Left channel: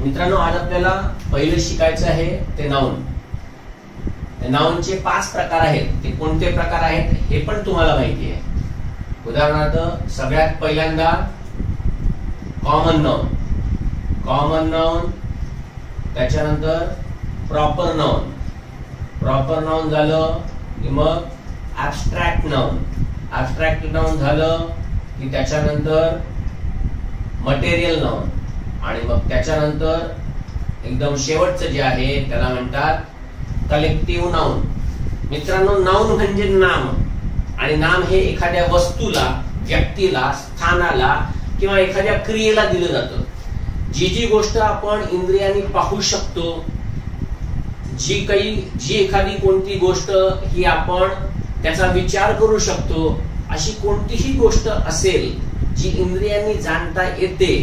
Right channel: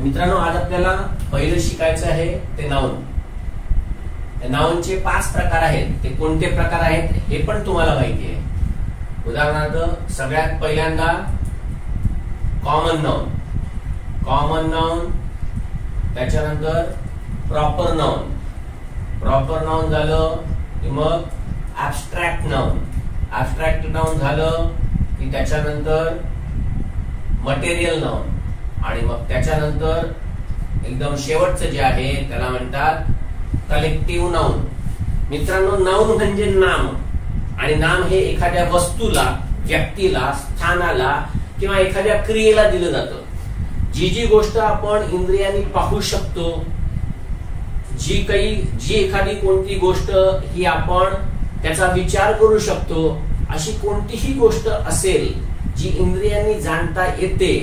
मित्रांनो, आज आपल्याला पहिलं शिकायचं आहे ते नाउन. नाउनचे 5 प्रकार आहेत. ते कोणते प्रकार आहेत हे पण तुम्हाला माहिती आहे. उदाहरणार्थ सगळ्यात पहिल्यांदा कॉमन नाउन. कॉमन नाउन, त्याच्यानंतर प्रॉपर नाउन. प्रॉपर नाउन झालं की मग ऍब्स्ट्रॅक्ट नाउन. ऍब्स्ट्रॅक्ट नाउन झालं की त्याच्यानंतर मटेरियल नाउन आणि मग त्याच्यानंतर एकदम शेवटचं जे आहे त्याला म्हणतात कलेक्टिव्ह नाउन. मित्रांनो, नाउन म्हणजे नाम, आणि नाम हे एखाद्या वस्तूला, व्यक्तीला, स्थानाला किंवा एखाद्या क्रियेला दिलं जातं. जी गोष्ट आपण इंद्रियांनी पाहू शकतो, जी एखादी कोणती गोष्ट ही आपण त्याचा विचार करू शकतो, अशी कोणतीही गोष्ट असेल जी इंद्रियांनी जाणता येते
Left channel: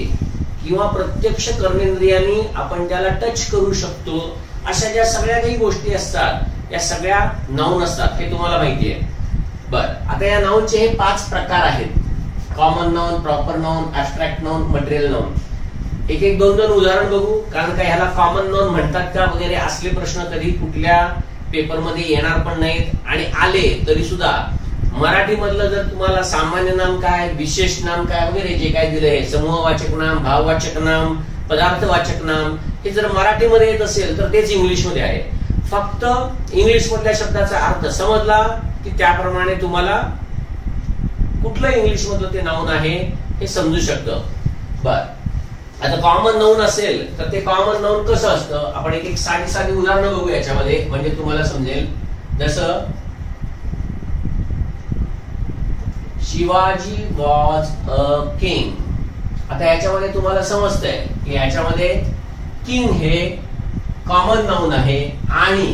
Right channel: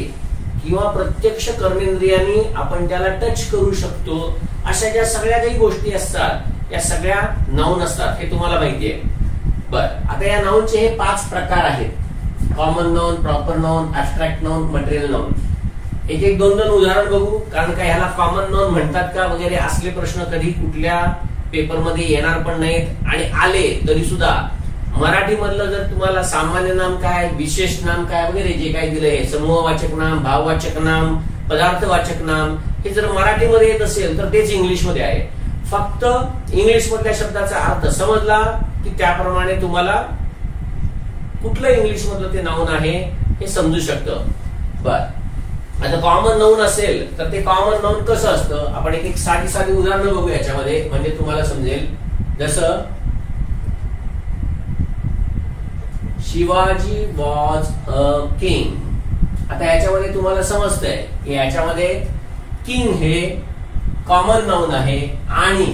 किंवा प्रत्यक्ष कर्मेंद्रियांनी आपण त्याला टच करू शकतो, अशा ज्या सगळ्या काही गोष्टी असतात या सगळ्या नाउन असतात. हे तुम्हाला माहिती आहे. बरं, आता या नाउनचे हे 5 प्रकार आहेत. Common noun, proper noun, abstract noun, material noun. एक एक दोन उदाहरण बघू, कारण काय ह्याला कॉमन नाउन म्हणतात का वगैरे असले प्रश्न कधी कुठल्या पेपरमध्ये येणार पण नाहीत, आणि आले तरी सुद्धा मराठी मधलं जर तुम्हाला सामान्य नाम काय, विशेष नाम काय वगैरे जे काय दिलंय, समूहवाचक नाम, भाववाचक नाम, पदार्थवाचक नाम, हे जर मराठीमध्ये येत असेल तर तेच इंग्लिश मध्ये आहे. फक्त इंग्लिश मधल्या शब्दाचा अर्थ समजला की त्याप्रमाणे तुम्हाला कुठलं इंग्लिश मधलं ते नाउन आहे हे समजू शकतं. बर, आता कॉमन नाउन असेल तर ते कॉमन नाउन कसं असतं, आपण एक एक साधी उदाहरणं बघू याच्यामध्ये, म्हणजे तुम्हाला समजेल. जसं शिवाजी वॉज अ किंग. आता याच्यामध्ये तुम्हाला समजतंय की याच्यामध्ये किंग हे कॉमन नाउन आहे आणि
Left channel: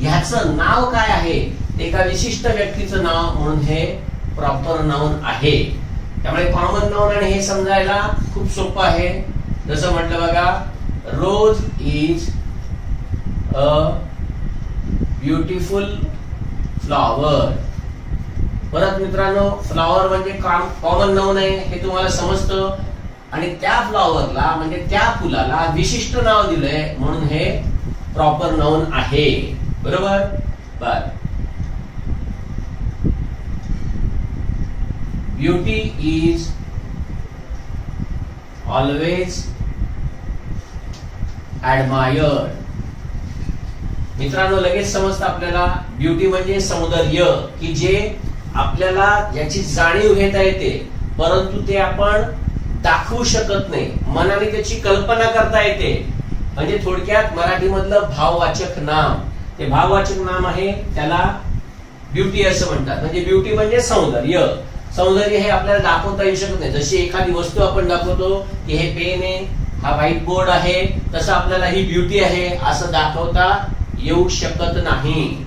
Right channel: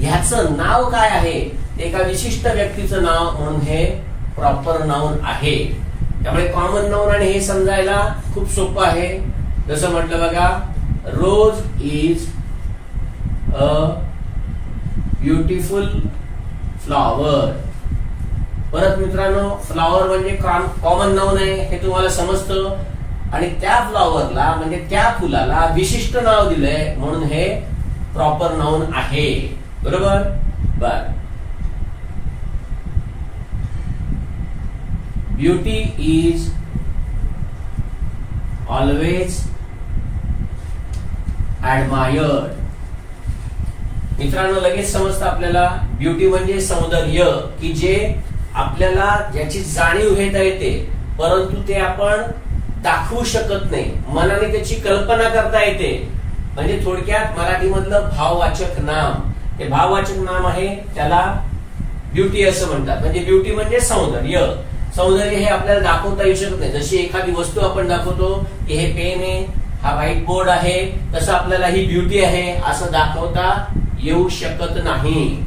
ह्याचं नाव काय आहे ते एका विशिष्ट व्यक्तीचं नाव म्हणून हे प्रॉपर नाउन आहे. त्यामुळे कॉमन नाउन आणि हे समजायला खूप सोपं आहे. जसं म्हटलं बघा, रोज इज अ ब्युटिफुल फ्लॉवर. परत मित्रांनो, फ्लॉवर म्हणजे कॉमन नाउन आहे हे तुम्हाला समजतं, आणि त्या फ्लॉवरला म्हणजे त्या फुलाला विशिष्ट नाव दिलंय म्हणून हे प्रॉपर नाउन आहे. बरोबर. बर, ब्युटी इज ऑलवेज ऍडमायर्ड. मित्रांनो, लगेच समजतं आपल्याला ब्युटी म्हणजे सौंदर्य, की जे आपल्याला ज्याची जाणीव घेता येते परंतु ते आपण दाखवू शकत नाही, मनाने त्याची कल्पना करता येते. म्हणजे थोडक्यात मराठीमधलं भाववाचक नाम, ते भाववाचक नाम आहे, त्याला ब्युटी असं म्हणतात. म्हणजे ब्युटी म्हणजे सौंदर्य. सौंदर्य हे आपल्याला दाखवता येऊ शकत नाही. जशी एखादी वस्तू आपण दाखवतो की हे पेन आहे, हा व्हाईट बोर्ड आहे, तसं आपल्याला ही ब्युटी आहे असं दाखवता येऊ शकत नाही.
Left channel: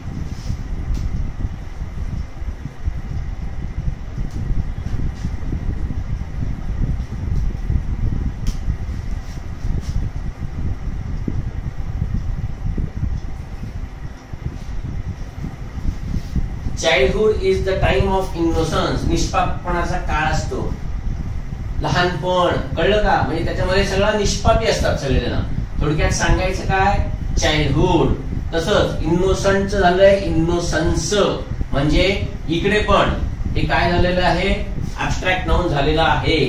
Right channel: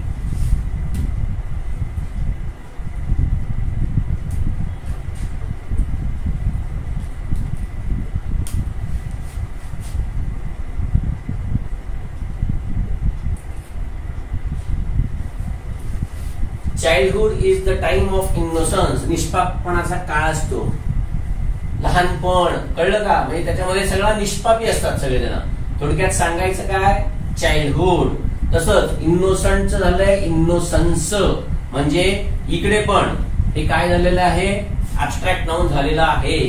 Childhood is the time of innocence. निष्पापपणाचा काळ असतो. लहानपण, कळलं का? म्हणजे त्याच्यामध्ये सगळं निष्पापी असतात सगळेजण. थोडक्यात सांगायचं काय, चाइल्डहुड. तसंच इनोसंट झालंय इनोसन्स, म्हणजे इकडे पण हे काय झालेलं आहे, ऍब्स्ट्रॅक्ट नाउन झालेला आहे.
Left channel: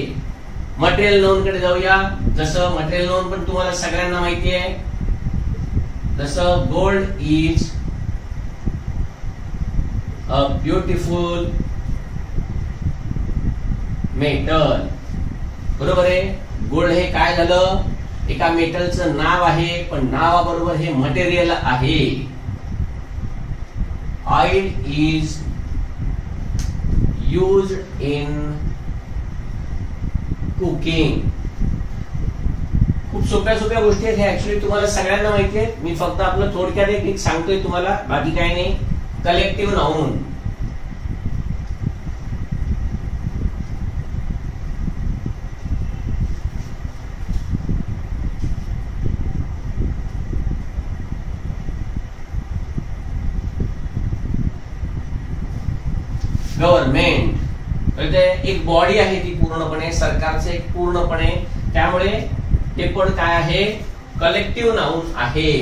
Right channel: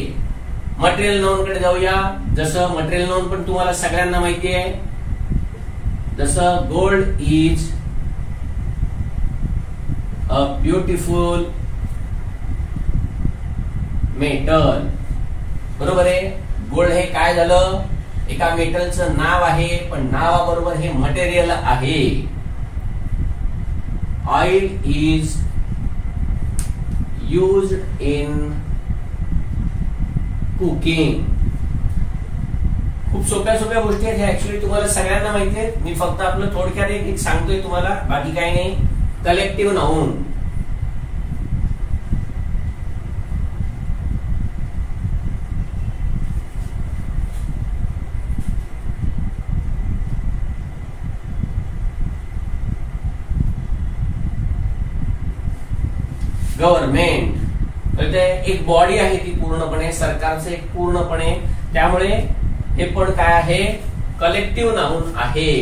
मटेरियल नाउन कडे जाऊया. जसं मटेरियल नाउन पण तुम्हाला सगळ्यांना माहिती आहे. जसं gold is a beautiful metal. बरोबर आहे. गोल्ड हे काय झालं, एका मेटलचं नाव आहे, पण नावाबरोबर हे मटेरियल आहे. Oil is used in cooking. खूप सोप्या गोष्टी आहेत. हे ऍक्च्युअली तुम्हाला सगळ्यांना माहिती आहे. मी फक्त आपलं थोडक्यात एक सांगतोय तुम्हाला, बाकी काय नाही. Collective noun. गव्हर्नमेंट म्हणजे एक बॉडी आहे ती पूर्णपणे सरकारचे एक पूर्णपणे, त्यामुळे हे पण काय आहे कलेक्टिव्ह नाउन आहे.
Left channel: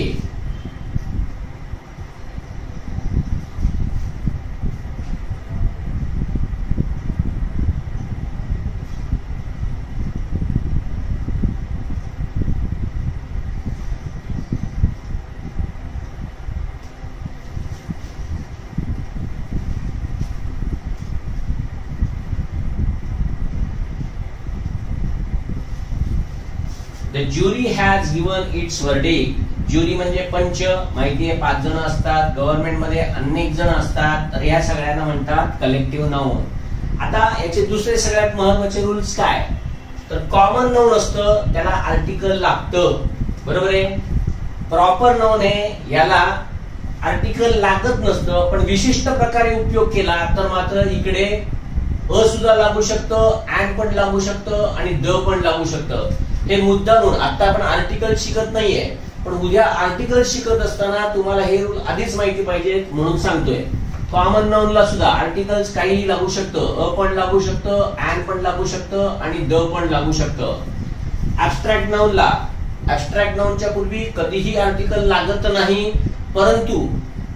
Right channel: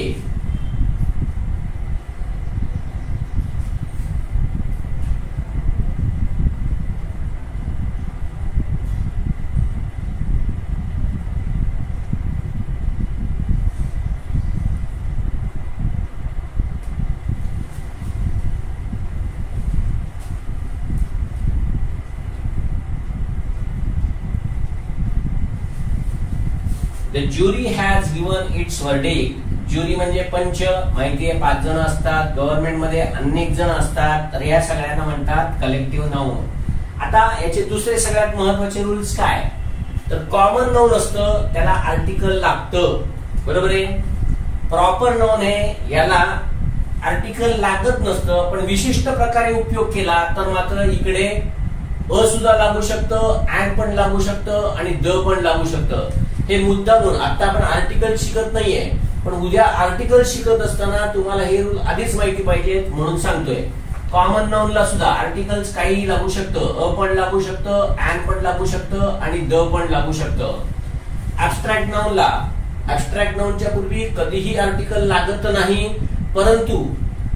The jury has given its verdict. Jury म्हणजे पंच, माहितीये 5 जण असतात, गव्हर्नमेंट मध्ये अनेक जण असतात, तर या सगळ्यांना म्हणतात कलेक्टिव्ह नाउन. आता याचे दुसरे सगळ्यात महत्त्वाचे रूल्स काय, तर कॉमन नाउन असतं त्याला आर्टिकल लागतं, बरोबर आहे. प्रॉपर नाउन आहे याला आर्टिकल लागत नसतं, पण विशिष्ट प्रकारे उपयोग केला तर मात्र इकडे अ सुद्धा लागू शकतं, अँड पण लागू शकतं आणि द पण लागू शकतं. हे मुद्दा म्हणून आता आपण आर्टिकल शिकत नाहीये, पण उद्या आर्टिकल शिकत असताना तुम्हाला हे रूल आधीच माहिती पाहिजेत म्हणून सांगतोय. कॉमन नाउनला सुद्धा आर्टिकल्स काहीही लागू शकतं, अ पण लागू शकतं, अँड पण लागू शकतं आणि द पण लागू शकतं. ऍब्स्ट्रॅक्ट नाउनला ऍब्स्ट्रॅक्ट नाउनच्या पूर्वी कधीही आर्टिकल लागत नाही, परंतु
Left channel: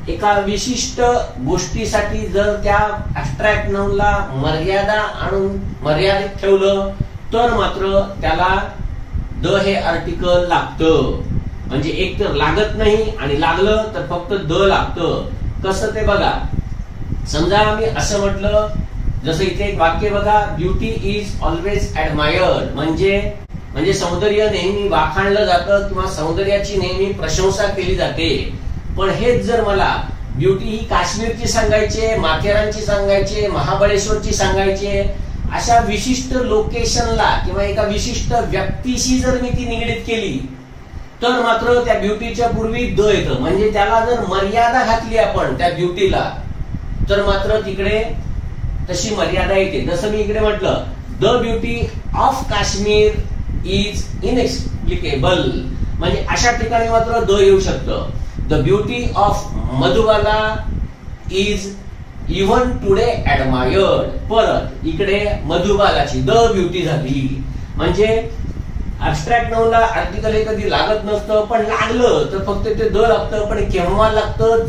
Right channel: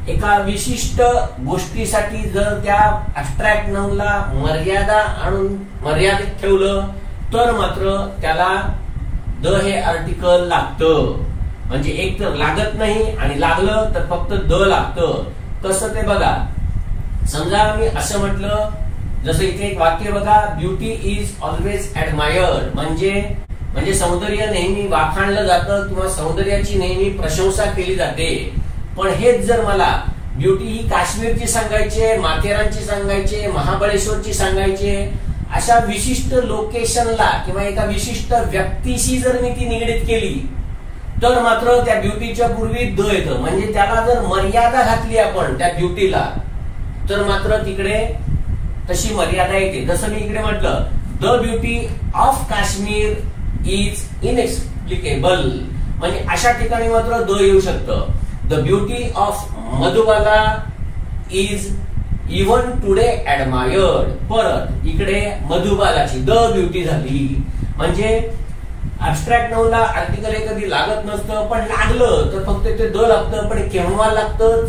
एका विशिष्ट गोष्टीसाठी जर त्या ऍब्स्ट्रॅक्ट नाउनला मर्यादा आणून मर्यादित ठेवलं तर मात्र त्याला द हे आर्टिकल लागतं. म्हणजे एक तर लागत नाही आणि लागलं तर फक्त द लागतं. कसं ते बघा, समजा मी असं म्हटलं, जसं इथे एक वाक्य बघा, ब्युटी इज ऑलवेज ऍडमायर्ड, म्हणजे सौंदर्य नेहमी वाखाणलं जातं किंवा सौंदर्याची नेहमी प्रशंसा केली जाते. पण हेच जर मला ब्युटी ही काश्मीरची सांगायचे, माथेरानची सांगायचे, महाबळेश्वरची सांगायचे, अशा विशिष्ट लोकेशनला किंवा एका विशिष्ट व्यक्तीशी जर मी ती निगडीत केली तर मात्र त्या ब्युटीच्या पूर्वी द येतं. म्हणजे त्याला जर मर्यादा घातली आपण त्या ब्युटीला तर मात्र तिकडे तशी मर्यादा येते. जसं मी इकडे म्हटलं, the beauty of Kashmir is inexplicable, म्हणजे अशा ठिकाणी मात्र द येऊ शकतं. The beauty of Madhubala is even today admired, परत इकडे मधुबालाची द ब्युटी झाली. म्हणजे ऍब्स्ट्रॅक्ट नाउनला आर्टिकल हे कधी लागत नसतं, पण लागलं तर फक्त ते द लागतं. पण केव्हा लागतं,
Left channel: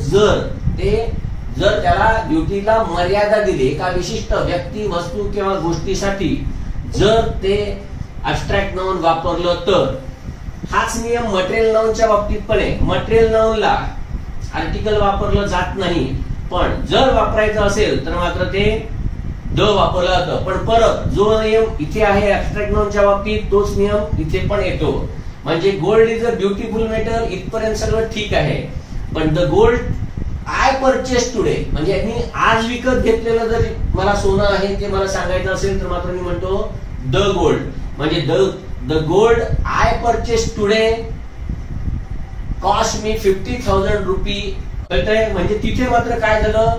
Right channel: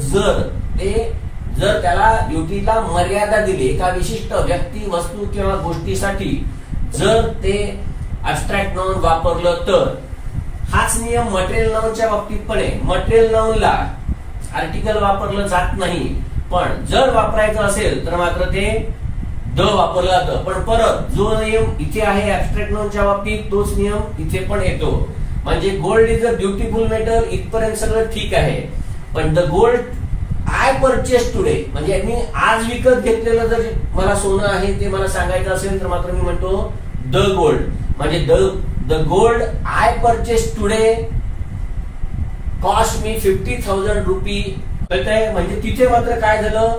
जर त्याला ब्युटीला मर्यादा दिली, एका विशिष्ट व्यक्ती, वस्तू किंवा गोष्टीसाठी जर ते ऍब्स्ट्रॅक्ट नाउन वापरलं तर. हाच नियम मटेरियल नाउनच्या बाबतीत पण आहे. मटेरियल नाउनला आर्टिकल वापरलं जात नाही, पण जर वापरायचं असेल तर मात्र ते द वापरलं जातं. पण परत जो नियम इथे आहे ऍब्स्ट्रॅक्ट नाउनच्या बाबतीत, तोच नियम इथे पण येतो. म्हणजे gold is a beautiful metal, इथपर्यंत सगळं ठीक आहे. पण the gold I purchase today, म्हणजे मी आज विकत घेतलेलं जर मला सोनं आहे ते मला सांगायचं असेल तर मात्र मी म्हणतो द गोल्ड. म्हणजे the gold I purchase today cost me 50,000 RuPay. कळतंय? म्हणजे तिथे मात्र काय झालं,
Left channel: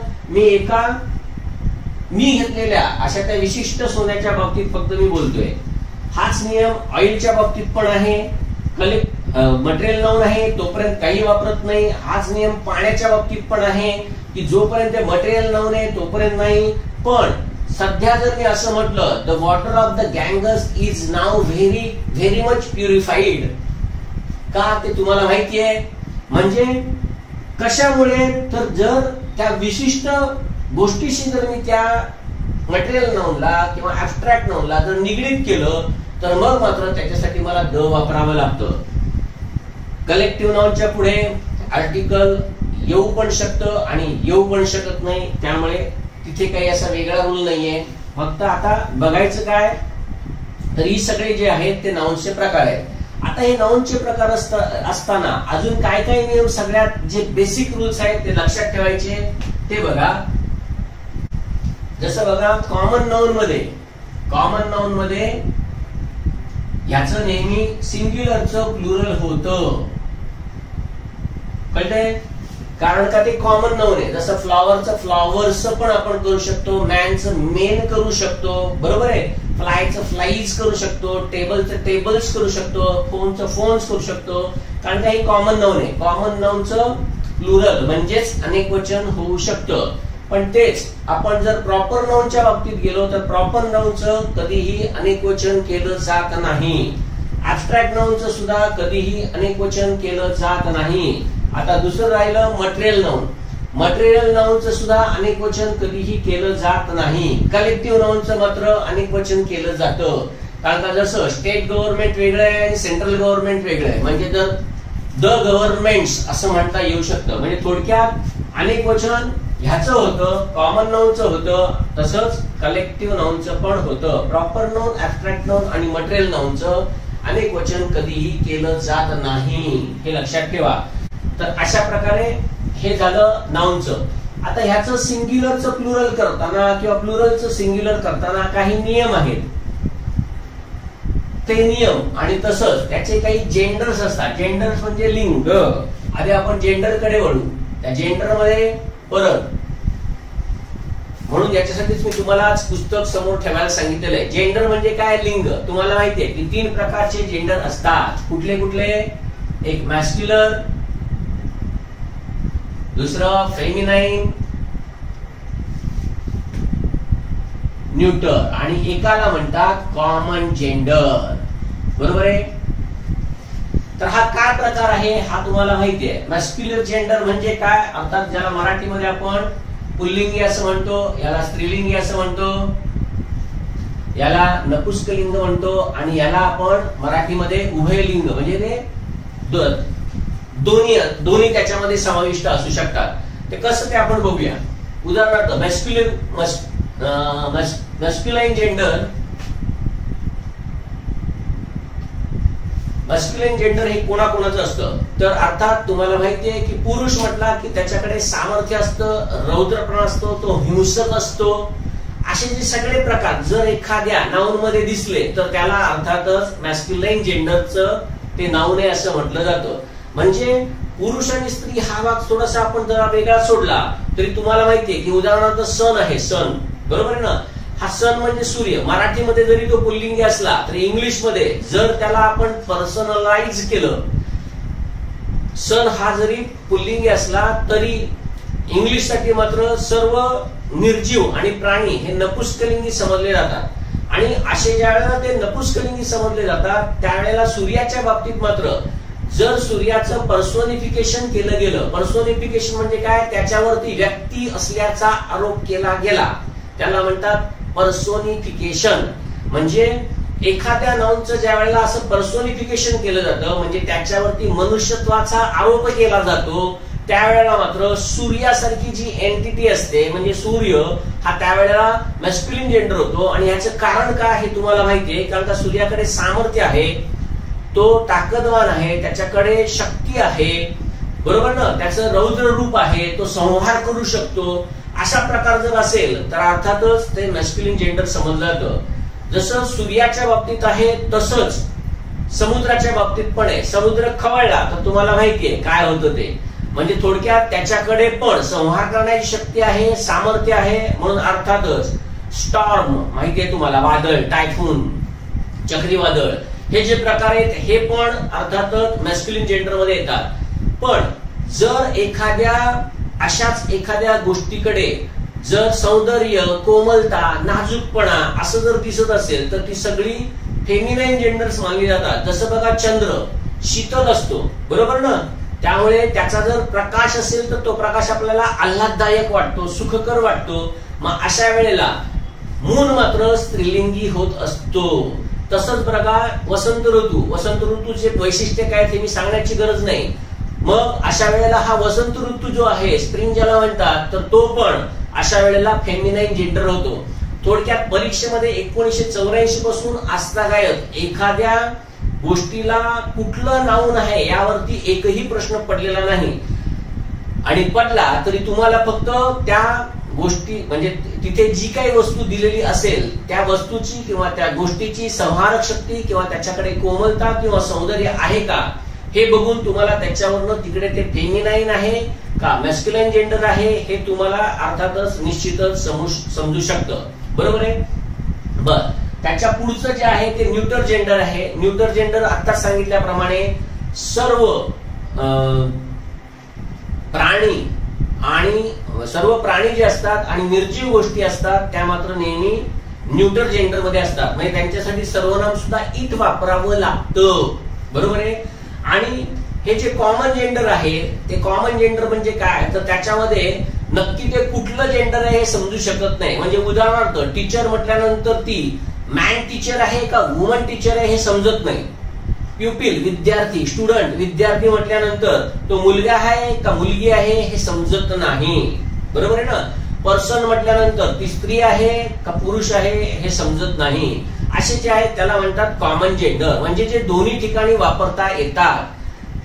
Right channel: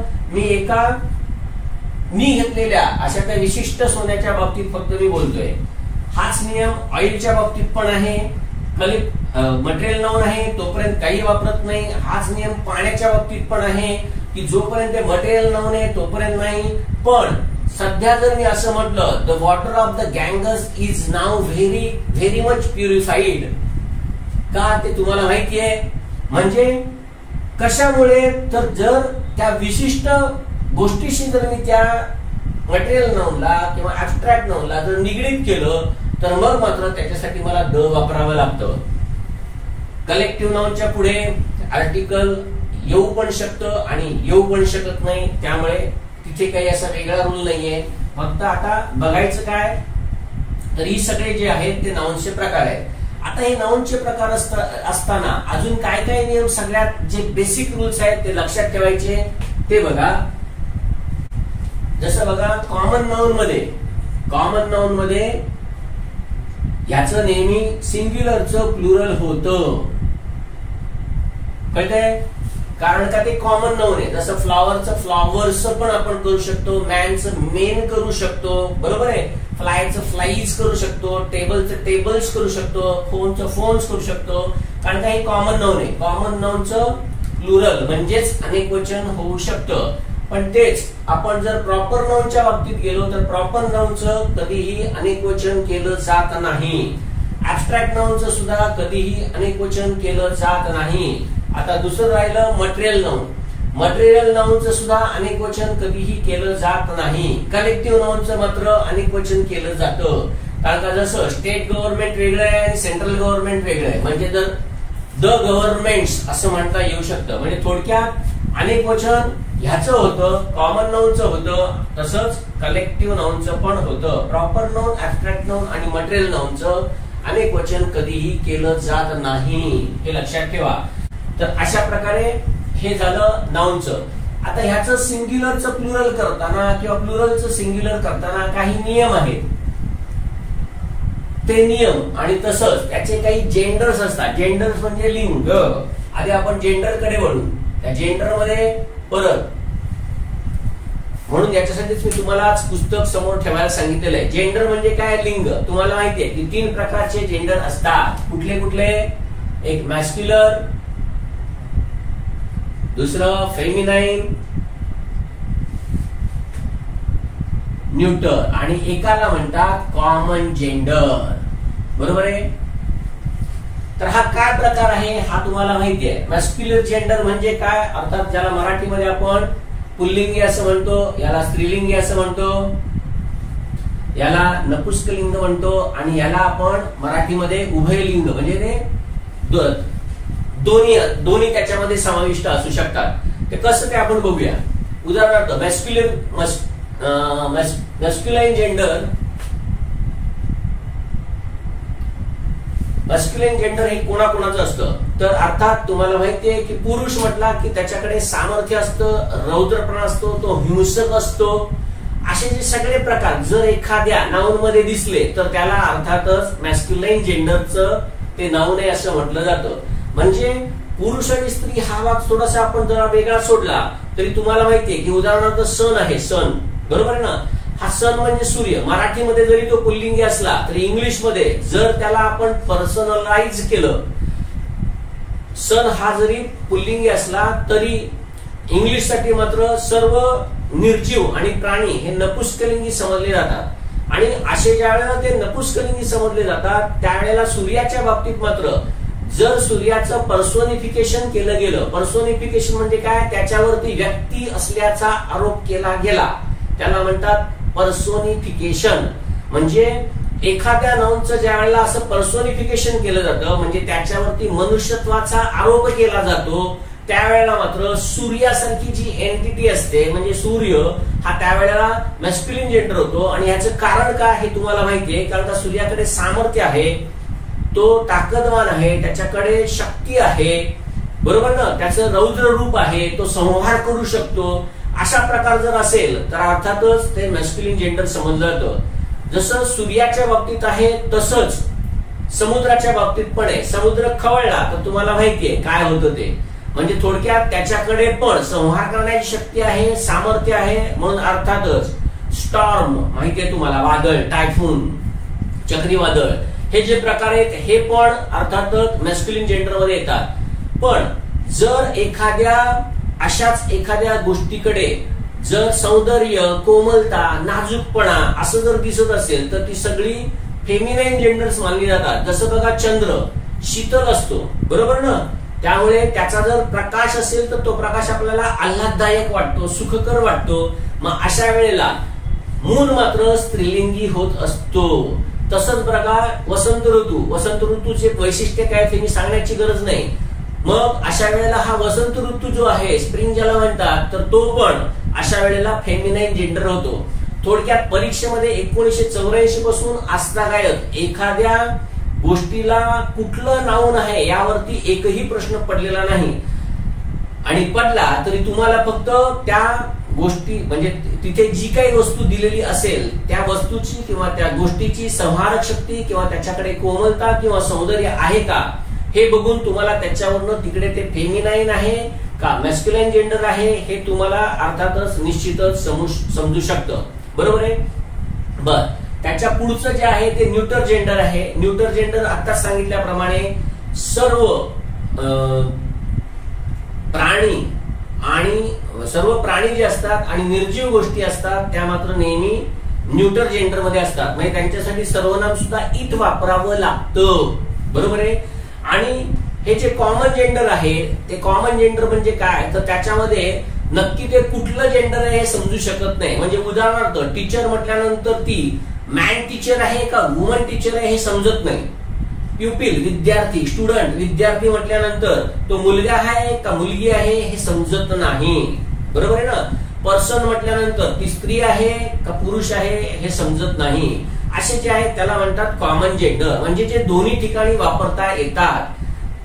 मी घेतलेल्या अशा त्या विशिष्ट सोन्याच्या बाबतीत फक्त मी बोलतोय. हाच नियम ऑइलच्या बाबतीत पण आहे. मटेरियल नाउन आहे तोपर्यंत काही वापरत नाही. हाच नियम पाण्याच्या बाबतीत पण आहे की जोपर्यंत मटेरियल नाउन आहे तोपर्यंत नाही. पण सध्या जर मी असं म्हटलं, the water of the Ganges is now very very much purified, का ते तुम्हाला माहिती आहे. म्हणजे कशामुळे, तर जर त्या विशिष्ट गोष्टीशी जर मी त्या मटेरियल नाउनला किंवा ऍब्स्ट्रॅक्ट नाउनला जर निगडीत केलं तर मग मात्र त्याच्यासाठी मला द वापरावं लागतं. कलेक्टिव्ह नाउनच्या पुढे आर्टिकल येऊ पण शकतं आणि येऊ पण शकत नाही, त्यामुळे तिथे काही असा वेगळा रूल नाहीये. फक्त आता बघायचं काय, तर ही सगळे जे आहेत ते नाउन्सचे प्रकार आहेत. आता हे नाउनचे प्रकार असताना अजून काय काय नियम, सगळ्यात जे बेसिक रूल्स आहेत ते लक्षात ठेवायचे ते बघा. जसं बघा, कॉमन नाउन मध्ये याचं नेहमी सिंग्युलरचं प्लुरल होतं. कळतंय? कारण का ते कॉमन नाउन आहे. जसं फ्लॉवरचं फ्लॉवर्स पण आपण करू शकतो, मॅनचं मेन करू शकतो, बरोबर आहे. फ्लायचं फ्लाईज करू शकतो, टेबलचं टेबल्स करू शकतो, फोनचं फोन्स करू शकतो. कारण का हे कॉमन नाउन आहे. कॉमन नाउनचं प्लुरल म्हणजेच अनेक वचन होऊ शकतं. पण तेच आपण जर प्रॉपर नाउनच्या बाबतीत गेलो तर प्रॉपर नाउनचं कधीही अनेक वचन केलं जात नाही. ऍब्स्ट्रॅक्ट नाउनचं सुद्धा कधीही अनेकवचन केलं जात नाही. आता दुसरं राहिलं मटेरियल नाउन. मटेरियल नाउनचं सुद्धा अनेकवचन कधीही केलं जात नाही. कलेक्टिव्ह नाउनचं मात्र अनेकवचन केलं जातं. कारण का जसं स्टेट गव्हर्नमेंट वेगळं आहे आणि सेंट्रल गव्हर्नमेंट वेगळं आहे, म्हणजे जर द गव्हर्नमेंट्स असं म्हणता येऊ शकतं. म्हणजे थोडक्यात अनेकवचन ह्याचं होतं, कॉमन नाउनचं होतं, तसंच कलेक्टिव्ह नाउनचं पण होतं. प्रॉपर नाउन, ऍब्स्ट्रॅक्ट नाउन आणि मटेरियल नाउनचं अनेकवचन कधीही केलं जात नाही, हे लक्षात ठेवा. तर अशा प्रकारे हे झालं नाउनचं. आता ह्याचं सिंग्युलरचं प्लुरल करताना किंवा प्लुरलचं सिंग्युलर करताना काही नियम आहेत. ते नियम आणि तसंच त्याचे काही जेंडर्स असतात. जेंडर्स म्हणजे लिंग. आधी आपण जेंडर कडे वळू. त्या जेंडर मध्ये परत म्हणून याच्यासाठीच मी तुम्हाला आज पुस्तक समोर ठेवायला सांगितलेलं आहे. जेंडर म्हणजे काय? लिंग. तुम्हाला माहितीये की 3 प्रकारचे जेंडर असतात. कुठले कुठले? एक मॅस्क्युलर, दुसरं फेमिनाईन, न्यूटर आणि एकाला म्हणतात कॉमन जेंडर. बरोबर आहे? तर हा काय प्रकार आहे हा तुम्हाला माहिती आहे. मॅस्क्युलर जेंडर म्हणजे काय? अर्थात ज्याला मराठीमध्ये आपण पुल्लिंगी असं म्हणतो, याला स्त्रीलिंगी असं म्हणतो, याला नपुंसकलिंग म्हणतो आणि याला आपण मराठीमध्ये उभयलिंग म्हणजे ते दोन्ही त्याच्यामध्ये समाविष्ट असू शकतात. ते कसं ते आपण बघूया. उदाहरणार्थ मॅस्क्युलाइन जेंडर. मॅस्क्युलाइन जेंडर हे कोणाकोणाचं असतं? तर अर्थात तुम्हाला माहितीये की पुरुष म्हटला की त्याच्याकडे सामर्थ्य असतं, रौद्रपणा असतो, तो हिंसक असतो. असे जे सगळे प्रकार जर एखाद्या नाउन मध्ये दिसले तर त्याला अर्थातच मॅस्क्युलाइन जेंडरचं ते नाउन आहे असं म्हटलं जातं. म्हणजे पुरुष आणि स्त्री हा भाग थोडासा आपण जरा वेगळा सोडला तरी तुम्हाला माहितीये की उदाहरणार्थ सन आहे. सन बरोबर आहे ना? हा सन म्हणजे सूर्य. मराठीमध्ये जरी तो पुल्लिंगी असला तरी इंग्लिश मध्ये जर त्याला आपण पर्सनलाइज केलं, सन हा जरी पुल्लिंगी असला तरी इंग्लिश साठी मात्र सर्व निर्जीव आणि प्राणी हे नपुंसकलिंगी समजले जातात. आणि असे ज्या वेळेला ते नपुंसकलिंगी समजले जातात त्यावेळेला सूर्याच्या बाबतीत मात्र जर सूर्याचं पर्सोनिफिकेशन केलं गेलं, पर्सोनिफिकेशन म्हणजे काय? त्याच्यावरती व्यक्ती असल्याचा आरोप केला गेला, त्याला म्हणतात पर्सोनिफिकेशन. म्हणजे एखाद्या नाउनचं ज्या वेळेला असं पर्सोनिफिकेशन केलं जातं म्हणजे त्याच्यावरती मनुष्यत्वाचा आरोप केला जातो, त्यावेळेला मात्र सूर्यासारखी जी एंटिटी असते म्हणजे सूर्य हा त्यावेळेला मॅस्क्युलिन जेंडर होतो. आणि याचं कारण काय हे तुम्हाला माहितीये. कारण का सूर्याकडे सामर्थ्य आहे, तो ताकदवान आहे, त्याच्याकडे शक्ती आहे, बरोबर ना? त्याचं रौद्र रूप आहे, तो संहार करू शकतो. अशा प्रकार जर असेल तर अर्थातच ते मॅस्क्युलिन जेंडर समजलं जातं. जसं सूर्याच्या बाबतीत आहे तसंच समुद्राच्या बाबतीत पण आहे. समुद्र खवळला तर तुम्हाला माहितीये काय होतं ते. म्हणजे थोडक्यात त्याच्याकडे पण संहार करण्याची शक्ती आहे, सामर्थ्य आहे. म्हणून अर्थातच स्टॉर्म माहितीये तुम्हाला, वादळ, टायफून, चक्रीवादळ हे जे प्रकार आहेत हे पण अर्थातच मॅस्क्युलिन जेंडर मध्ये येतात. पण जर अशाच एखाद्या गोष्टीकडे जर सौंदर्य, कोमलता, नाजूकपणा असं जर दिसत असेल तर ती सगळी फेमिनाईन जेंडर्स मानली जातात. जसं बघा चंद्र शीतल असतो, बरोबर ना? त्यामुळे त्याचा जर प्रकाश असेल तर तो प्रकाश आपल्याला आल्हाददायक वाटतो, सुखकर वाटतो. मग अशा वेळेला मून मात्र स्त्रीलिंगी होत असतो. तसंच बघा वसंत ऋतू. वसंत ऋतूचे वैशिष्ट्य काय ते मी सांगण्याची गरज नाही. मग अशा वेळेला हा वसंत ऋतू जो आहे, स्प्रिंग ज्याला म्हणतात, तर तो पण अशा वेळेला फेमिनाईन जेंडर होतो. थोडक्यात परीक्षेमध्ये 1984 पासून आजतागायत एखाद्या गोष्टीला कुठलं नाउन आहे यावरती एकही प्रश्न पडलेला नाही. आणि पडला तरी तुम्हाला फक्त त्या गोष्टी म्हणजे तिथे जी काही वस्तू दिलेली असेल त्या वस्तूची किंवा त्या गोष्टीची संहारक शक्ती किंवा त्याच्याकडे कोमलता किंवा सौंदर्य आहे का हे बघून तुम्हाला त्याच्यावरनं तिकडे ते फेमिनाईन आहे का मॅस्क्युलाइन जेंडर आहे हे तुम्हाला अर्थातच निश्चितच समजू शकतं. बरोबर आहे? बर, त्याच्या पुढचं जे आहे ते न्यूटर जेंडर आहे. न्यूटर जेंडर आता सांगितल्याप्रमाणे सर्व प्राणी जे असतात आणि निर्जीव गोष्टी असतात त्या मात्र नेहमी न्यूटर जेंडर मध्ये असतात, म्हणजे त्यांच्यासाठी सर्वनाम सुद्धा इट वापरावं लागतं, बरोबर आहे. आणि हे जे कॉमन जेंडर आहे, ते कॉमन जेंडर म्हणजे काय, तर त्याच्यामध्ये नक्की ते कुठलं जेंडर आहे हे समजू शकत नाही. म्हणजे उदाहरणार्थ टीचर म्हटल्यानंतर ती मॅन टीचर आहे का वुमन टीचर आहे हे समजत नाही. प्युपिल विद्यार्थी, स्टुडंट विद्यार्थी म्हटल्यानंतर तो मुलगा आहे का मुलगी आहे हे समजत नाही, बरोबर आहे ना. पर्सन म्हटल्यानंतर ती स्त्री आहे का पुरुष आहे हे समजत नाही. असे जे आहेत त्याला म्हणतात कॉमन जेंडर, म्हणजे जे दोन्ही ठिकाणी वापरता येतात.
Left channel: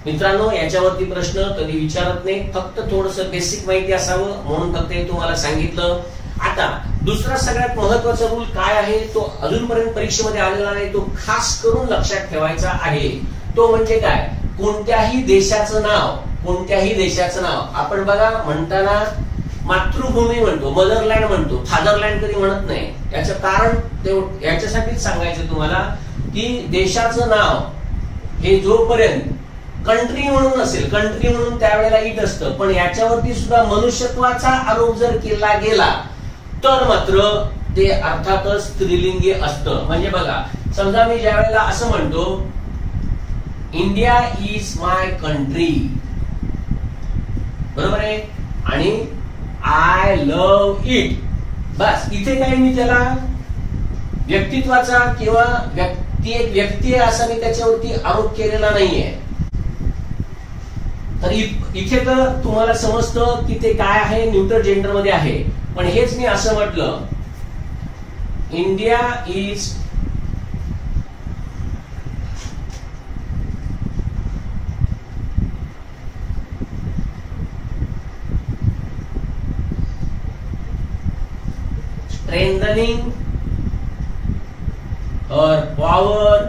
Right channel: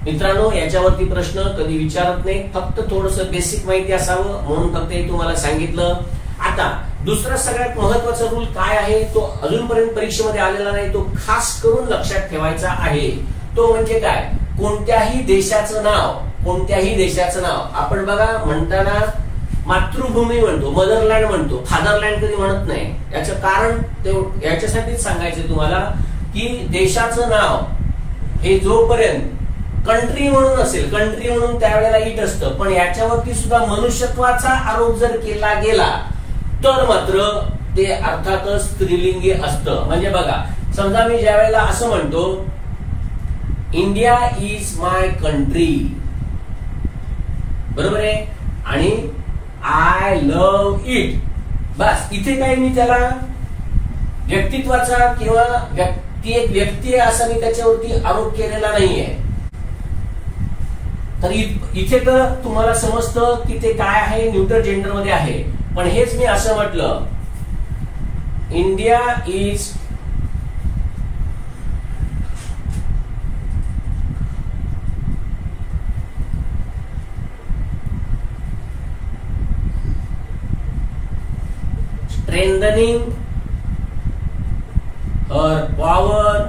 मित्रांनो, याच्यावरती प्रश्न कधी विचारत नाही, फक्त थोडस बेसिक माहिती असावं म्हणून फक्त हे तुम्हाला सांगितलं. आता दुसरा सगळ्यात महत्वाचा रूल काय आहे, तो अजूनपर्यंत परीक्षेमध्ये आलेला नाही, तो खास करून लक्षात ठेवायचा आहे. तो म्हणजे काय, कोणत्याही देशाचं नाव, कोणत्याही देशाचं नाव आपण बघा म्हणताना मातृभूमी म्हणतो, मदरलँड म्हणतो, फादरलँड कधी म्हणत नाही. याचं कारण याच्यासाठीच सांगायचं तुम्हाला की देशाचं नाव हे जोपर्यंत कंट्री म्हणून असेल, कंट्री म्हणून त्यावेळेला इट असतं, पण याच्यावरती सुद्धा मनुष्यत्वाचा आरोप जर केला गेला तर मात्र ते अर्थातच स्त्रीलिंगी असतं. म्हणजे बघा, समजा मी ज्या वेळेला असं म्हणतो इंडिया इज माय कंट्री, बरोबर आहे, आणि आय लव्ह इट, बस इथे काय मी त्याला व्यक्तित्वाचा किंवा ती एक व्यक्ती आहे असा मी त्याच्यावरती आरोप केलेला नाहीये. तर इथे तर तुम्हाला समजतं की ते काय आहे, न्यूटर जेंडर मध्ये आहे. पण हेच मी असं म्हटलं इंडिया इज स्ट्रेंथनिंग और पॉवर,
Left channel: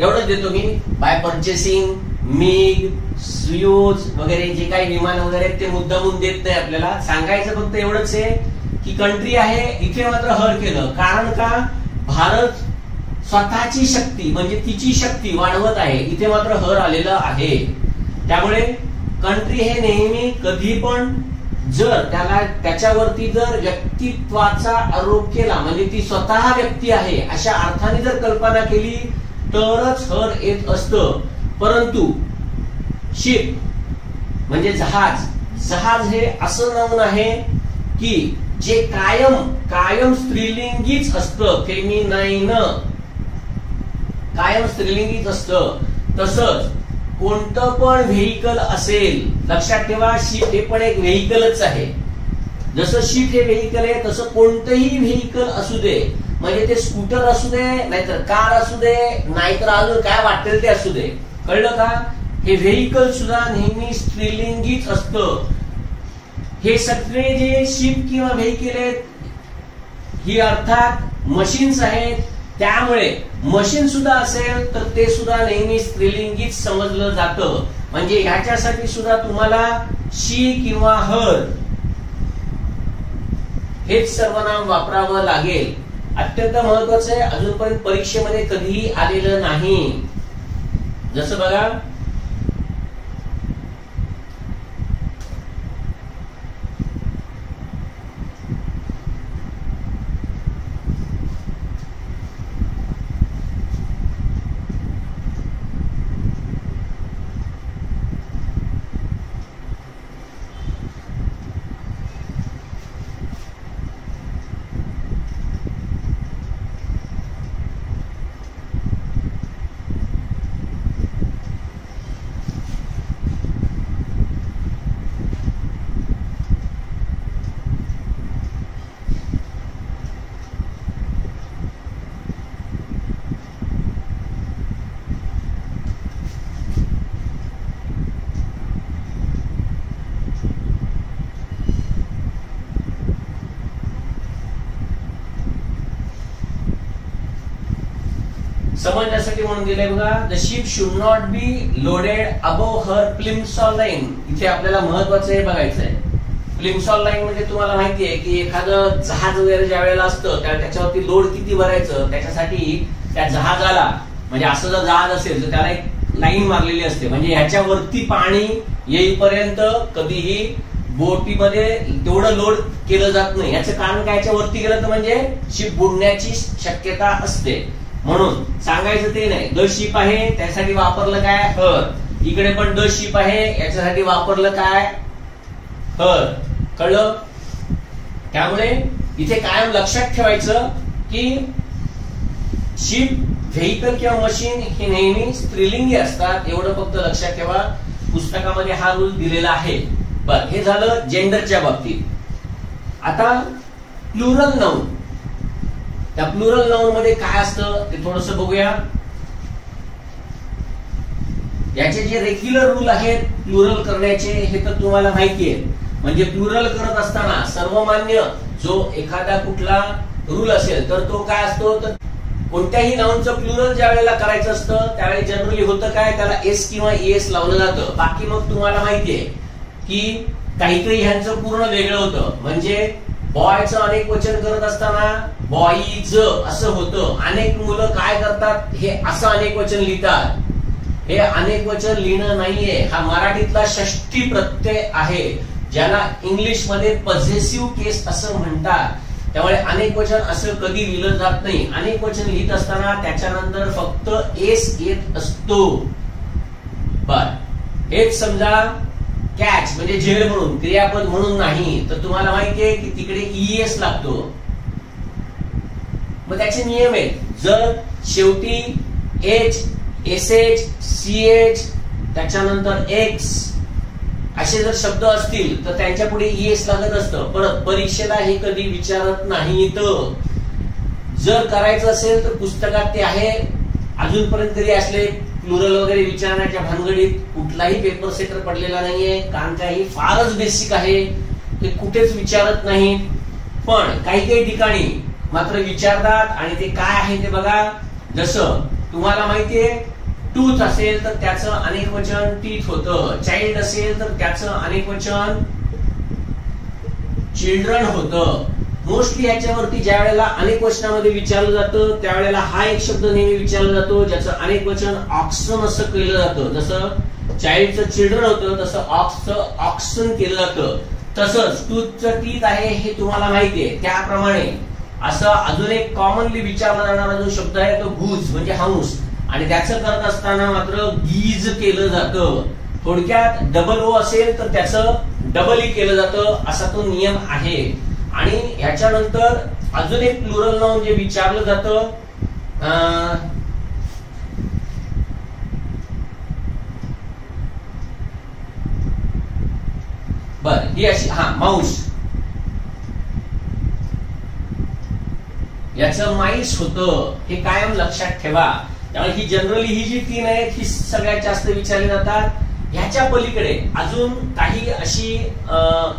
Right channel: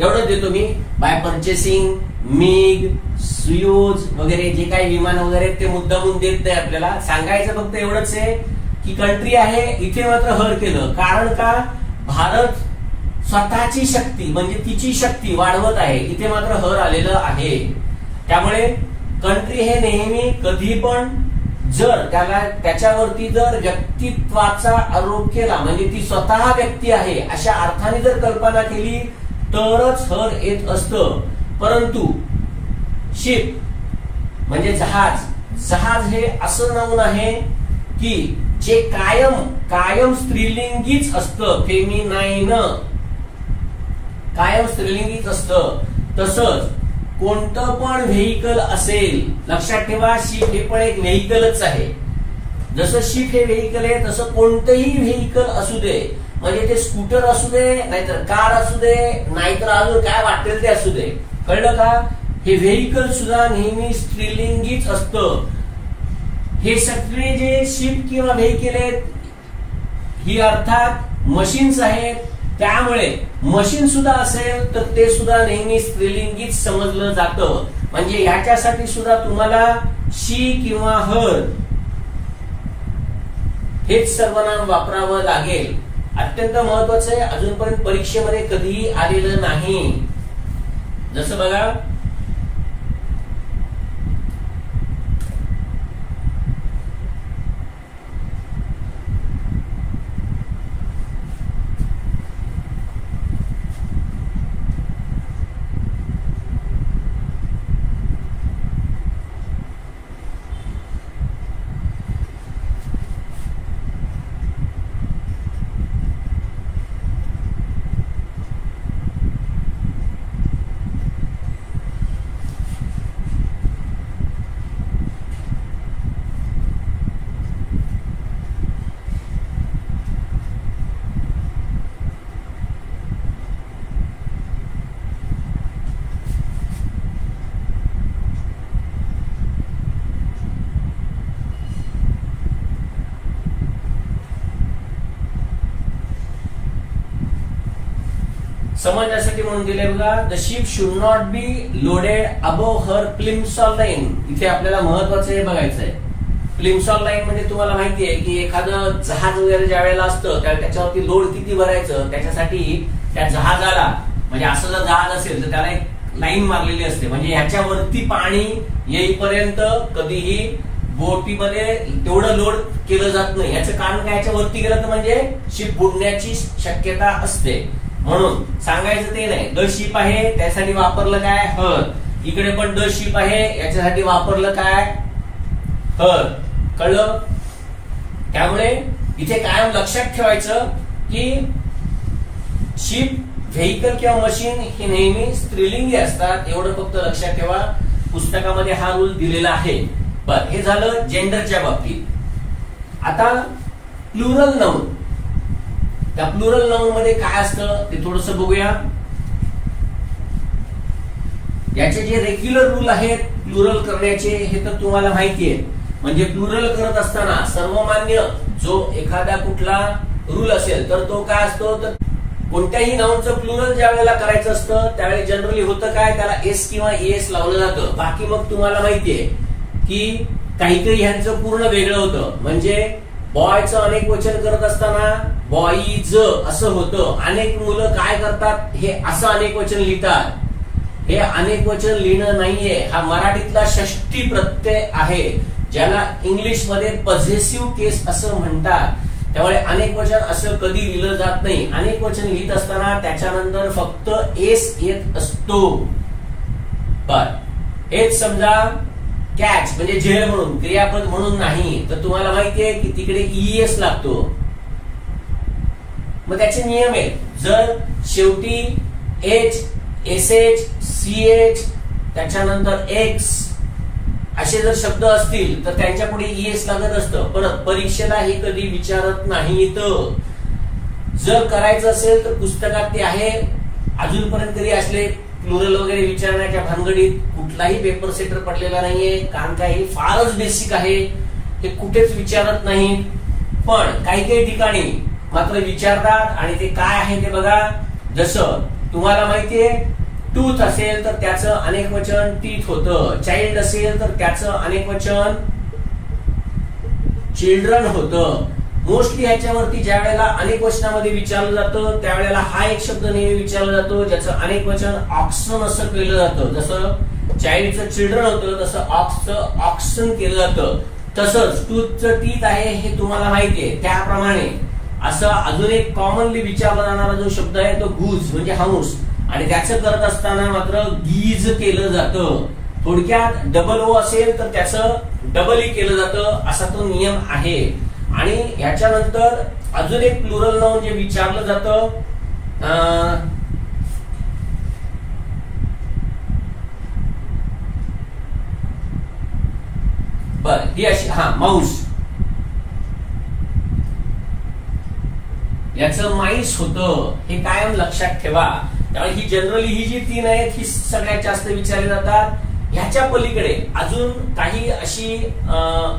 एवढंच देतो मी, बाय परचेसिंग मिग, सुयोज वगैरे जे काही विमान वगैरे ते मुद्दामून देत नाही आपल्याला. सांगायचं फक्त एवढंच आहे की कंट्री आहे, इथे मात्र हर केलं. कारण का, भारत स्वतःची शक्ती म्हणजे तिची शक्ती वाढवत आहे, इथे मात्र हर आलेलं आहे. त्यामुळे कंट्री हे नेहमी कधी पण जर त्याच्यावरती जर व्यक्तित्वाचा आरोप केला, म्हणजे ती स्वतः व्यक्ती आहे अशा अर्थाने जर कल्पना केली तरच हर येत असतं. परंतु शिप म्हणजे जहाज, जहाज हे असं नाऊन आहे की जे कायम स्त्रीलिंगीच असतं, फेमिनाईन, कायम स्त्रीलिंगीच असतं. तसंच कोणतं पण व्हेइकल असेल, लक्षात ठेवा शिप हे पण एक व्हेइकलच आहे. जसं शिप हे व्हेइकल आहे तसं कोणतंही व्हेइकल असू दे, म्हणजे ते स्कूटर असू दे, नाहीतर कार असू दे, नाहीतर अजून काय वाटेल ते असू दे, कळलं का, हे व्हेइकल सुद्धा नेहमी स्त्रीलिंगीच असतं. हे सगळे जे शिप किंवा व्हेइकल आहेत ही अर्थात मशीन्स आहेत, त्यामुळे मशीन सुद्धा असेल तर ते सुद्धा नेहमी स्त्रीलिंगीच समजलं जातं. म्हणजे ह्याच्यासाठी सुद्धा तुम्हाला शी किंवा हर हेच सर्वनाम वापरावं लागेल. अत्यंत महत्वाचं आहे, अजूनपर्यंत परीक्षेमध्ये कधीही आलेलं नाही. जसं बघा, समजण्यासाठी म्हणून दिले बघा, the ship should not be loaded above her Plimsoll line. इथे आपल्याला महत्वाचं हे बघायचंय. प्लिम्सॉल लाईन म्हणजे तुम्हाला माहिती आहे की एखादं जहाज वगैरे ज्या वेळेला असतं त्याच्यावरती लोड किती भरायचं, त्याच्यासाठी त्या जहाजाला म्हणजे असं जर जहाज असेल तर त्याला एक लाईन मारलेली असते, म्हणजे ह्याच्यावरती पाणी येईपर्यंत कधीही बोटीमध्ये तेवढं लोड केलं जात नाही. याचं कारण काय, याच्यावरती गेलं तर म्हणजे शिप बुडण्याची शक्यता असते. म्हणून सांगायचं ते नाही. द शिप आहे त्यासाठी वापरलं काय, हर. इकडे पण द शिप आहे याच्यासाठी वापरलं काय, हर. कळलं? त्यामुळे इथे कायम लक्षात ठेवायचं की शिप, व्हेइकल किंवा मशीन हे नेहमी स्त्रीलिंगी असतात. एवढं फक्त लक्षात ठेवा. पुस्तकामध्ये हा रूल दिलेला आहे. बर, हे झालं जेंडरच्या बाबतीत. आता प्लुरल नाउन. त्या प्लुरल नाउन मध्ये काय असतं ते थोडंसं बघूया. याचे जे रेग्युलर रूल आहेत प्लुरल करण्याचे हे तर तुम्हाला माहिती आहे. म्हणजे प्लुरल करत असताना सर्वमान्य जो एखादा कुठला रूल असेल तर तो काय असतो, तर कोणत्याही नाउनचं प्लुरल ज्या वेळेला करायचं असतं त्यावेळी जनरली होतं काय, त्याला एस किंवा एस लावलं जातं. बाकी मग तुम्हाला माहितीये की काही काही ह्यांचं पूर्ण वेगळं होतं. म्हणजे बॉयचं अनेक वचन करत असताना बॉईज असं होतं. अनेक मुलं काय करतात, हे असं अनेक वचन लिहितात. हे अनेक वचन लिहिणं नाहीये. हा मराठीतला षष्ठी प्रत्यय आहे ज्याला इंग्लिश मध्ये पॉझेसिव्ह केस असं म्हणतात. त्यामुळे अनेक वचन असं कधी लिहिलं जात नाही. अनेक वचन लिहित असताना त्याच्यानंतर फक्त एस येत असतो. बर, हेच समजा कॅच म्हणजे झेल म्हणून, क्रियापद म्हणून नाही. तर तुम्हाला माहितीये की तिकडे ईएस लागतो. मग त्याचे नियम आहेत. जर शेवटी एच, एसएच, सीएच, त्याच्यानंतर एक्स असे जर शब्द असतील तर त्यांच्या पुढे ईएस लागत असतं. पण परीक्षेला हे कधी विचारत नाहीत. जर करायचं असेल तर पुस्तकात ते आहे. अजूनपर्यंत कधी असले प्लुरल वगैरे विचारण्याच्या भानगडीत कुठलाही पेपर सेटर पडलेला नाहीये. कारण काय, हे फारच बेसिक आहे. ते कुठेच विचारत नाहीत. पण काही काही ठिकाणी मात्र विचारतात. आणि ते काय आहे ते बघा. जसं तुम्हाला माहितीये टूथ असेल तर त्याचं अनेक वचन टीथ होतं. चाइल्ड असेल तर त्याचं अनेक वचन चिल्ड्रन होतं. मोस्टली ह्याच्यावरती ज्या वेळेला अनेक वचनामध्ये विचारलं जातं त्यावेळेला हा एक शब्द नेहमी विचारला जातो ज्याचं अनेक वचन ऑक्सन असं केलं जातं. जसं चाइल्डचं चिल्ड्रन होतं तसं ऑक्सचं ऑक्सन केलं जातं. तसंच टूथचं टीथ आहे हे तुम्हाला माहितीये. त्याप्रमाणे असं अजून एक कॉमनली विचारला जाणारा जो शब्द आहे तो गूज म्हणजे हंस. आणि त्याचं करत असताना मात्र गीज केलं जातं. थोडक्यात डबल ओ असेल तर त्याचं डबल ई केलं जातं असा तो नियम आहे. आणि याच्यानंतर अजून एक प्लुरल नाउन जे विचारलं जातं बर, ही अशी माऊस. याचं माईस होतं. हे कायम लक्षात ठेवा. त्यामुळे ही जनरली ही जी तीन आहेत ही सगळ्यात जास्त विचारली जातात. ह्याच्या पलीकडे अजून काही अशी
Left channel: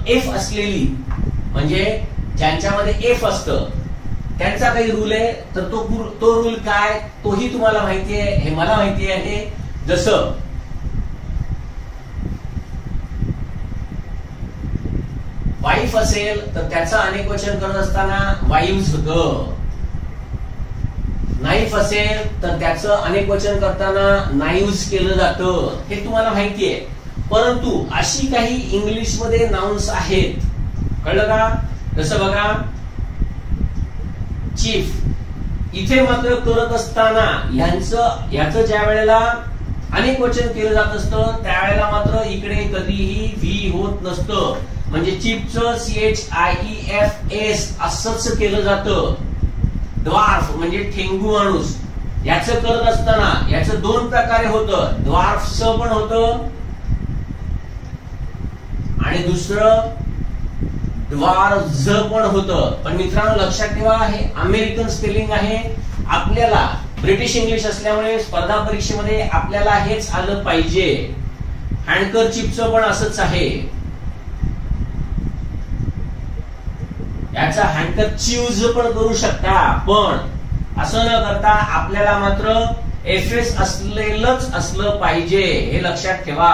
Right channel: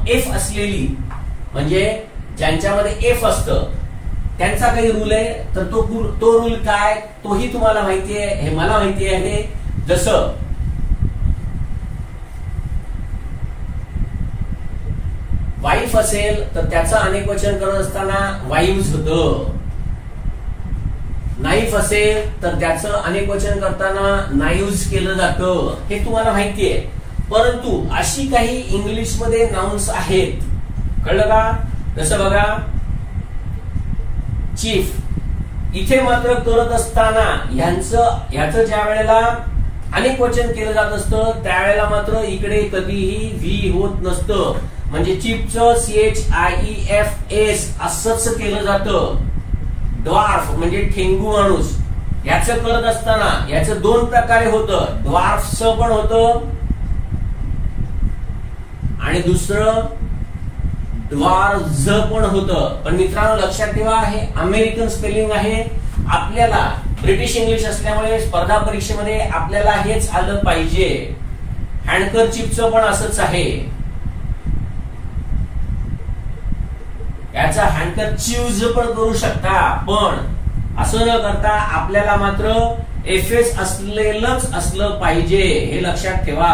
एफ असलेली म्हणजे ज्यांच्यामध्ये एफ असतं त्यांचा काही रूल आहे. तर तो रूल काय तोही तुम्हाला माहितीये, हे मला माहिती आहे. जसं वाईफ असेल तर त्याचं अनेक वचन करत असताना वाईव्स होतं. नाईफ असेल तर त्याचं अनेक वचन करताना नाईव्स केलं जातं. हे तुम्हाला माहितीये. परंतु अशी काही इंग्लिश मध्ये नाउन्स आहेत. कळलं का? जसं बघा चीफ. इथे मात्र करत असताना ह्याचं ज्या वेळेला अनेक वचन केलं जात असतं त्यावेळेला मात्र इकडे कधीही व्ही होत नसतं. म्हणजे चीफचं CHIEFS असंच केलं जातं. ड्वार्फ म्हणजे ठेंगू माणूस याचं करत असताना याचं दोन प्रकारे होतं. ड्वार्फचं पण होतं आणि दुसरं ड्वार्झ पण होतं. पण मित्रांनो लक्षात ठेवा हे अमेरिकन स्पेलिंग आहे. आपल्याला ब्रिटिश इंग्लिश असल्यामुळे स्पर्धा परीक्षेमध्ये आपल्याला हेच आलं पाहिजे. हँडकरचीफचं पण असंच आहे. याचा हँडकरचीव्ज पण करू शकता. पण असं न करता आपल्याला मात्र FS असलेलंच असलं पाहिजे. हे लक्षात ठेवा.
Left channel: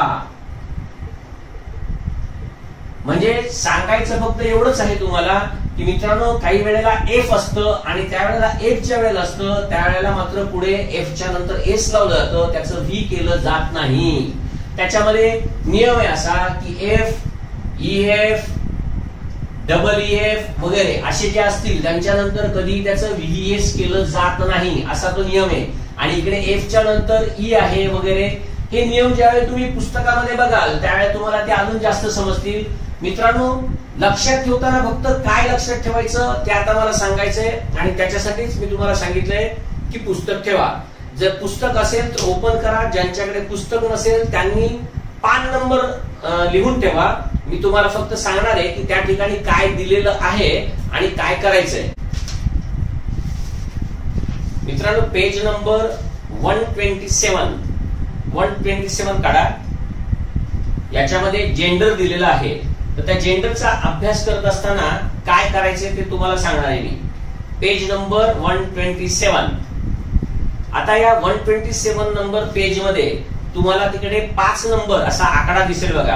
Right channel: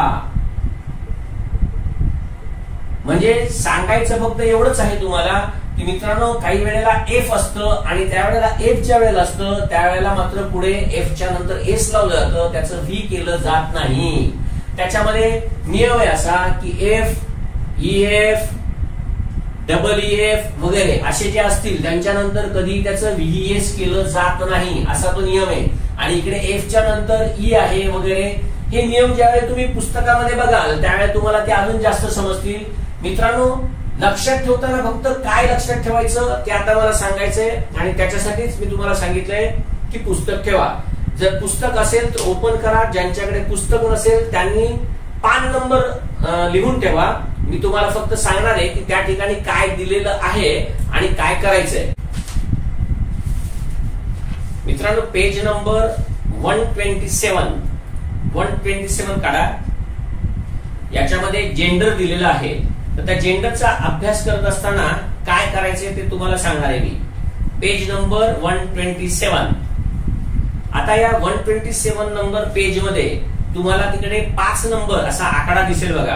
म्हणजे सांगायचं फक्त एवढंच आहे तुम्हाला की मित्रांनो काही वेळेला एफ असतं आणि त्यावेळेला एफ ज्या वेळेला असतं त्यावेळेला मात्र पुढे एफच्या नंतर एस लावलं जातं. त्याचं व्ही केलं जात नाही. त्याच्यामध्ये नियम आहे असा की एफ EF, EF वगैरे असे जे असतील त्यांच्यानंतर कधी त्याचं VES केलं जात नाही, असा तो नियम आहे. आणि इकडे F च्या नंतर E आहे वगैरे. हे नियम ज्यावेळी तुम्ही पुस्तकामध्ये बघाल त्यावेळी तुम्हाला ते अजून जास्त समजतील. मित्रांनो, लक्षात ठेवताना फक्त काय लक्षात ठेवायचं ते आता मला सांगायचंय, आणि त्याच्यासाठीच मी तुम्हाला सांगितलंय की पुस्तक ठेवा. जर पुस्तक असेल तर ओपन करा, ज्यांच्याकडे पुस्तक नसेल त्यांनी पान नंबर लिहून ठेवा. मी तुम्हाला फक्त सांगणार आहे की त्या ठिकाणी काय दिलेलं आहे आणि काय करायचंय. मित्रांनो, पेज नंबर 127 काढा. याच्यामध्ये जेंडर दिलेलं आहे. तर त्या जेंडरचा अभ्यास करत असताना काय करायचे ते तुम्हाला सांगणार आहे मी. Page number 127. आता या 127 नंबर पेज मध्ये तुम्हाला तिकडे 5 नंबर असा आकडा दिसेल बघा,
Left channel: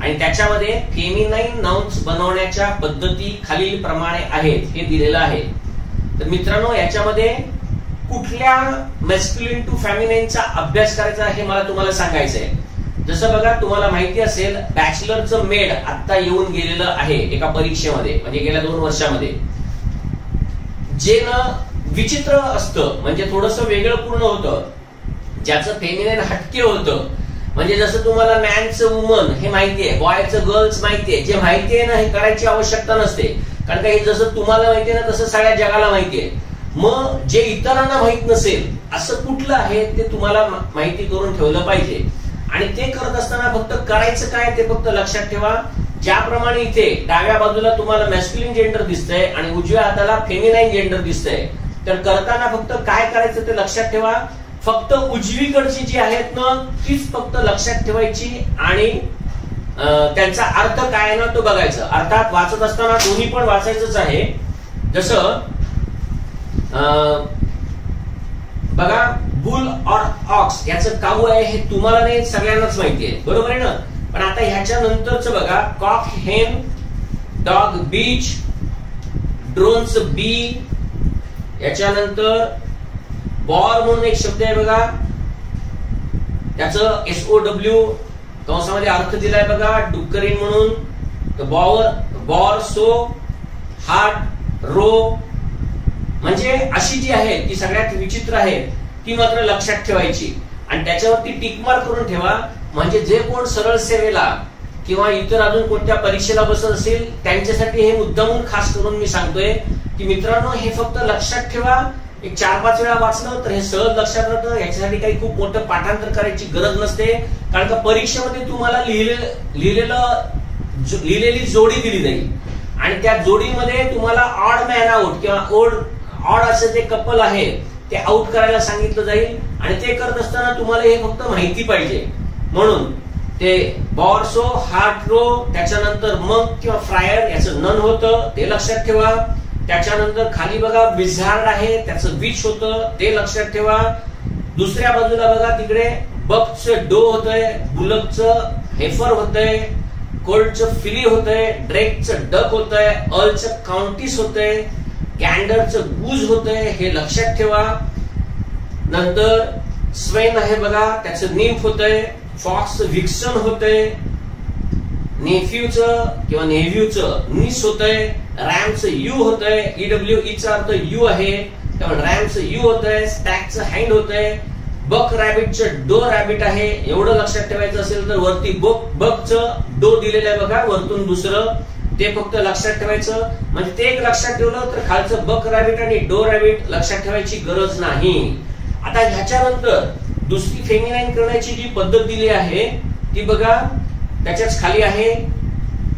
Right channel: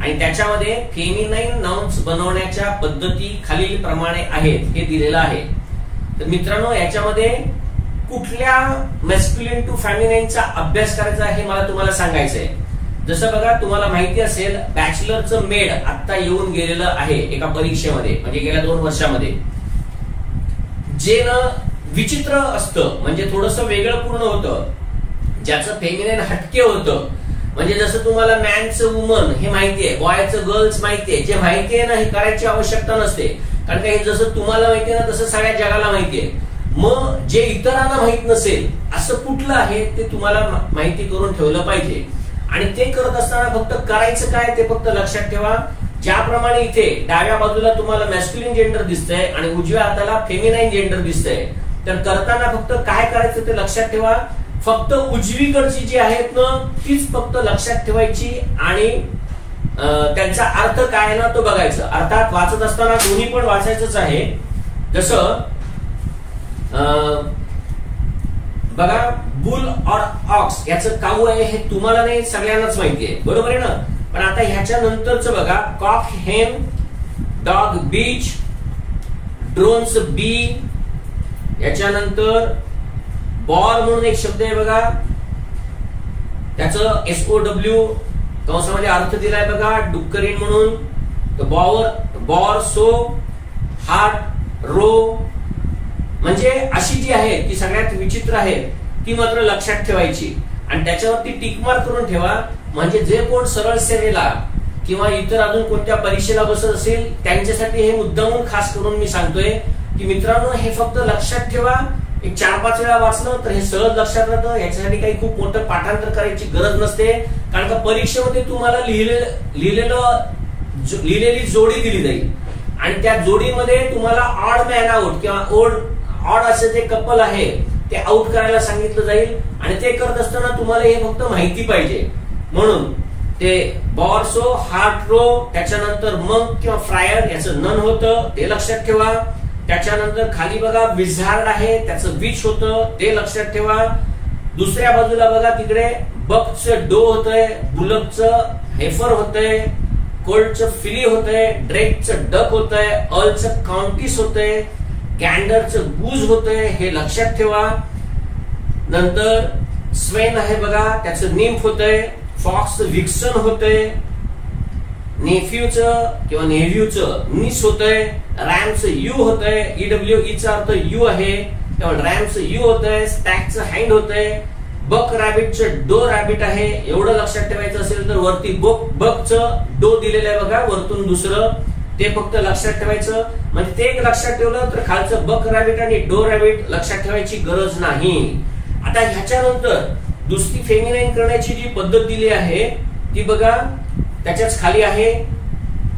आणि त्याच्यामध्ये फेमिनाईन नाउन्स बनवण्याच्या पद्धती खालील प्रमाणे आहेत हे दिलेलं आहे. तर मित्रांनो, याच्यामध्ये कुठल्या मॅस्क्युलिन टू फेमिनाईनचा अभ्यास करायचा हे मला तुम्हाला सांगायचंय. जसं बघा, तुम्हाला माहिती असेल बॅचलरचं मेड आता येऊन गेलेलं आहे एका परीक्षेमध्ये, म्हणजे गेल्या 2 वर्षामध्ये, जे ना विचित्र असतं, म्हणजे थोडस वेगळं पूर्ण होतं, ज्याचं फेमिनाईन हटके होतं. म्हणजे जसं तुम्हाला मॅनचं वुमन हे माहितीये, बॉयचं गर्ल्स माहितीये. जे माहितीये ना हे करायची आवश्यकता नसते, कारण का हे जसं तुम्हाला माहितीये ना तसं सगळ्या जगाला माहितीये. मग जे इतरांना माहित नसेल असं कुठलं आहे ते तुम्हाला माहिती करून ठेवलं पाहिजे. आणि ते करत असताना फक्त करायचं काय ते फक्त लक्षात ठेवा. ज्याप्रमाणे इथे डाव्या बाजूला तुम्हाला मॅस्क्युलिन जेंडर दिसतंय आणि उजव्या हाताला फेमिनाईन जेंडर दिसतंय, तर करताना फक्त काय करायचं ते लक्षात ठेवा. फक्त उजवीकडची जी आहेत ना तीच फक्त लक्षात ठेवायची आणि त्यांचा अर्थ काय आहे ना तो बघायचा. अर्थात वाचत असताना दोन्ही पण वाचायचंच आहे. जसं बघा, बुल और ऑक्स याचं काऊ आहे हे तुम्हाला नाही, सगळ्यांनाच माहितीये, बरोबर आहे ना. पण आता ह्याच्या नंतरच बघा, कॉक हेन, डॉग बीच, ड्रोन्स बी, याच्यानंतर बॉर म्हणून एक शब्द आहे बघा, त्याचं SOW कंसामध्ये अर्थ दिलाय बघा, डुक्करीन म्हणून. बॉर सो, हार्ट रो, म्हणजे अशी जी आहे ती सगळ्यात विचित्र आहे ती मात्र लक्षात ठेवायची आणि त्याच्यावरती टिक मार्क करून ठेवा. म्हणजे जे कोण सरळ सेवेला किंवा इतर अजून कोणत्या परीक्षेला बसत असेल त्यांच्यासाठी हे मुद्दामून खास करून मी सांगतोय की मित्रांनो, हे फक्त लक्षात ठेवा. एक 4-5 वेळा वाचलं तर हे सहज लक्षात राहतं. याच्यासाठी काही खूप मोठं पाठांतर करायची गरज नसते, कारण का परीक्षेमध्ये तुम्हाला लिहिलेली जोडी दिली जाईल आणि त्या जोडीमध्ये तुम्हाला ऑड मॅन आउट किंवा ऑड असे जे कपल आहे ते आउट करायला सांगितलं जाईल. आणि ते करत असताना तुम्हाला हे फक्त माहिती पाहिजे, म्हणून ते बॉर्सो, हार्ट रो, त्याच्यानंतर मंक किंवा फ्रायर याचं नन होतं ते लक्षात ठेवा. त्याच्यानंतर खाली बघा विझार्ड आहे त्याचं विच होतं ते लक्षात ठेवा. दुसऱ्या बाजूला बघा तिकडे बकचं डो होतंय, बुलकचं हेफर होतंय, कोल्डचं फिली होतंय, ड्रेकचं डक होतंय, अर्लचं काउंटिस होतंय, गॅन्डरचं गूज होतंय हे लक्षात ठेवा. नंतर स्वेन आहे बघा त्याचं निम्फ होतंय, फॉक्सचं विक्सन होतंय, नेफ्यूचं किंवा नेव्ह्यूचं निस होतंय, रॅमचं यू होतंय, EWE चा अर्थ यू आहे त्यामुळे रॅमचं यू होतंय, स्टॅकचं हँड होतंय, बक रॅबिटचं डो रॅबिट आहे. एवढं लक्षात ठेवायचं असेल तर वरती बकचं डो दिलेलं आहे बघा, वरतून दुसरं ते फक्त लक्षात ठेवायचं. म्हणजे ते एक लक्षात ठेवलं तर खालचं बक रॅबिट आणि डो रॅबिट लक्षात ठेवायची गरज नाही. आता ह्याच्यानंतर दुसरी फेमिनाईन करण्याची जी पद्धत दिली आहे ती बघा त्याच्याच खाली आहे,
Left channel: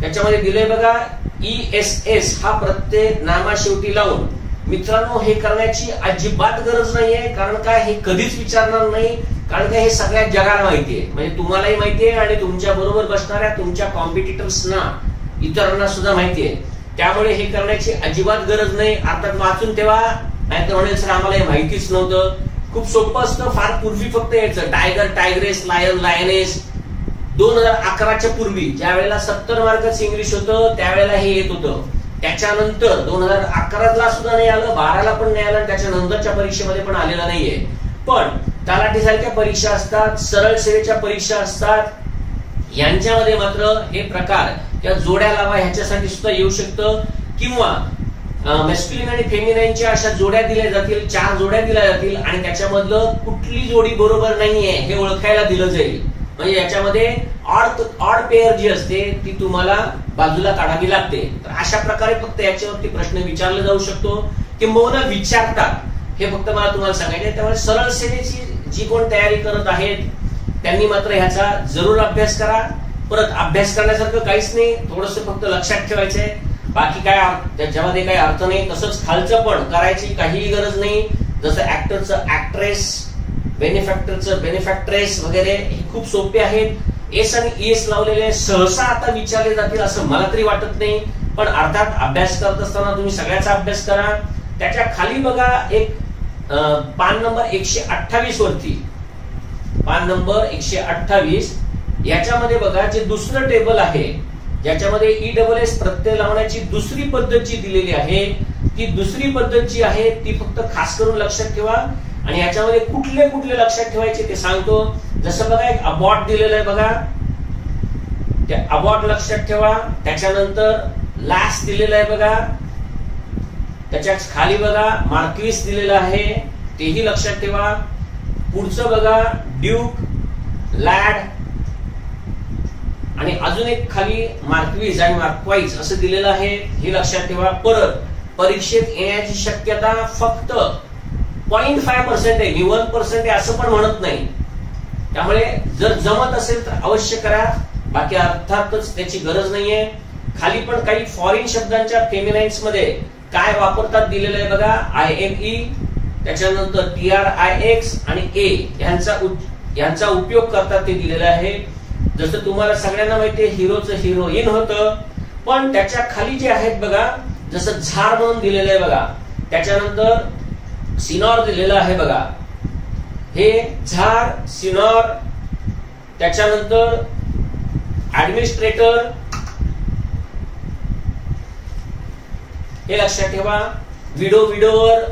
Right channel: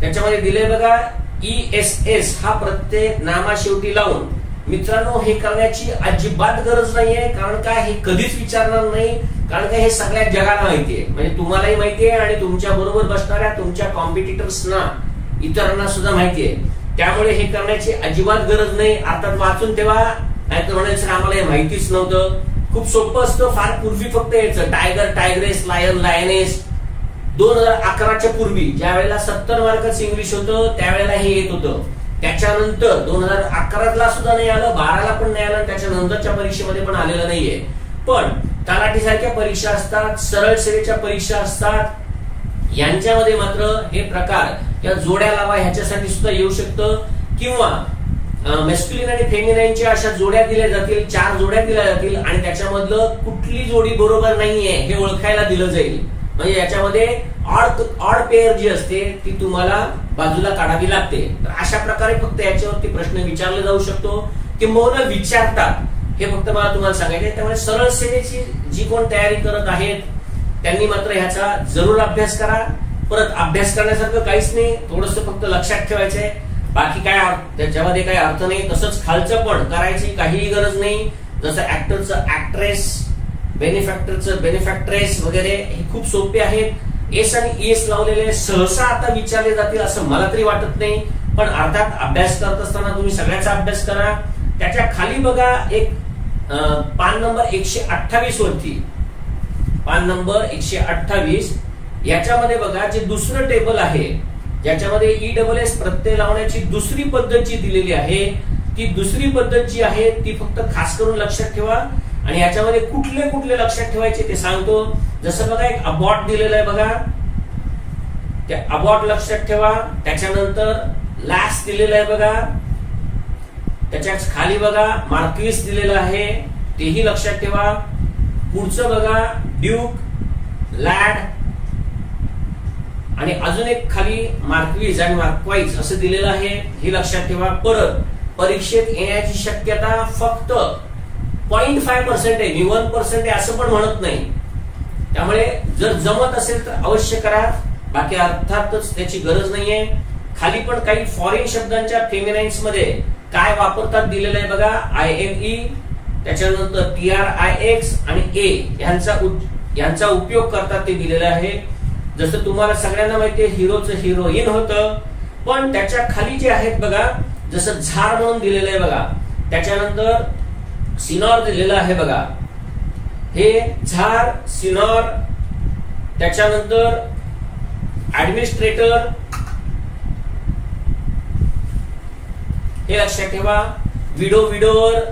त्याच्यामध्ये दिलंय बघा ESS हा प्रत्येक नामाशेवटी लावून. मित्रांनो, हे करण्याची अजिबात गरज नाहीये, कारण काय हे कधीच विचारणार नाही, कारण काय हे सगळ्या जगाला माहितीये, म्हणजे तुम्हालाही माहितीये आणि तुमच्या बरोबर बसणाऱ्या तुमच्या कॉम्पिटिटर्सना इतरांना सुद्धा माहितीये. त्यामुळे हे करण्याची अजिबात गरज नाही. अर्थात वाचून ठेवा, नाहीतर म्हणाल सर आम्हाला हे माहितीच नव्हतं. खूप सोपं असतं. फार पूर्वी फक्त यायचं टायगर, टायग्रेस, लायन, लायनेस. 2011च्या पूर्वी ज्या वेळेला 70 मार्काचं इंग्लिश होतं त्यावेळेला हे येत होतं. त्याच्यानंतर 2011ला सुद्धा नाही आलं, 12ला पण नाही आलं, त्याच्यानंतरच्या परीक्षेमध्ये पण आलेलं नाहीये. पण तलाठीसारख्या परीक्षा असतात, सरळ सेवेच्या परीक्षा असतात, यांच्यामध्ये मात्र हे प्रकार किंवा जोड्या लावा ह्याच्यासाठी सुद्धा येऊ शकतं, किंवा मॅस्क्युलिन आणि फेमिनाईनच्या अशा जोड्या दिल्या जातील, 4 जोड्या दिल्या जातील आणि त्याच्यामधलं कुठली जोडी बरोबर नाहीये हे ओळखायला दिलं जाईल. म्हणजे याच्यामध्ये ऑड पेअर जी असते ती तुम्हाला बाजूला काढावी लागते. तर अशा प्रकारे फक्त याच्यावरती प्रश्न विचारला जाऊ शकतो, किंबहुना विचारतात, हे फक्त मला तुम्हाला सांगायचं. त्यामुळे सरळ सेवेची जी कोण तयारी करत आहेत त्यांनी मात्र ह्याचा जरूर अभ्यास करा. परत अभ्यास करण्यासारखं काहीच नाही, थोडंसं फक्त लक्षात ठेवायचंय, बाकी काय त्याच्यामध्ये काही अर्थ नाही. तसंच खालचं पण करायची काहीही गरज नाही. जसं ऍक्टरचं ऍक्ट्रेस, बेनिफॅक्टरचं बेनिफॅक्ट्रेस वगैरे हे खूप सोपे आहेत. एस आणि एस लावलेले सहसा आता विचारले जातील असं मला तरी वाटत नाही, पण अर्थात अभ्यास करत असताना तुम्ही सगळ्याचा अभ्यास करा. त्याच्या खाली बघा एक पान नंबर 128 वरती, पान नंबर 128 याच्यामध्ये बघा जे दुसरं टेबल आहे ज्याच्यामध्ये ESS प्रत्यय लावण्याची दुसरी पद्धत जी दिलेली आहे, ती दुसरी पद्धत जी आहे ती फक्त खास करून लक्षात ठेवा. आणि याच्यामध्ये कुठले कुठले लक्षात ठेवायचे ते सांगतो. जसं बघा एक अबॉट दिलेलं आहे बघा, त्या अबॉट लक्षात ठेवा. त्याच्यानंतर लास्ट दिलेलं आहे बघा, त्याच्या खाली बघा मार्क्विस दिलेलं आहे, तेही लक्षात ठेवा. पुढचं बघा ड्यूक, लॅड आणि अजून एक खाली मार्क्विस आणि मार्क्वाइज असं दिलेलं आहे, हे लक्षात ठेवा. परत परीक्षेत येण्याची शक्यता फक्त 0.5% आहे, मी 1% आहे असं पण म्हणत नाही. त्यामुळे जर जमत असेल तर अवश्य करा, बाकी अर्थातच त्याची गरज नाहीये. खाली पण काही फॉरेन शब्दांच्या फेमिनाइन्स मध्ये काय वापरतात दिलेलं आहे बघा, IME, त्याच्यानंतर TRIX आणि A यांचा उपयोग करतात ते दिलेलं आहे. जसं तुम्हाला सगळ्यांना माहितीये हिरोचं हिरोईन होतं, पण त्याच्या खाली जे आहेत बघा, जसं झार म्हणून दिलेलं आहे बघा, त्याच्यानंतर सिनॉर दिलेलं आहे बघा, हे झार सिनॉर. त्याच्यानंतर ऍडमिनिस्ट्रेटर, हे लक्षात ठेवा. विडोवर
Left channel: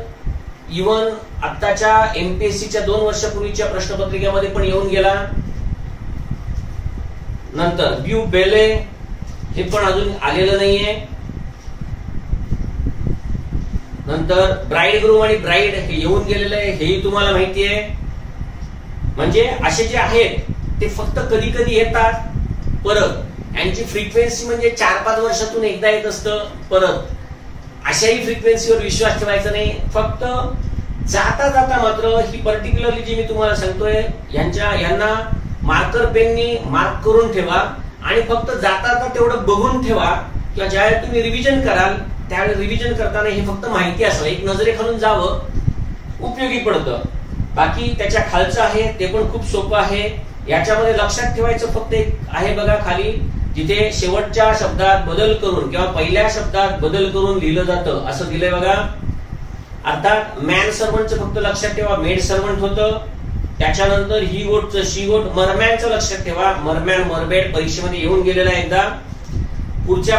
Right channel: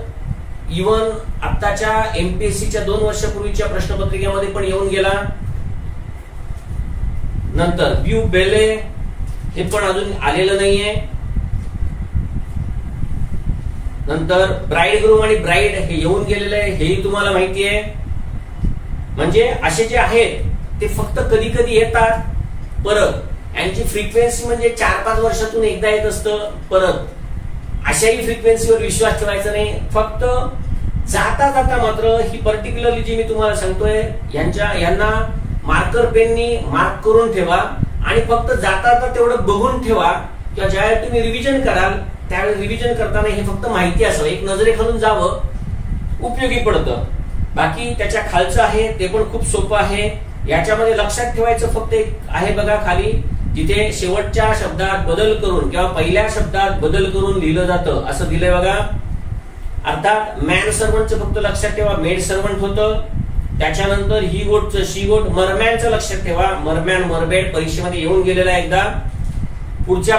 इव्हन आत्ताच्या MPSCच्या 2 वर्षापूर्वीच्या प्रश्नपत्रिकेमध्ये पण येऊन गेला. नंतर ब्यू बेले, हे पण अजून आलेलं नाहीये. नंतर ब्राईड ग्रूम आणि ब्राईड हे येऊन गेलेलं आहे, हेही तुम्हाला माहिती आहे. म्हणजे असे जे आहेत ते फक्त कधी कधी येतात, परत यांची फ्रिक्वेन्सी म्हणजे 4-5 वर्षातून एकदा येत असतं. परत अशाही फ्रिक्वेन्सीवर विश्वास ठेवायचा नाही. फक्त जाता जाता मात्र ही पर्टिक्युलरली जी मी तुम्हाला सांगतोय यांना मार्कर पेननी मार्क करून ठेवा आणि फक्त जाता जाता तेवढं बघून ठेवा, किंवा ज्यावेळी तुम्ही रिव्हिजन कराल त्यावेळी रिव्हिजन करताना हे फक्त माहिती असावं, एक नजरेखालून जावं, उपयोगी पडतं. बाकी त्याच्या खालचं आहे ते पण खूप सोपं आहे. याच्यामध्ये लक्षात ठेवायचं फक्त एक आहे बघा खाली, जिथे शेवटच्या शब्दात बदल करून किंवा पहिल्या शब्दात बदल करून लिहिलं जातं असं दिलंय बघा. अर्थात मॅन सर्वंटचं फक्त लक्षात ठेवा मेड सर्वंट होतं. त्याच्यानंतर ही गोटचं शी गोट, मरमॅनचं लक्षात ठेवा मरमॅन मरबेड परीक्षेमध्ये येऊन गेलेला आहे एकदा. पुढच्या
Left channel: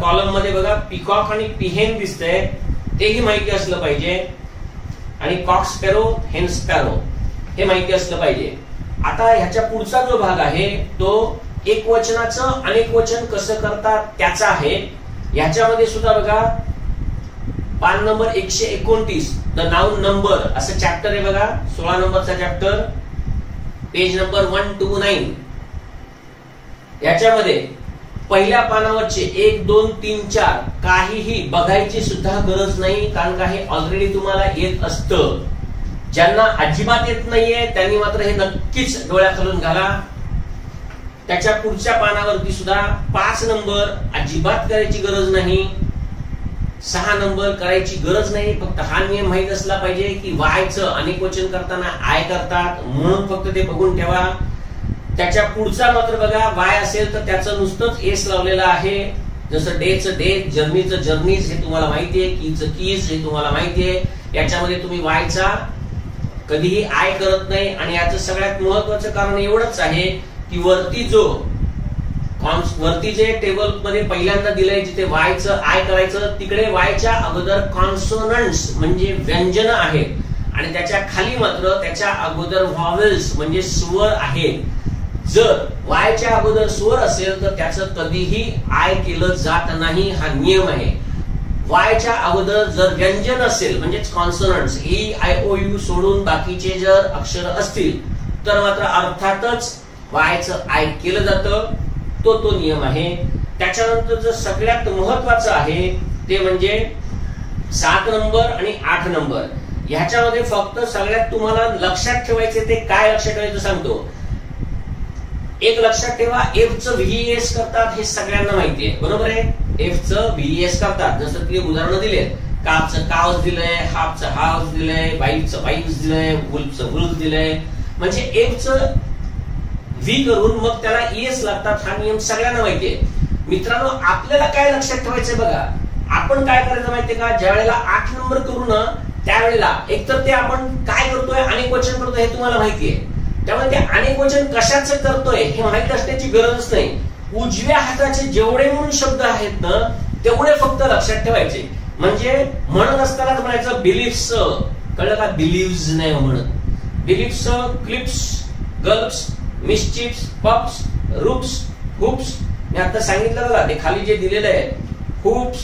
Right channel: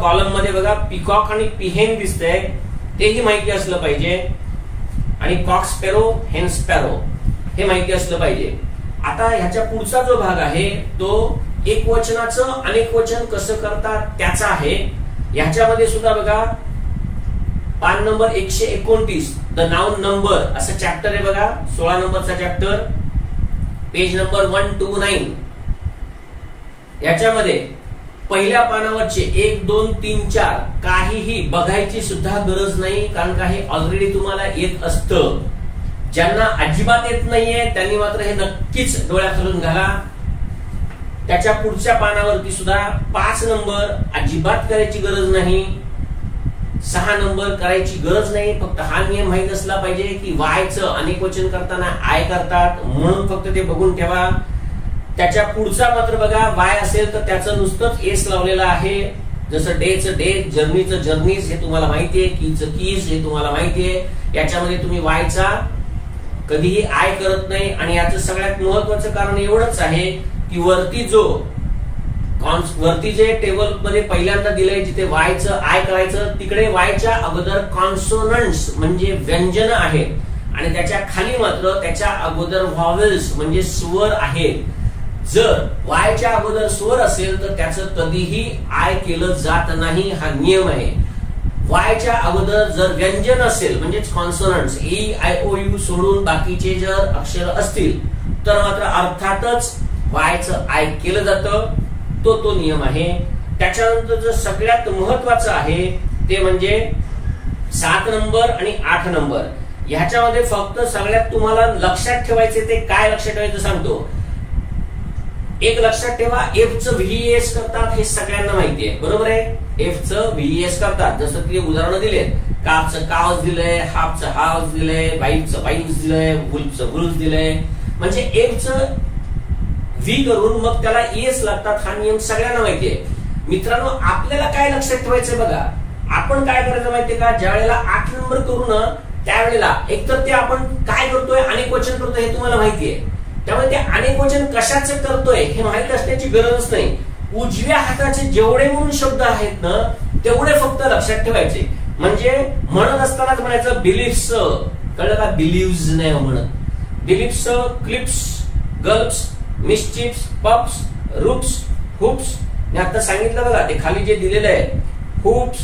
कॉलम मध्ये बघा पिकॉक आणि पिहेन दिसतंय, तेही माहिती असलं पाहिजे. आणि कॉक स्पॅरो, हेन स्पॅरो हे माहिती असलं पाहिजे. आता ह्याच्या पुढचा जो भाग आहे तो एक वचनाचं अनेक वचन कसं करतात त्याचा आहे. ह्याच्यामध्ये सुद्धा बघा पान नंबर 129 द नाउन नंबर असं चॅप्टर आहे बघा, 16 नंबरचा चॅप्टर, पेज नंबर 129. याच्यामध्ये पहिल्या पानावरचे 1, 2, 3, 4 काहीही बघायची सुद्धा गरज नाही, कारण का हे ऑलरेडी तुम्हाला येत असतं. ज्यांना अजिबात येत नाहीये त्यांनी मात्र हे नक्कीच डोळ्याखालून घाला. त्याच्या पुढच्या पानावरती सुद्धा 5 नंबर अजिबात करायची गरज नाही, 6 नंबर करायची गरज नाही. फक्त हा नियम माहित असला पाहिजे की वायचं अनेक वचन करताना आय करतात, म्हणून फक्त ते बघून ठेवा. त्याच्या पुढचा मात्र बघा वाय असेल तर त्याचं नुसतंच एस लावलेलं आहे. जसं डेचं डे, जर्नीचं जर्नीज हे तुम्हाला माहितीये, कीचं कीज हे तुम्हाला माहितीये. याच्यामध्ये तुम्ही वायचा कधीही आय करत नाही. आणि याचं सगळ्यात महत्वाचं कारण एवढंच आहे की वरती जे टेबल मध्ये पहिल्यांदा दिलंय जिथे वायचं आय करायचं तिकडे वायच्या अगोदर कॉन्सोनंट्स म्हणजे व्यंजन आहेत आणि त्याच्या खाली मात्र त्याच्या अगोदर व्हॉवेल्स म्हणजे स्वर आहेत. जर वायच्या अगोदर स्वर असेल तर त्याचं कधीही आय केलं जात नाही, हा नियम आहे. वायच्या अगोदर जर व्यंजन असेल म्हणजेच कॉन्सोनंट्स ई आय ओ यू सोडून बाकीचे जर अक्षर असतील तर मात्र अर्थातच वायचं आय केलं जातं. तो नियम आहे. त्याच्यानंतर जर सगळ्यात महत्वाचं आहे ते म्हणजे 7 नंबर आणि 8 नंबर. ह्याच्यामध्ये फक्त सगळ्यात तुम्हाला लक्षात ठेवायचे ते काय लक्षात ठेवायचं सांगतो. एक लक्षात ठेवा, एफ चं व्हीएस करतात हे सगळ्यांना माहिती आहे, बरोबर आहे. एफ चं व्हीएस करतात, जसं की उदाहरणं दिलेत. कावचं कावच दिलंय, हाफचं हाफ दिलंय, वाईफचं वाईफ दिलंय, वुल्फचं वुल्फ दिलंय. म्हणजे एफ चं व्ही करून मग त्याला एस लागतात, हा नियम सगळ्यांना माहिती आहे. मित्रांनो, आपल्याला काय लक्षात ठेवायचं बघा. आपण काय करायचं माहितीये का, ज्या वेळेला 8 नंबर करू ना त्यावेळेला एकतर ते आपण काय करतोय, अनेक वचन करतोय हे तुम्हाला माहितीये. त्यामुळे ते अनेक वचन कशाचं करतोय हे माहित असण्याची गरजच नाही. उजव्या हाताचे जेवढे म्हणून शब्द आहेत ना तेवढे फक्त लक्षात ठेवायचे. म्हणजे म्हणत असतानाच म्हणायचं बिलीव्स, कळलं का, बिलीव्स नाही म्हणत. बिलीव्स, क्लिप्स, गल्प्स, मिस्चिप्स, पप्स, रूप्स, हुप्स. मी आता सांगितलं बघा, ते खाली जे दिलेलं आहे हुप्स,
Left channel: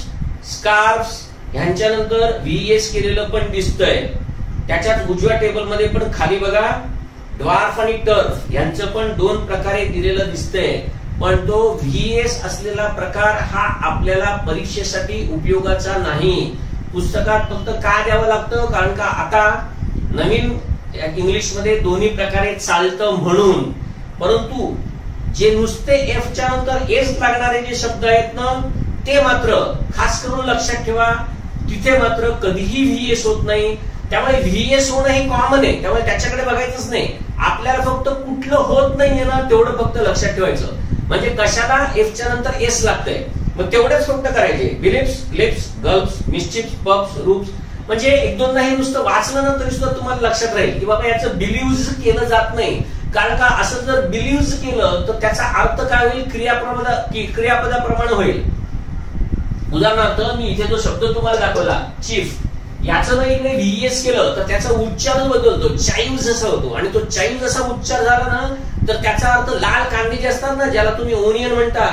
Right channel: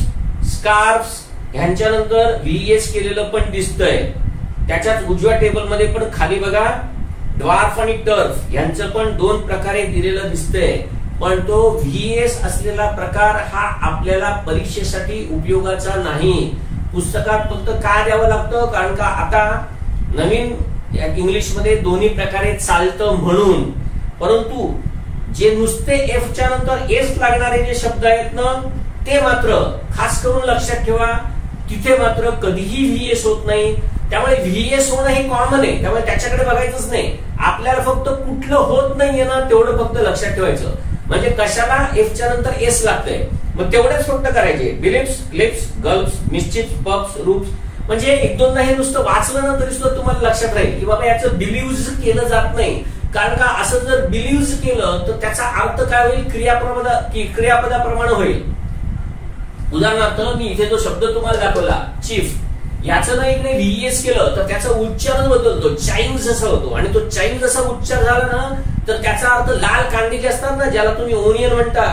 स्कार्फ्स, ह्यांच्यानंतर व्हीएस केलेलं पण दिसतंय. त्याच्यात उजव्या टेबल मध्ये पण खाली बघा ड्वार्फ आणि टर्फ यांचं पण 2 प्रकारे दिलेलं दिसतंय. पण तो व्हीएस असलेला प्रकार हा आपल्याला परीक्षेसाठी उपयोगाचा नाही. पुस्तकात फक्त का द्यावं लागतं, कारण का आता नवीन इंग्लिश मध्ये दोन्ही प्रकारे चालतं म्हणून. परंतु जे नुसते एफ च्या नंतर एस लागणारे जे शब्द आहेत ना ते मात्र खास करून लक्षात ठेवा, तिथे मात्र कधीही व्हीएस होत नाही. त्यामुळे व्हीएस होणं हे कॉमन आहे, त्यामुळे त्याच्याकडे बघायचंच नाही. आपल्याला फक्त कुठलं होत नाहीये ना तेवढं फक्त लक्षात ठेवायचं. म्हणजे कशाला एफ च्या नंतर एस लागतंय मग तेवढेच फक्त करायचे. बिलिप्स, क्लिप्स, गल्प्स, मिस्चिप्स, पप्स, रूप्स. म्हणजे एक दोनदा हे नुसतं वाचलं ना तरी सुद्धा तुम्हाला लक्षात राहील की बाबा याचं बिलीव्ज केलं जात नाही. कारण का, असं जर बिलीव्ज केलं तर त्याचा अर्थ काय होईल, क्रियापदाप्रमाणे होईल. उदाहरणार्थ मी इथे जो शब्द तुम्हाला दाखवला चीफ, याचं ना इकडे व्हीएस केलं तर त्याचा उच्चारच बदलतो, चाईव्ह जसा होतो. आणि तो चाईव्ह जसा उच्चार झाला ना तर त्याचा अर्थ लाल कांदे जे असतात ना, ज्याला तुम्ही ओनियन म्हणता,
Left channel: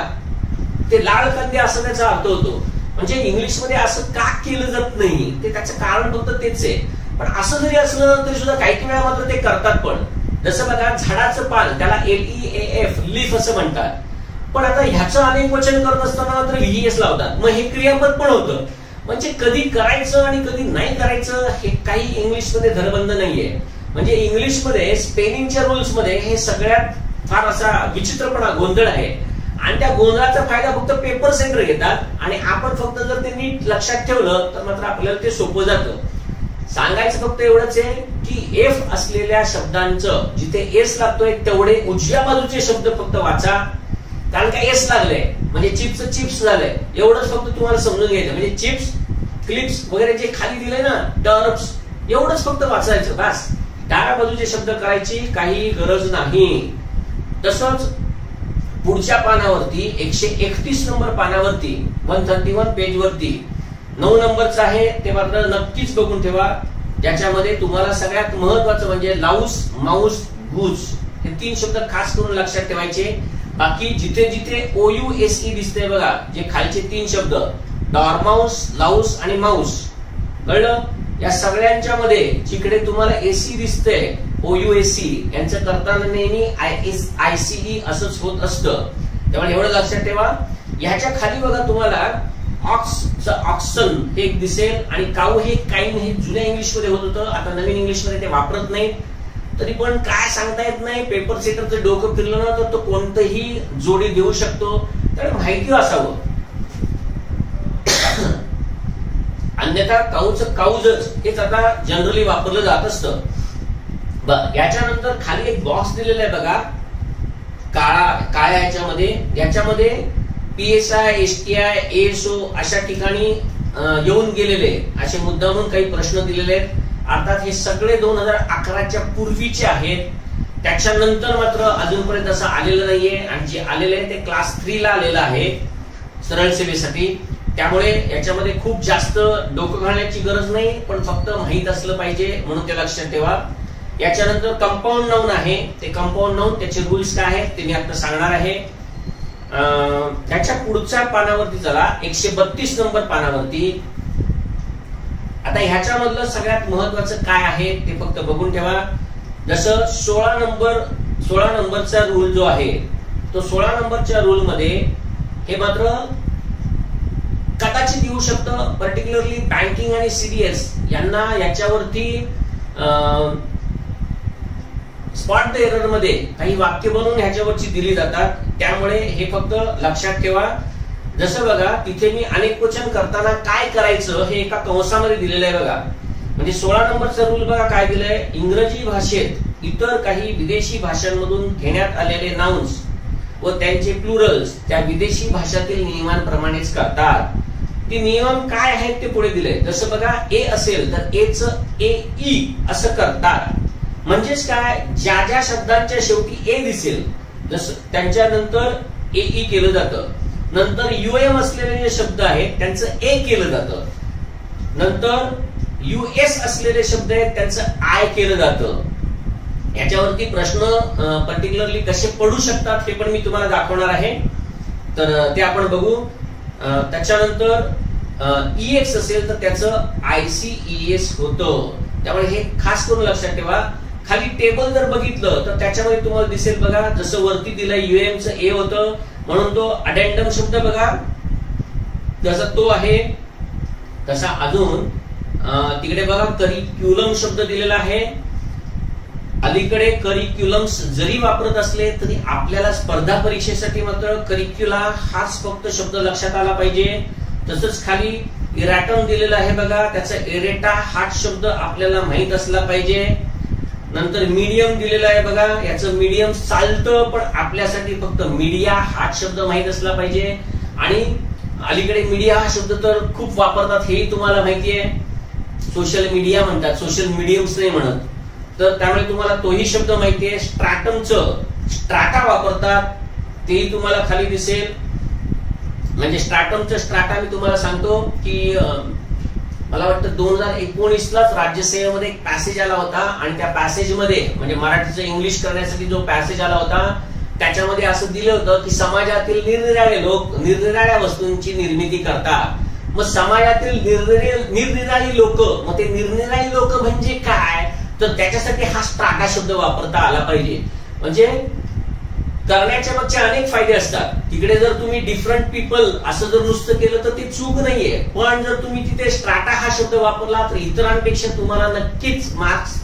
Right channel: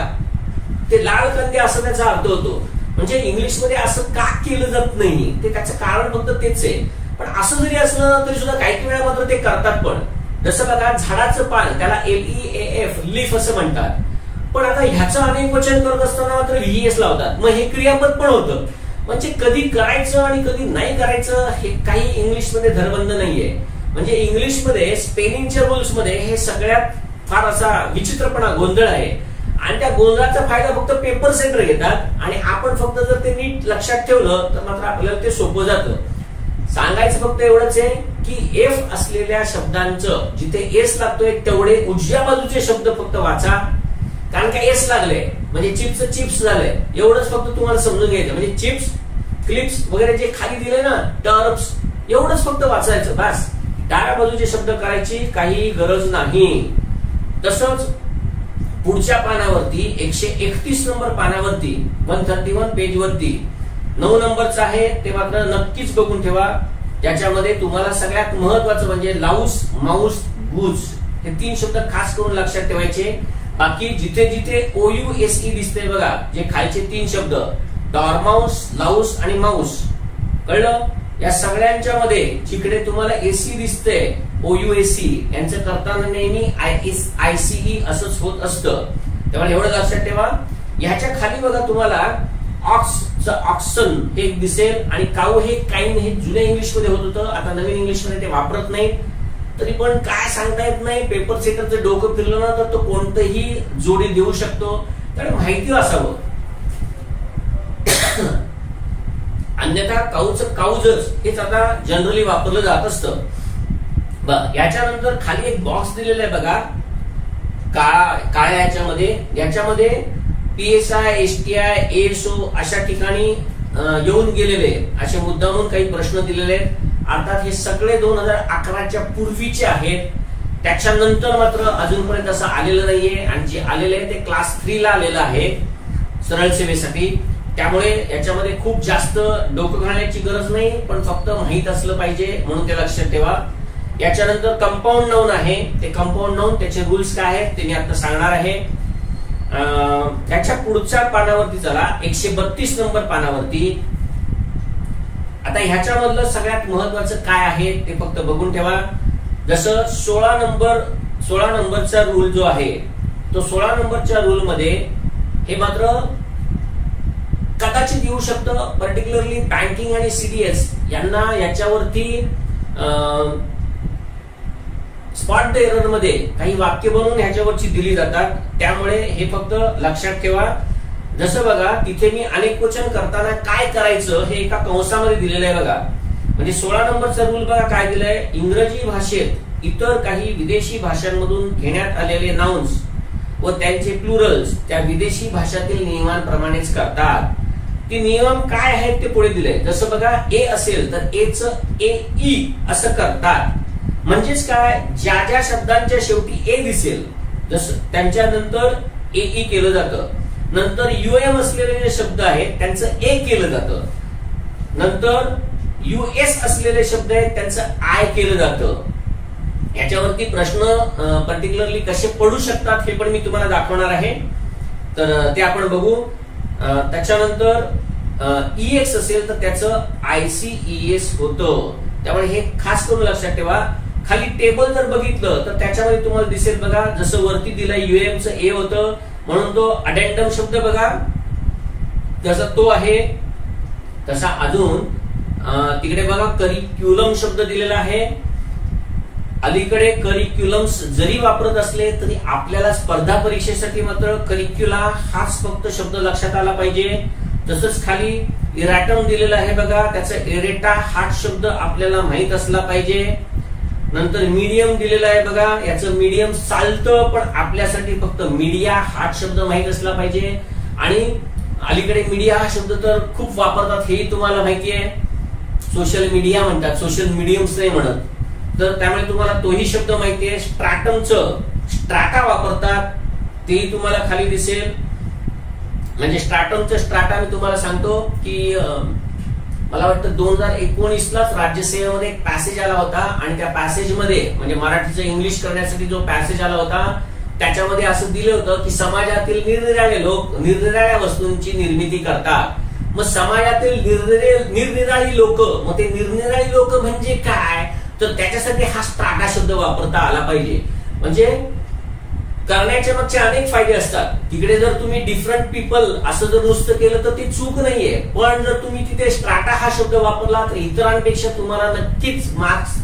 ते लाल कांदे असं त्याचा अर्थ होतो. म्हणजे इंग्लिश मध्ये असं का केलं जात नाही ते त्याचं कारण फक्त तेच आहे. पण असं जरी असलं तरी सुद्धा काही वेळा मात्र ते करतात. पण जसं बघा झाडाचं पान, त्याला LEAF लीफ असं म्हणतात. पण आता ह्याचं अनेक वचन करत असताना मात्र व्हीएस लावतात. मग हे क्रियापद पण होतं. म्हणजे कधी करायचं आणि कधी नाही करायचं हे काही इंग्लिश मध्ये धरबंध नाहीये. म्हणजे इंग्लिश मध्ये स्पेलिंगच्या रूल्स मध्ये हे सगळ्यात फार असा विचित्रपणा, गोंधळ आहे. आणि त्या गोंधळाचा फायदा फक्त पेपर सेंटर घेतात आणि आपण फक्त जर ते नीट लक्षात ठेवलं तर मात्र आपल्याला ते सोपं जातं. सांगायचं फक्त एवढंच आहे की एफ असलेल्या शब्दांचं जिथे एस लागतोय तेवढे उजव्या बाजूचे शब्द फक्त वाचा. कारण का एस लागले म्हणजे चिप्स चिप्स झालंय, एवढंच फक्त तुम्हाला समजून घ्यायचं. म्हणजे चिप्स, क्लिप्स वगैरे जे खाली दिले ना, टर्प्स, एवढंच फक्त वाचायचं बस. डाव्या बाजूचे शब्द करायची काही गरज नाही. तसंच पुढच्या पानावरती 131 नंबर पानावरती 131 पेज वरती 9 नंबरचं आहे, ते मात्र नक्कीच बघून ठेवा. ज्याच्यामध्ये तुम्हाला सगळ्यात महत्वाचं म्हणजे लाऊस, माऊस, गूज हे 3 शब्द खास करून लक्षात ठेवायचे. बाकी जिथे जिथे OUSE दिसते बघा, जे खालचे 3 शब्द डॉर्माउस, लाऊस आणि माऊस, कळलं. या सगळ्यांच्या मध्ये जिकडे तुम्हाला एसी दिसते OUSE यांचं करताना नेहमी ICE असंच होत असतं. त्यामुळे एवढं लक्षात ठेवा. ह्याच्या खाली बघा तुम्हाला ऑक्सचं ऑक्सन हे दिसेल आणि काऊ हे काइन हे जुन्या इंग्लिश मध्ये होत होतं. आता नवीन इंग्लिश मध्ये ते वापरत नाहीत. तरी पण काय सांगता येत नाही, पेपर सेटरचं डोकं फिरलं ना तर तो कोणतंही जोडी देऊ शकतो. त्यामुळे माहिती असावं. अन्यथा काऊचं काऊजच हेच आता जनरली वापरलं जात असतं. याच्यानंतर खाली एक बॉक्स दिलेला आहे बघा, काळ्या याच्यामध्ये PSI, STI, ASO अशा ठिकाणी येऊन गेलेले असे मुद्दामून काही प्रश्न दिलेले आहेत. अर्थात हे सगळे 2011च्या पूर्वीचे आहेत. त्याच्यानंतर मात्र अजूनपर्यंत असं आलेलं नाहीये. आणि जे आलेलं आहे ते क्लास 3 ला आलेलं आहे सरळ सेवेसाठी. त्यामुळे याच्यामध्ये खूप जास्त डोकं घालण्याची गरज नाही, पण फक्त माहित असलं पाहिजे म्हणून ते लक्षात ठेवा. याच्यानंतर कंपाऊंड नाउन आहे. ते कंपाऊंड नाउन त्याचे रूल्स काय आहेत ते मी आता सांगणार आहे. त्याच्या पुढच्या पानावरती चला, 132 नंबर पानावरती. आता ह्याच्यामधलं सगळ्यात महत्वाचं काय आहे ते फक्त बघून ठेवा. जसं 16 नंबरचा रूल जो आहे तो 16 नंबरच्या रूल मध्ये हे मात्र कदाचित येऊ शकतं. पर्टिक्युलरली बँकिंग आणि सीडीएस यांना याच्यावरती स्पॉट द एरर मध्ये काही वाक्य बनवून ह्याच्यावरची दिली जातात. त्यामुळे हे फक्त लक्षात ठेवा. जसं बघा तिथे मी अनेक वचन करताना काय करायचं हे एका कंसामध्ये दिलेलं आहे बघा. म्हणजे 16 नंबरचा रूल बघा काय दिलंय. इंग्रजी भाषेत इतर काही विदेशी भाषांमधून घेण्यात आलेले नाउन्स व त्यांचे प्लुरल्स त्या विदेशी भाषातील नियमांप्रमाणेच करतात. ते नियम काय आहेत ते पुढे दिले. जसं बघा ए असेल तर एच ए ई असं करतात. म्हणजेच काय, ज्या ज्या शब्दांच्या शेवटी ए दिसेल जसं त्यांच्यानंतर ए ई केलं जातं. नंतर युएम असलेले जे शब्द आहेत त्यांचं ए केलं जातं. नंतर युएस असलेले शब्द आहेत त्यांचं आय केलं जातं. याच्यावरती प्रश्न पर्टिक्युलरली कसे पडू शकतात हे पण मी तुम्हाला दाखवणार आहे. तर ते आपण बघू. त्याच्यानंतर ईएक्स असेल तर त्याचं आयसीईएस होतं. त्यामुळे हे खास करून लक्षात ठेवा. खाली टेबल जर बघितलं तर त्याच्यामध्ये तुम्हाला दिसेल बघा, जसं वरती दिलाय युएमचं ए होतं म्हणून तो अडेंडम शब्द बघा जसा तो आहे तसा अजून तिकडे बघा करिक्युलम शब्द दिलेला आहे. अलीकडे करिक्युलम्स जरी वापरत असले तरी आपल्याला स्पर्धा परीक्षेसाठी मात्र करिक्युला हाच फक्त शब्द लक्षात आला पाहिजे. तसंच खाली इराटम दिलेला आहे बघा, त्याचा एरेटा हाच शब्द आपल्याला माहित असला पाहिजे. नंतर मीडियम दिलेला आहे बघा, याचं मीडियम चालतं पण आपल्यासाठी फक्त मीडिया हाच शब्द माहित असला पाहिजे. आणि अलीकडे मीडिया हा शब्द तर खूप वापरतात हेही तुम्हाला माहिती आहे. सोशल मीडिया म्हणतात, सोशल मीडियम्स नाही म्हणत. तर त्यामुळे तुम्हाला तोही शब्द माहिती आहे. स्ट्रॅटमचं स्ट्राटा वापरतात तेही तुम्हाला खाली दिसेल. म्हणजे स्ट्रॅटमचं स्ट्राटा मी तुम्हाला सांगतो की मला वाटतं 2019लाच राज्यसेवेमध्ये एक पॅसेज आला होता आणि त्या पॅसेजमध्ये म्हणजे मराठीचं इंग्लिश करण्यासाठी जो पॅसेज आला होता त्याच्यामध्ये असं दिलं होतं की समाजातील निरनिराळे लोक निरनिराळ्या वस्तूंची निर्मिती करतात. मग समाजातील निरनिराळी लोक, मग ते निरनिराळी लोक म्हणजे काय, तर त्याच्यासाठी हा स्ट्राटा शब्द वापरता आला पाहिजे. म्हणजे करण्याच्या मागचे अनेक फायदे असतात. तिकडे जर तुम्ही डिफरंट पीपल असं जर नुसतं केलं तर ते चूक नाहीये. पण जर तुम्ही तिथे स्ट्राटा हा शब्द वापरला तर इतरांपेक्षा तुम्हाला नक्कीच मार्क्स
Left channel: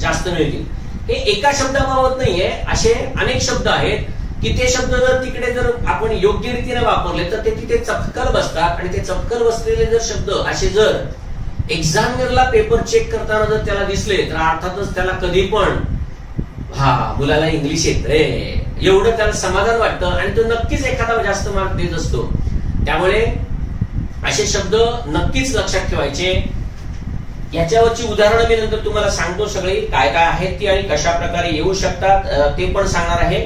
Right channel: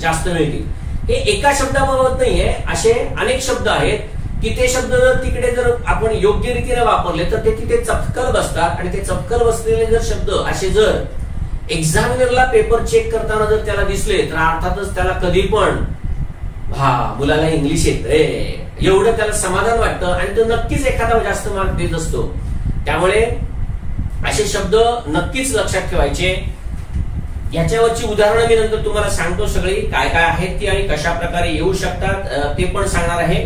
जास्त मिळतील. हे एका शब्दाबाबत नाहीये, असे अनेक शब्द आहेत की ते शब्द जर तिकडे जर आपण योग्य रीतीने वापरले तर ते तिथे चपकल बसतात. आणि ते चपकल बसलेले जर शब्द असे जर एक्झामिनरला पेपर चेक करताना जर त्याला दिसले तर अर्थातच त्याला कधी पण हा मुलाला इंग्लिश येतंय एवढं त्याला समाधान वाटतं आणि तो नक्कीच एखादा जास्त मार्क देत असतो. त्यामुळे असे शब्द नक्कीच लक्षात ठेवायचे. याच्यावरची उदाहरणं मी नंतर तुम्हाला सांगतो सगळी काय काय आहेत ती आणि कशा प्रकारे येऊ शकतात ते पण सांगणार आहे.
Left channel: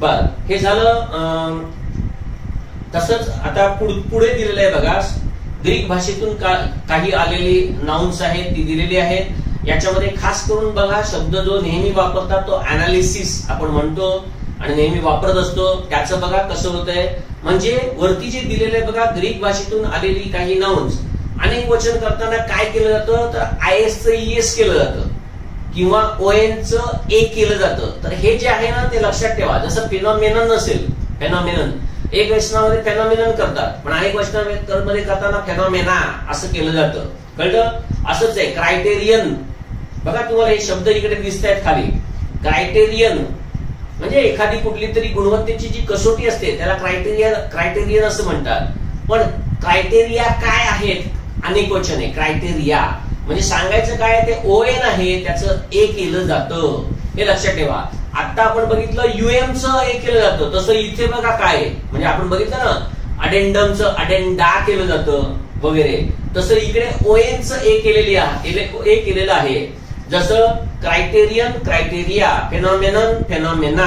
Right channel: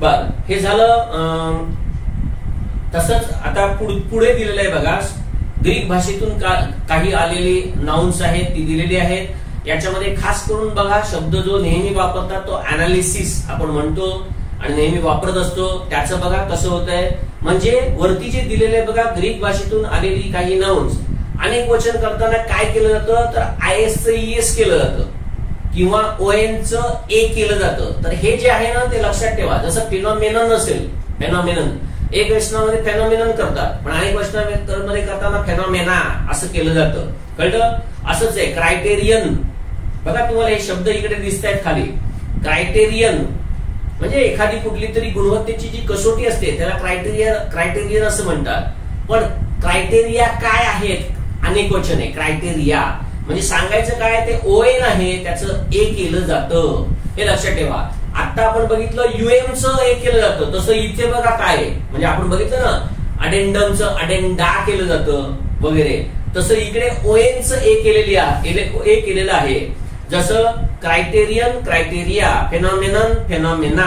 बर, हे झालं. तसंच आता पुढे दिलेलं आहे बघा, ग्रीक भाषेतून काही आलेली नाउन्स आहेत ती दिलेली आहेत. याच्यामध्ये खास करून बघा शब्द जो नेहमी वापरतात तो अनालिसिस आपण म्हणतो आणि नेहमी वापरत असतो. त्याचं बघा कसं होतंय. म्हणजे वरती जे दिलेलं आहे बघा, ग्रीक भाषेतून आलेली काही नाउन्स अनेक वचन करताना काय केलं जातं तर आयएसचं ईएस केलं जातं किंवा ओएनचं ए केलं जातं. तर हे जे आहे ना ते लक्षात ठेवा. जसं फिनॉमिनन असेल, फेनॉमिनन एक वचनामध्ये फेनॉमिनन करतात पण अनेक वचनामध्ये करताना फेनॉमेना असं केलं जातं. कळलं. असंच आहे क्रायटेरियन. बघा तुम्हाला हे शब्द इकडे दिसत आहेत खाली. क्रायटेरियन म्हणजे एखादी कुठली तरी गुणवत्तेची जी कसोटी असते त्याला क्रायटेरियन असं म्हणतात. पण क्रायटेरिया काय आहेत, अनेक वचन आहे. क्रायटेरिया म्हणजे सांगायचं काय ते ओएन आहे त्याचं ए केलं जातं, हे लक्षात ठेवा. आता आपण बघितलं युएमचं ए केलं जातं, तसं इथे बघा काय म्हणजे आपण बघितलं ना अडेंडमचं अडेंडा केलं जातं वगैरे, तसं इकडे ओएनचं ए केलेलं आहे. जसं क्रायटेरियन क्रायटेरिया, फेनॉमेनन फेनॉमेना.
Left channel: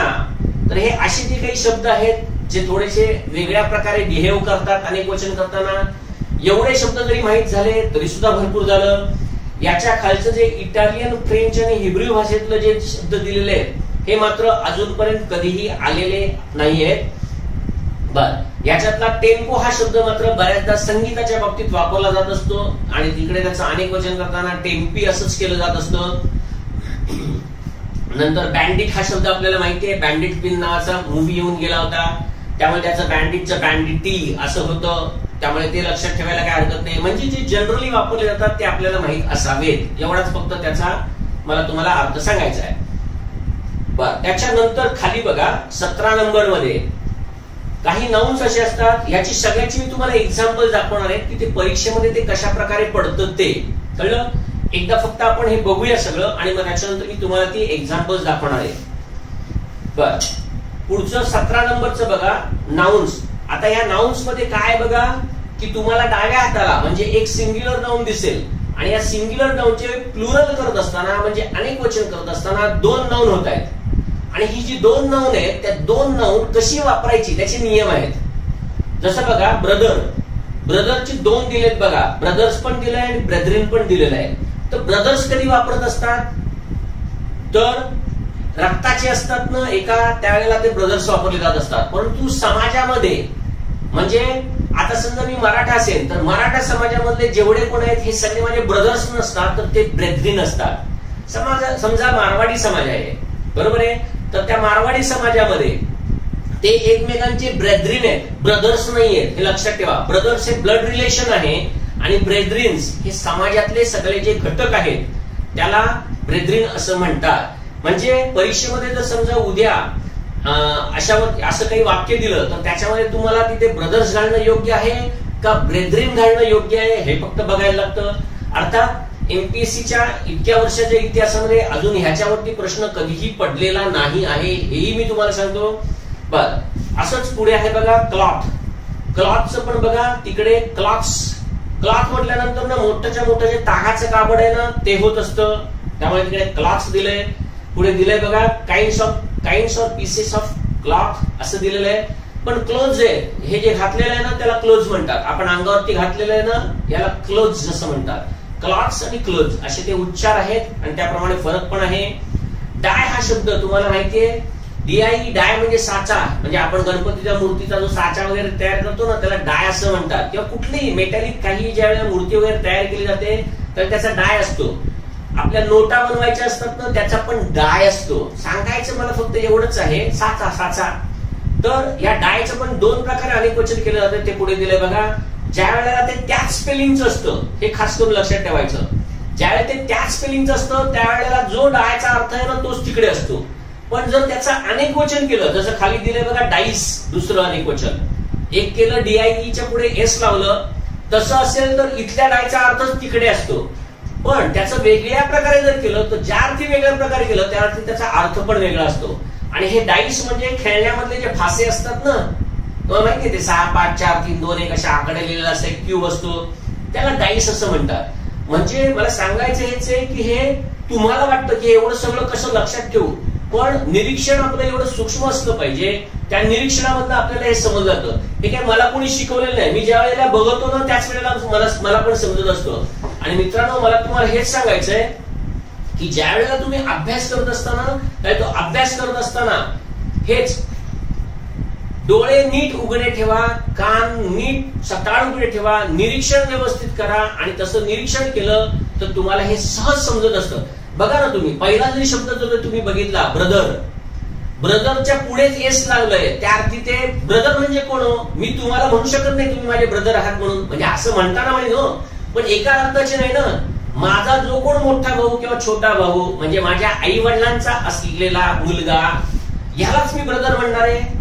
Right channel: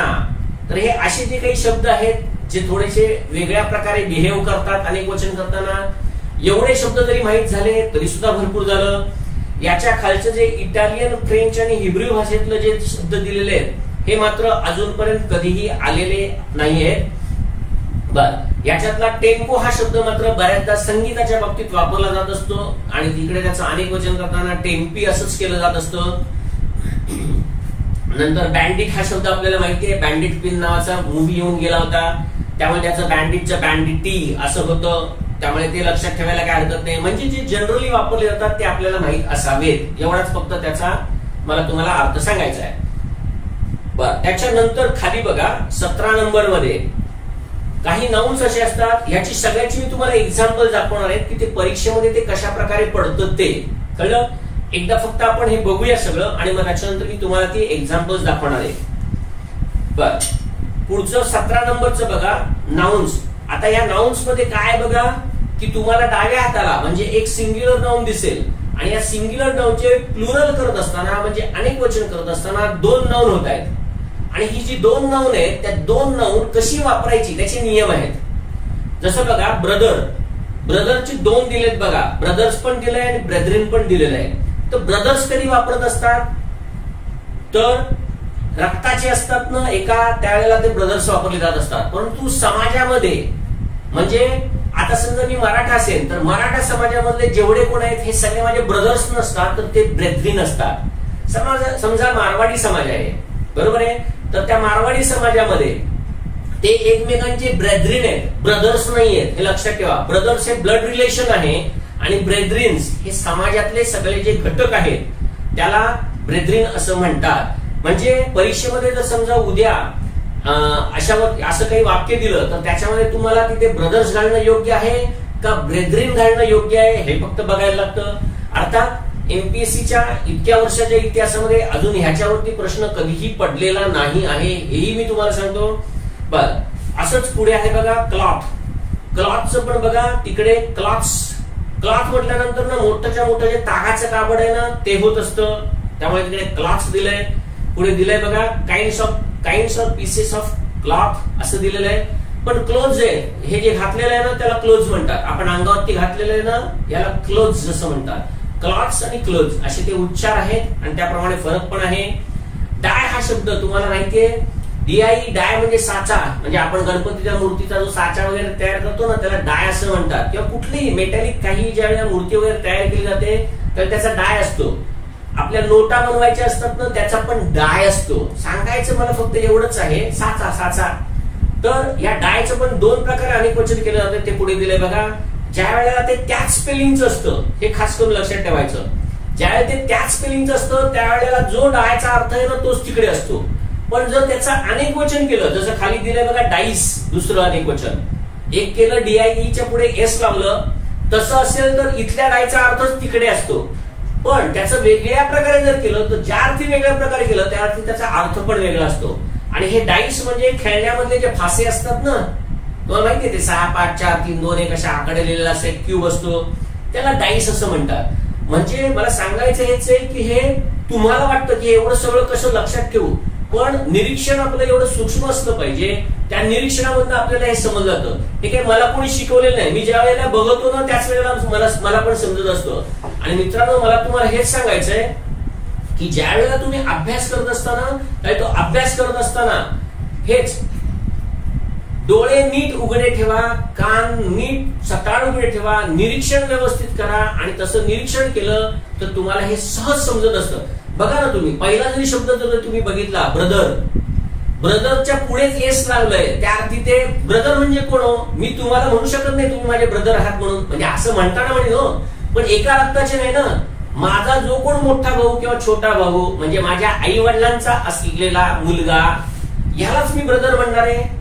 तर हे असे जे काही शब्द आहेत जे थोडेसे वेगळ्या प्रकारे बिहेव करतात अनेक वचन करताना, एवढे शब्द जरी माहित झाले तरी सुद्धा भरपूर झालं. याच्या खालचं जे इटालियन, फ्रेंच आणि हिब्रू भाषेतलं जे शब्द दिलेले आहेत हे मात्र अजूनपर्यंत कधीही आलेले नाहीयेत. बर, याच्यातला टेम्पो हा शब्द मात्र बऱ्याचदा संगीताच्या बाबतीत वापरला जात असतो आणि तिकडे त्याचं अनेक वचन करताना टेम्पी असंच केलं जात असतं. नंतर बँडिट हा शब्द आपल्याला माहिती आहे, बँडिट पिन नावाचा मूवी येऊन गेला होता, त्यामुळे त्याचं बँडिटचं बँडिटी असं होतं, त्यामुळे ते लक्षात ठेवायला काय हरकत नाही. म्हणजे जे जनरली वापरले जातात ते आपल्याला माहित असावेत, एवढाच फक्त त्याचा मला तुम्हाला अर्थ सांगायचा आहे. बर, त्याच्यानंतर खाली बघा 17 नंबर मध्ये काही नाउन्स असे असतात, याची सगळ्याची मी तुम्हाला एक्झाम्पल दाखवणार आहे की ते परीक्षेमध्ये ते कशा प्रकारे पडतं ते कळलं. एकदा फक्त आपण हे बघूया सगळं आणि मग त्याच्यानंतर मी तुम्हाला ती एक्झाम्पल्स दाखवणार आहे. बर, पुढचं 17 नंबरचं बघा नाउन्स. आता या नाउन्स मध्ये काय बघा की तुम्हाला डाव्या हाताला म्हणजे एक सिंग्युलर नाउन दिसेल आणि या सिंग्युलर नाउनचे प्लुरल करत असताना म्हणजे अनेक वचन करत असताना 2 नाउन होत आहेत आणि ही जी 2 नाउन आहेत त्या 2 नाउन कशी वापरायची त्याचे नियम आहेत. जसं बघा ब्रदर, ब्रदरचे 2 दिलेत बघा, ब्रदर्स पण दिलंय आणि ब्रेदरिन पण दिलेलं आहे. तर ब्रदर्स कधी वापरत असतात तर रक्ताचे असतात ना एका, त्यावेळेला ते ब्रदर्स वापरले जात असतात. परंतु समाजामध्ये म्हणजे आता समजा मी मराठा असेल तर मराठा समाजामधले जेवढे कोण आहेत हे सगळे माझे ब्रदर्स नसतात तर ते ब्रेदरिन असतात. समजा मारवाडी समाज आहे, बरोबर आहे, तर त्या मारवाडी समाजामध्ये ते एकमेकांचे ब्रेदरिन आहेत, ब्रदर्स नाही आहेत, हे लक्षात ठेवा. ब्रदर्स हे ब्लड रिलेशन आहे आणि ब्रेदरिन्स हे समाजातले सगळे जे घटक आहेत त्याला ब्रेदरिन असं म्हणतात. म्हणजे परीक्षेमध्ये जर समजा उद्या असं काही वाक्य दिलं तर त्याच्यामध्ये तुम्हाला तिथे ब्रदर्स घालणं योग्य आहे का ब्रेदरिन घालणं योग्य आहे हे फक्त बघायला लागतं. अर्थात एमपीएससीच्या इतक्या वर्षाच्या इतिहासामध्ये अजून ह्याच्यावरती प्रश्न कधीही पडलेला नाही आहे, हेही मी तुम्हाला सांगतो. बर, असंच पुढे आहे बघा क्लॉथ. क्लॉथचं पण बघा तिकडे क्लॉथ्स, क्लॉथ म्हटल्यानंतर ना मोठ्याच्या मोठं जे तागाचं कापड आहे ना ते होत असतं, त्यामुळे तिकडे क्लॉथ्स दिलंय. पुढे दिलंय बघा kinds of pieces of cloth असं दिलेलं आहे. पण क्लोज आहे हे जे घातलेलं आहे ना त्याला क्लोज म्हणतात. आपण अंगावरती घातलेलं आहे ना याला क्लोज असं म्हणतात. क्लॉथ्स आणि क्लोज असे ते उच्चार आहेत आणि त्याप्रमाणे फरक पण आहे. डाय हा शब्द तुम्हाला माहितीये, डीआय, डाय म्हणजे साचा, म्हणजे आपण गणपतीच्या मूर्तीचा जो साचा वगैरे तयार करतो ना त्याला डाय असं म्हणतात. किंवा कुठलीही मेटॅलिक काही ज्या वेळेला मूर्ती वगैरे तयार केली जाते तर त्याचा डाय असतो. आपल्या नोटा बनवायच्या असतात ना त्याचा पण डाय असतो. सांगायचं मला फक्त एवढंच आहे, साचा साचा. तर या डायचं पण 2 प्रकारे अनेक वचन केलं जातं, ते पुढे दिलंय बघा. ज्या वेळेला ते त्याच स्पेलिंगचं असतं हे खास करून लक्षात ठेवायचं. ज्यावेळेला ते त्याच स्पेलिंगचं असतं त्यावेळेला जो डायचा अर्थ आहे ना तोच तिकडे असतो. पण जर त्याचं अनेक वचन केलं, जसं खाली दिलंय बघा डाईस, दुसरं अनेक वचन, एक केलं डीआयईच्या पुढे एस लावलं, तसं असेल तर इथल्या डायचा अर्थच तिकडे असतो. पण त्याचं वेगळ्या प्रकारे जर केलं तर ज्या अर्थी वेगळ्या प्रकारे केलं त्या अर्थी त्याचा अर्थ पण वेगळा असतो. आणि हे डाईस म्हणजे खेळण्यामधले जे फासे असतात ना, तुम्हाला माहितीये ते 6, 5, 4, 3, 2, 1 अशा आकडे लिहिलेला असं एक क्यूब असतो, त्याला डाईस असं म्हणतात. म्हणजे मला सांगायचं हेच आहे की हे तुम्हाला वाटतं की एवढं सगळं कसं लक्षात ठेवू, पण निरीक्षण आपलं एवढं सूक्ष्म असलं पाहिजे. त्या निरीक्षणामधनं आपल्याला हे समजलं जातं. हे काय मला कोणी शिकवलेलं नाही, मी ज्या वेळेला बघतो ना त्याच वेळेला मला पण समजत असतं. आणि मित्रांनो मला तुम्हाला हेच सांगायचंय की ज्या वेळेला तुम्ही अभ्यास करत असताना, तो अभ्यास करत असताना हेच डोळे नीट उघडे ठेवा, कान नीट सताळ उघडे ठेवा, निरीक्षण व्यवस्थित करा. आणि तसं निरीक्षण केलं तर तुम्हाला हे सहज समजत असतं. बघा ना तुम्ही पहिला जरी शब्द जर तुम्ही बघितला ब्रदर, ब्रदरच्या पुढेच एस लागलंय, त्या अर्थी ते ब्रदर म्हणजे कोण हो, मी तुम्हाला म्हणू शकत नाही तुम्ही माझे ब्रदर आहात म्हणून, म्हणजे असं म्हणताना म्हणे हो, पण एका रक्ताचे नाही ना. माझा जो कोण मोठा भाऊ किंवा छोटा भाऊ म्हणजे माझ्या आई वडिलांचा असलेला मुलगा, यालाच मी ब्रदर म्हणणार आहे.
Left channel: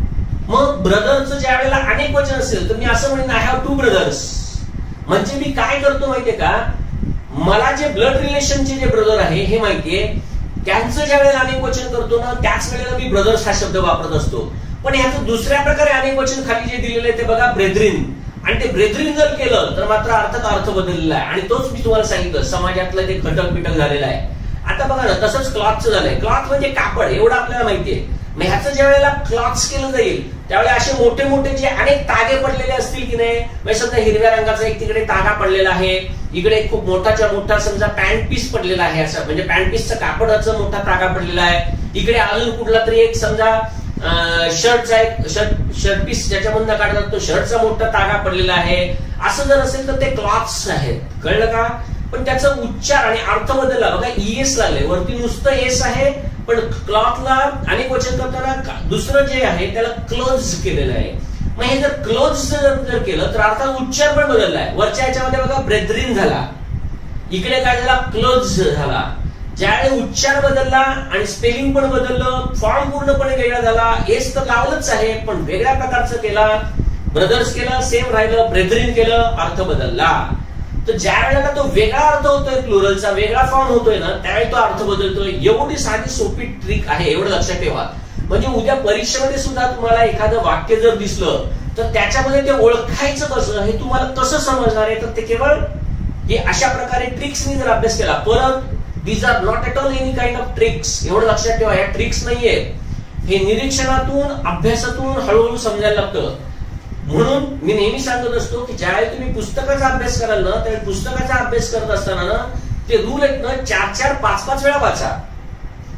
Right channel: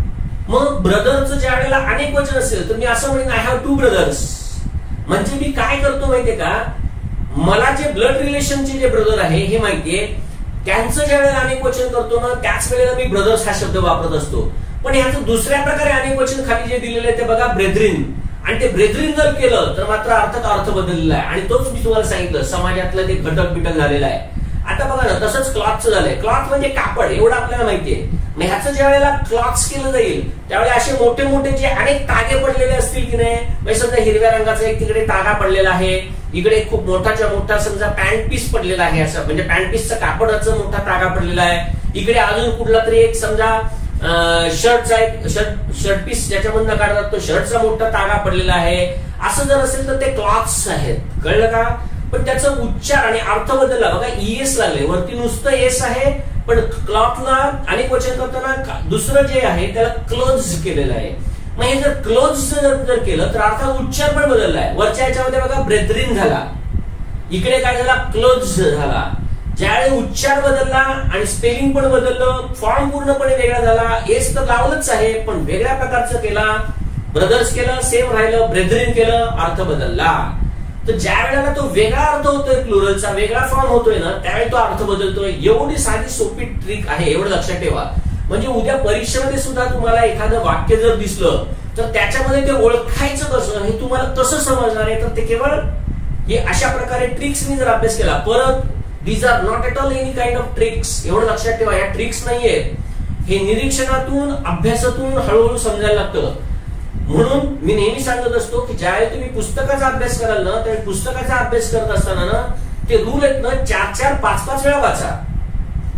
मग ब्रदरचं ज्या वेळेला अनेक वचन असेल तर मी असं म्हणेन आय हॅव 2 ब्रदर्स. म्हणजे मी काय करतो माहितीये का, मला जे ब्लड रिलेशनचे जे ब्रदर आहे हे माहितीये, त्यांचं ज्या वेळेला अनेक वचन करतो ना त्याच वेळेला मी ब्रदर्स हा शब्द वापरत असतो. पण ह्याचं दुसऱ्या प्रकारे अनेक वचन खाली जे दिलेले ते बघा ब्रेदरिन. आणि ते ब्रेदरिन जर केलं तर मात्र अर्थ बदललेला आहे. आणि तोच मी तुम्हाला सांगितलं समाजातलं ते घटक बिटक झालेला आहे. आता बघा ना तसंच क्लॉथचं झालंय. क्लॉथ म्हणजे कापड, एवढं आपल्याला माहितीये. मग ह्याचं ज्या वेळेला क्लॉथ्स केलं जाईल त्यावेळेला असे मोठे मोठे जे अनेक तागे पडलेले असतील की नाही, म्हणजे समजा हिरव्या रंगाचा एक तिकडे तागा पडलेला आहे, इकडे खूप मोठाच्या मोठा समजा पॅन्ट पीस पडलेला आहे, असं म्हणजे पॅन्ट पीसचा कापडाचा मोठा तागा पडलेला आहे. इकडे अजून कुठला तरी एक समजा शर्टचा एक शर्ट पीस ज्याच्यामधून काढतात तो शर्टचा मोठा तागा पडलेला आहे. असं जर असेल तर ते क्लॉथ्स आहेत, कळलं का? पण त्याचा उच्चार आणि अर्थ बदलला बघा, ईएस लागले, वरती नुसतं एस आहे, पण क्लॉथला अनेक वचन करताना दुसरं जे आहे त्याला क्लोज केलेलं आहे. मग हे जर क्लोज जर केलं तर अर्थात उच्चार पण बदललाय. वरच्या याच्यामध्ये बघा ब्रेथरिन झाला, इकडे काय झाला, क्लोज झाला. ज्यावेळी उच्चार बदलला आणि स्पेलिंग पण बदललं, फॉर्म पूर्णपणे वेगळा झाला. एस तर लावलंच आहे पण वेगळ्या प्रकारचं केला. ब्रदर्स केलं सेम राहिलं, ब्रेथरिन केलं अर्थ बदलला. तर ज्या वेळेला तो वेगळा अर्थ होतोय, प्लुरलचा वेगळा फॉर्म होतोय ना, त्यावेळी तो अर्थ बदलतोय. एवढी साधी सोपी ट्रिक आहे, एवढं लक्षात ठेवा. म्हणजे उद्या परीक्षेमध्ये सुद्धा तुम्हाला एखादं वाक्य जर दिसलं तर त्याच्यामध्ये ते ओळखायचं कसं, हे तुम्हाला कसं समजणार आहे, तर ते केवळ हे अशा प्रकारे ट्रिक्सनी जर अभ्यास केला. परत these are not at all any kind of tricks, एवढं लक्षात ठेवा. या ट्रिक्स नाहीये, हे निरीक्षणातून अभ्यासातून हळूहळू समजायला लागतं. म्हणून मी नेहमी सांगत असतो की ज्यावेळी तुम्ही पुस्तकाचा अभ्यास कराल ना, त्यावेळी पुस्तकाचा अभ्यास करत असताना ना ते रूल आहेत ना 4-4, 5-5 वेळा वाचा.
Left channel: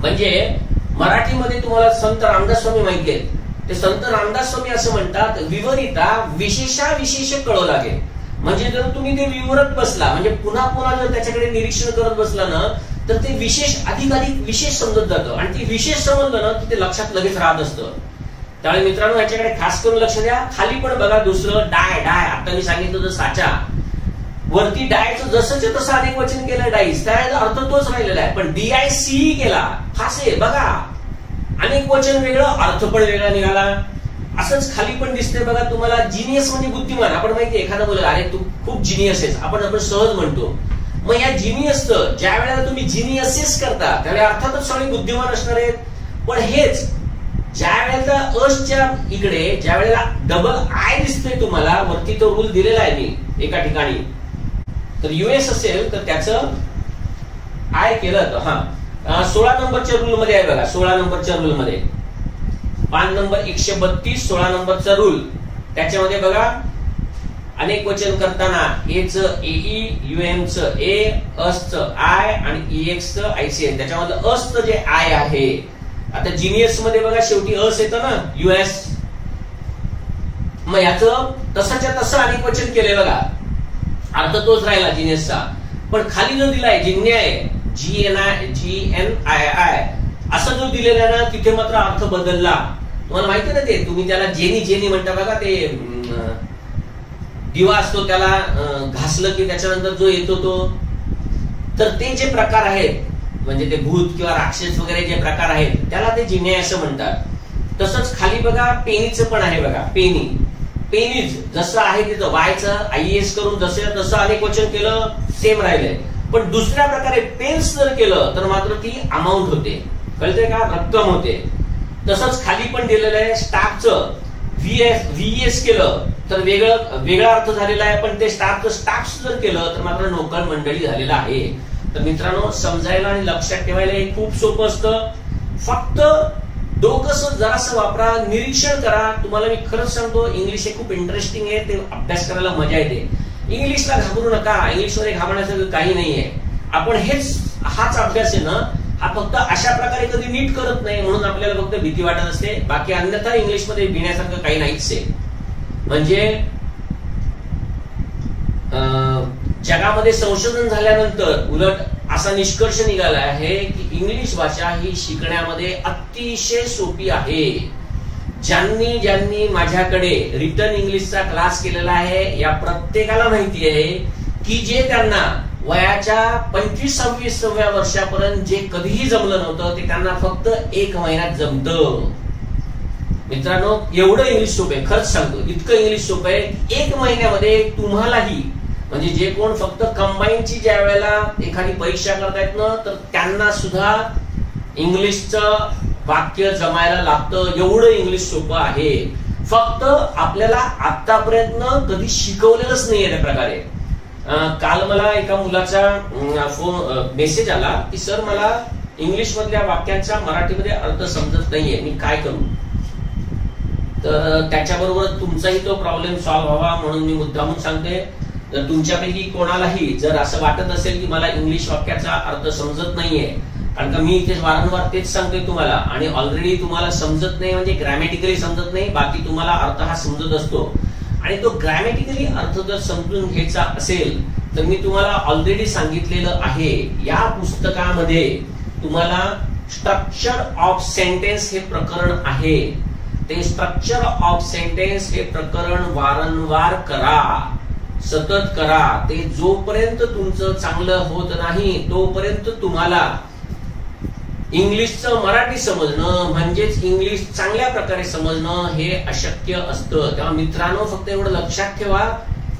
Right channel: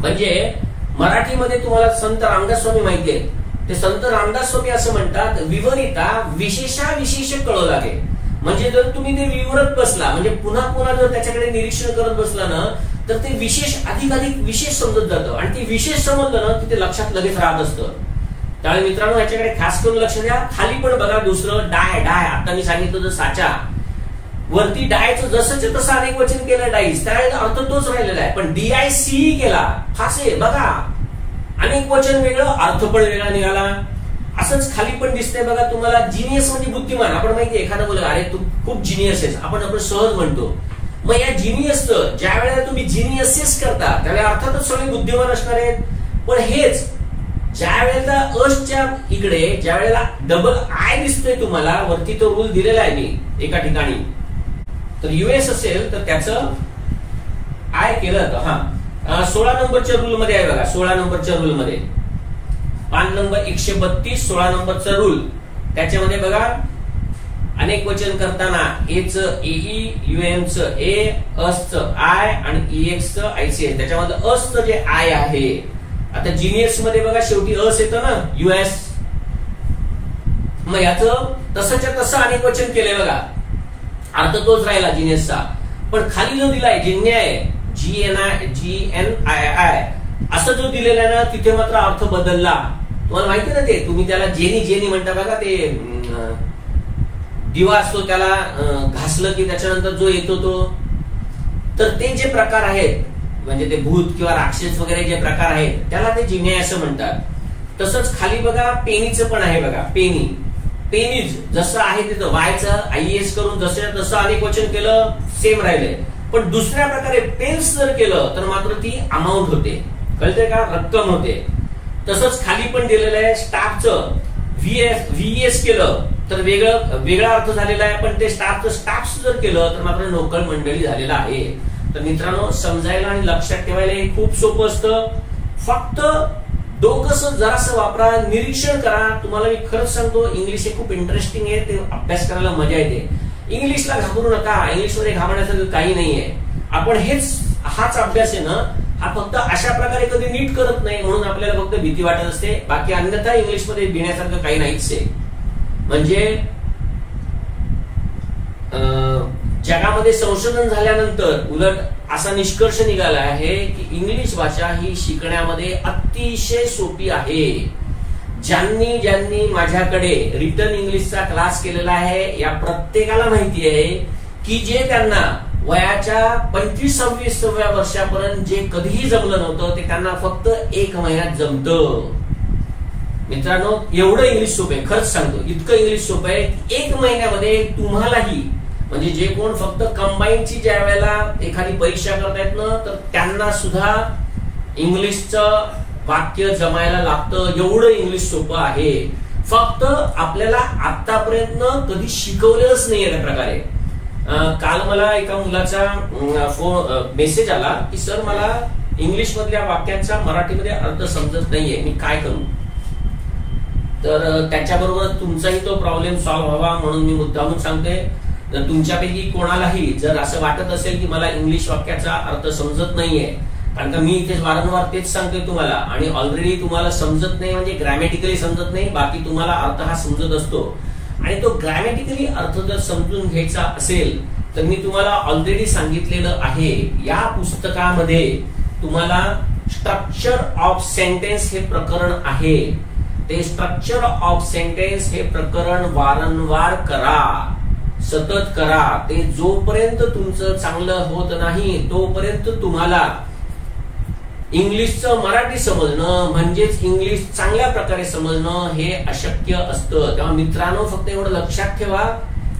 म्हणजे मराठीमध्ये तुम्हाला संत रामदास स्वामी माहिती आहेत, ते संत रामदास स्वामी असं म्हणतात, विवरिता विशेषाविशेष कळो लागे. म्हणजे जर तुम्ही ते विवरत बसला, म्हणजे पुन्हा पुन्हा जर त्याच्याकडे निरीक्षण करत बसला ना, तर ते विशेष अधिकाधिक विशेष समजत जातं. आणि ते विशेष समजलं ना की ते लक्षात लगेच राहत असतं. त्यामुळे मित्रांनो याच्याकडे खास करून लक्ष द्या. खाली पण बघा दुसरं डाय, आता मी सांगितलं तर साचा, वरती डायचं जसंच तसं अनेक वचन केलं डाईस, त्यावेळेला अर्थ तोच राहिलेला आहे. पण DIC केला, फासे बघा, अनेक वचन वेगळं अर्थ पण वेगळा निघाला. असंच खाली पण दिसतंय बघा तुम्हाला, जिनियस म्हणजे बुद्धिमान. आपण माहितीये एखादा बोल अरे तू खूप जिनियस आहेस, आपण सहज म्हणतो. मग या जिनियसचं ज्या वेळेला तुम्ही जिनियसेस करता त्याला अर्थातच सगळे बुद्धिमान असणार आहेत. पण हेच ज्या वेळेला अशच्या इकडे ज्या वेळेला डबल आय दिसतोय तुम्हाला, वरती तो रूल दिलेला आहे मी एका ठिकाणी, तर US असेल तर त्याचं आय केलं तर 16 नंबरच्या रूल मध्ये आहे बघा. 16 नंबरच्या रूल मध्ये पान नंबर 132, 16 नंबरचा रूल. त्याच्यामध्ये बघा अनेक वचन करताना एच EE, UM च ए, अस च आय आणि EX च IC. त्याच्यामध्ये अस च जे आय आहे, आता जिनियस मध्ये बघा शेवटी अस येतं ना US. मग याचं तसंच्या तसं अनेक वचन केलंय बघा, अर्थ तोच राहिला जिनियसचा. पण खाली जो दिलाय जिन्याय, GNII असं जो दिलेला आहे ना, तिथे मात्र अर्थ बदलला. तुम्हाला माहिती ना, ते तुम्ही त्याला जेनी म्हणता बघा, ते दिवा असतो त्याला घासलं की त्याच्यानंतर जो येतो तो, तर ते जे प्रकार आहेत म्हणजे ते भूत किंवा राक्षस वगैरे जे प्रकार आहेत त्याला ते जिन्याय असं म्हणतात. तसंच खाली बघा पेनीचं पण आहे बघा, पेनीज जसं आहे तिथं वायचं IES करून जसं तसं अनेक वचन केलं सेम राहिलंय. पण दुसऱ्या प्रकारे पेन्स जर केलं तर मात्र ती अमाऊंट होते, कळतंय का, रक्कम होते. तसंच खाली पण दिलेलं आहे स्टाफचं VES केलं तर वेगळा अर्थ झालेला आहे. पण ते स्टाफ्स जर केलं तर मात्र नोकर मंडळी झालेला आहे. तर मित्रांनो समजायला आणि लक्षात ठेवायला हे खूप सोपं असतं. फक्त डोकं जरासं वापरा, निरीक्षण करा. तुम्हाला मी खरंच सांगतो इंग्लिश हे खूप इंटरेस्टिंग आहे, ते अभ्यास करायला मजा येते. इंग्लिशला घाबरू नका, इंग्लिशमध्ये घाबरण्यासारखं काही नाहीये. आपण हाच अभ्यास आहे ना, हा फक्त अशा प्रकारे कधी नीट करत नाही म्हणून आपल्याला फक्त भीती वाटत असते. बाकी अन्यथा इंग्लिशमध्ये भिण्यासारखं काही नाहीच आहे. म्हणजे जगामध्ये संशोधन झाल्यानंतर उलट असा निष्कर्ष निघाला आहे की इंग्लिश भाषा ही शिकण्यामध्ये अतिशय सोपी आहे. ज्यांनी माझ्याकडे रिटर्न इंग्लिशचा क्लास केलेला आहे या प्रत्येकाला माहिती आहे की जे त्यांना वयाच्या 25-26व्या वर्षापर्यंत जे कधीही जमलं नव्हतं ते त्यांना फक्त 1 महिन्यात जमतं. मित्रांनो एवढं इंग्लिश सोपं आहे, खरंच सांगतो इतकं इंग्लिश सोपं आहे. 1 महिन्यामध्ये तुम्हालाही म्हणजे जे कोण फक्त कंबाईनची ज्या वेळेला एखादी परीक्षा करतायत ना, तर त्यांना सुद्धा इंग्लिशचं वाक्य जमायला लागतं. एवढं इंग्लिश सोपं आहे. फक्त आपल्याला आतापर्यंत कधी शिकवलेलंच नाहीये त्या प्रकारे. काल मला एका मुलाचा मेसेज आला की सर मला इंग्लिश मधल्या वाक्यांचा मराठीमध्ये अर्थ समजत नाहीये, मी काय करू. तर त्याच्याबरोबर तुमचाही तो प्रॉब्लेम सॉल्व्ह व्हावा म्हणून मी मुद्दामून सांगते. जर तुमच्यापैकी कोणालाही जर असं वाटत असेल की मला इंग्लिश वाक्याचा अर्थ समजत नाहीये, कारण का मी इथे वारंवार तेच सांगतोय तुम्हाला, आणि ऑलरेडी तुम्हाला समजत नाही म्हणजे ग्रॅमॅटिकली समजत नाही, बाकी तुम्हाला अर्थ हा समजत असतो, आणि तो ग्रॅमॅटिकली अर्थ जर समजून घ्यायचा असेल तर मी तुम्हाला ऑलरेडी सांगितलेलं आहे, या पुस्तकामध्ये तुम्हाला स्ट्रक्चर ऑफ सेंटेन्स हे प्रकरण आहे. ते स्ट्रक्चर ऑफ सेंटेन्स हे प्रकरण वारंवार करा, सतत करा. ते जोपर्यंत तुमचं चांगलं होत नाही तोपर्यंत तुम्हाला इंग्लिशचं मराठी समजणं म्हणजेच इंग्लिश चांगल्या प्रकारे समजणं हे अशक्य असतं. तेव्हा मित्रांनो, फक्त एवढं लक्षात ठेवा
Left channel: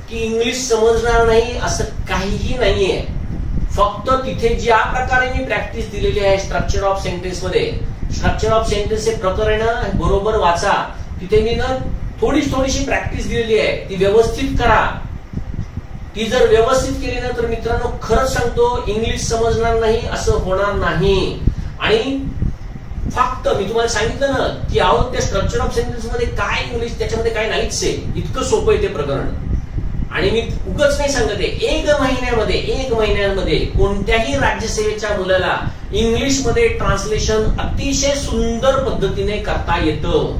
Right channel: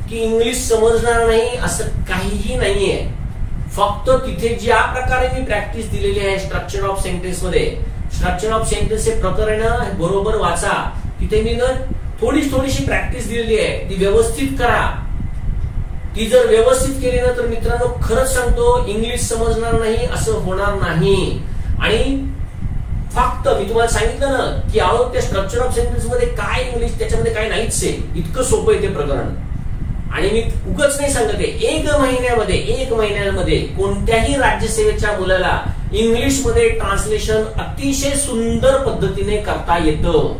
की इंग्लिश समजणार नाही असं काहीही नाहीये. फक्त तिथे ज्या प्रकारे मी प्रॅक्टिस दिलेली आहे स्ट्रक्चर ऑफ सेंटेन्स मध्ये, स्ट्रक्चर ऑफ सेंटेन्स हे प्रकरण बरोबर वाचा. तिथे मी थोडीशी प्रॅक्टिस दिलेली आहे, ती व्यवस्थित करा. ती जर व्यवस्थित केली ना तर मित्रांनो खरंच सांगतो इंग्लिश समजणार नाही असं होणार नाही. आणि फक्त मी तुम्हाला सांगितलं ना की अहो त्या स्ट्रक्चर ऑफ सेंटेन्स मध्ये काय इंग्लिश त्याच्यामध्ये काय नाहीच आहे, इतकं सोपं आहे ते प्रकरण. आणि मी उगाच नाही सांगत आहे, एक महिन्यामध्ये कोणत्याही राज्यसेवेच्या मुलाला इंग्लिश मध्ये ट्रान्सलेशन अतिशय सुंदर पद्धतीने करता येतं.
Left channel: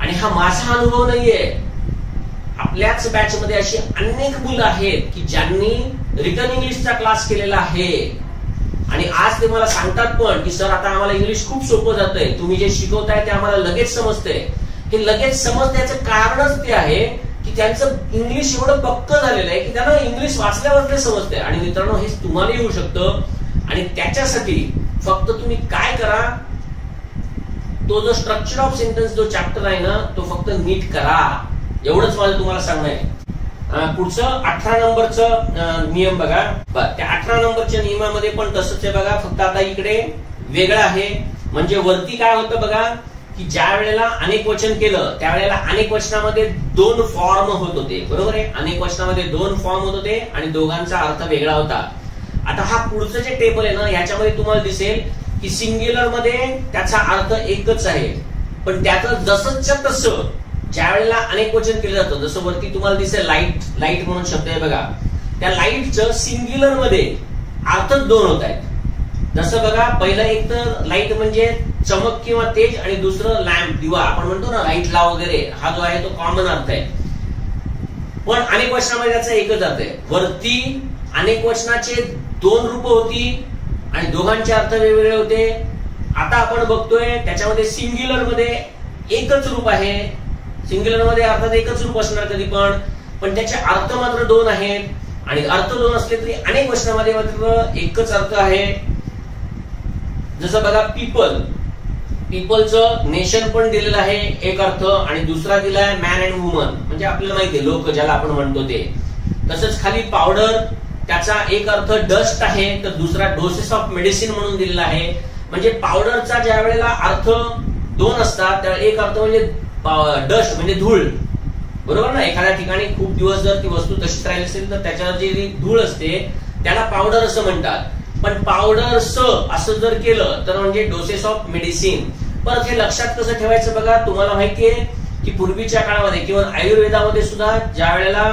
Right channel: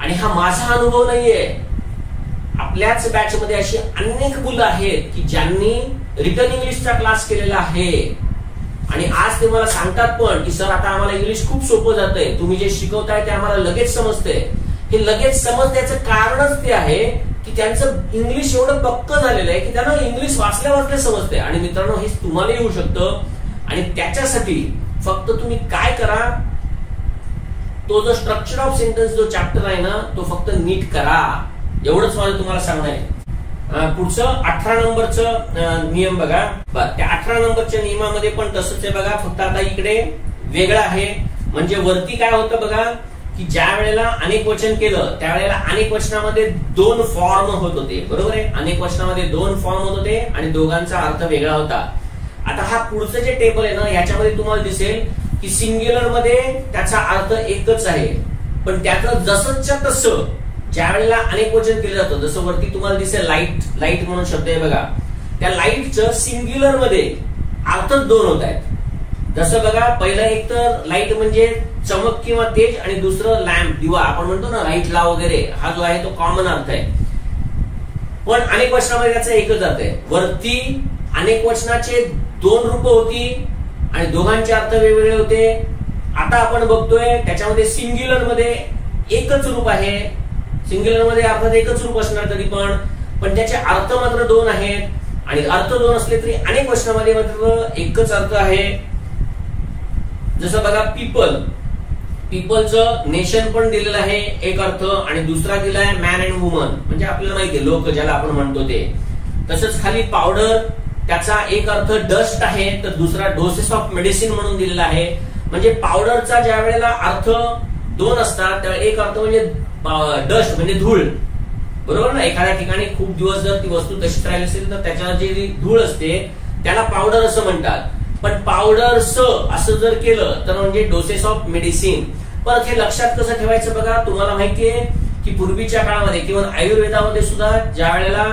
आणि हा माझा अनुभव नाहीये, आपल्याच बॅच मध्ये अशी अनेक मुलं आहेत की ज्यांनी रिटन इंग्लिशचा क्लास केलेला आहे, आणि आज ते मला सांगतात पण की सर आता आम्हाला इंग्लिश खूप सोपं जातंय, तुम्ही जे शिकवताय ते आम्हाला लगेच समजतंय. हे लगेच समजण्याचं कारणच ते आहे की त्यांचं इंग्लिश एवढं पक्क झालेलं आहे की त्यांना इंग्लिश वाचल्या समजतंय. आणि मित्रांनो, हे तुम्हाला येऊ शकतं. आणि त्याच्यासाठी फक्त तुम्ही काय करा, तो जो स्ट्रक्चर ऑफ सेंटेन्स जो चॅप्टर आहे ना तो फक्त नीट करा, एवढंच माझं तुम्हाला सांगणं आहे. पुढचं 18 नंबरचं नियम बघा. त्या 18 नंबरच्या नियमामध्ये पण तसंच आहे बघा, फक्त आता इकडे वेगळं आहे. म्हणजे वरती काय होतं बघा की ज्या वेळेला अनेक वचन केलं त्यावेळेला अनेक वचनामध्ये 2 फॉर्म होत होते, बरोबर आहे. अनेक वचनामध्ये 2 फॉर्म होत होते आणि दोघांचा अर्थ वेगळा होता. आता हा पुढचं जे टेबल आहे ना याच्यामध्ये तुम्हाला दिसेल की सिंग्युलर मध्ये त्याचा अर्थ एकच आहे, पण त्याचं जसंच्या तसं ज्या वेळेला अनेक वचन केलं जातं, जसं वरती तुम्हाला दिसेल लाईट म्हणून शब्द आहे बघा, त्या लाईटचं सिंग्युलर मध्ये अर्थ 2 होत आहेत. जसं बघा, पहिलं एक तर लाईट म्हणजे चमक किंवा तेज, आणि दुसरं लॅम्प दिवा, आपण म्हणतो ना लाईट लाव वगैरे, हा जो आहे तो कॉमन अर्थ आहे. पण अनेक वचनामध्ये त्याचा एकच अर्थ आहे. वरती अनेक वचनाचे 2 रूप होती आणि दोघांचे अर्थ वेगवेगळे होते. आता आपण बघतोय त्याच्यामध्ये सिंग्युलर मध्ये एकच रूप आहे. सिंग्युलर मध्ये अर्थात एकच रूप असणार कधी पण त्याचे अर्थ मात्र 2 आहेत. आणि अर्थ 2 असले तरी अनेक वचनामध्ये मात्र एकच अर्थ आहे. जसं बघा, पीपलचं नेशन पण दिलेलं आहे एक अर्थ, आणि दुसरा दिलाय मॅन अँड वुमन, म्हणजे आपल्याला माहिती आहे लोक ज्याला आपण म्हणतो ते. तसंच खाली पावडर, त्याचा एक अर्थ डस्ट आहे तर दुसरा डोसेस ऑफ मेडिसिन म्हणून दिलेला आहे. म्हणजे पावडरचा ज्या वेळेला अर्थ 2 असतात त्यावेळेला एक अर्थ म्हणजे डस्ट म्हणजे धूळ, बरोबर ना. एखाद्या ठिकाणी खूप दिवस जर ती वस्तू तशीच राहिली असेल तर त्याच्यावर जी धूळ असते त्याला पावडर असं म्हणतात. पण पावडर असं जर केलं तर म्हणजे डोसेस ऑफ मेडिसिन. परत हे लक्षात कसं ठेवायचं बघा, तुम्हाला माहितीये की पूर्वीच्या काळामध्ये किंवा आयुर्वेदामध्ये सुद्धा ज्या वेळेला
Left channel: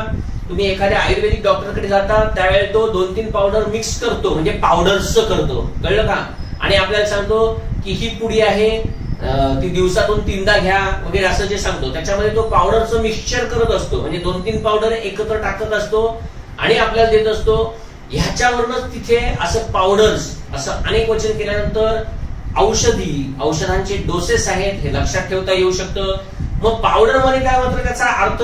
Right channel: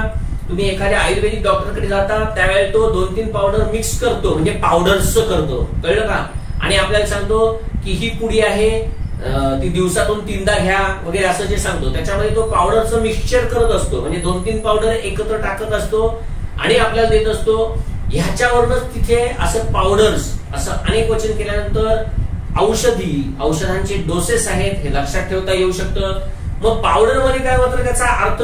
तुम्ही एखाद्या आयुर्वेदिक डॉक्टरकडे जाता त्यावेळेला तो 2-3 पावडर मिक्स करतो, म्हणजे पावडर्स करतो, कळलं का. आणि आपल्याला सांगतो की ही पुडी आहे, ती दिवसातून 3दा घ्या वगैरे असं जे सांगतो, त्याच्यामध्ये तो पावडरचं मिक्सचर करत असतो, म्हणजे 2-3 पावडर एकत्र टाकत असतो आणि आपल्याला देत असतो. ह्याच्यावरूनच तिथे असं पावडर्स असं अनेक वचन केल्यानंतर औषधांचे डोसेस आहेत हे लक्षात ठेवता येऊ शकतं. मग पावडर मध्ये काय मात्र त्याचा अर्थ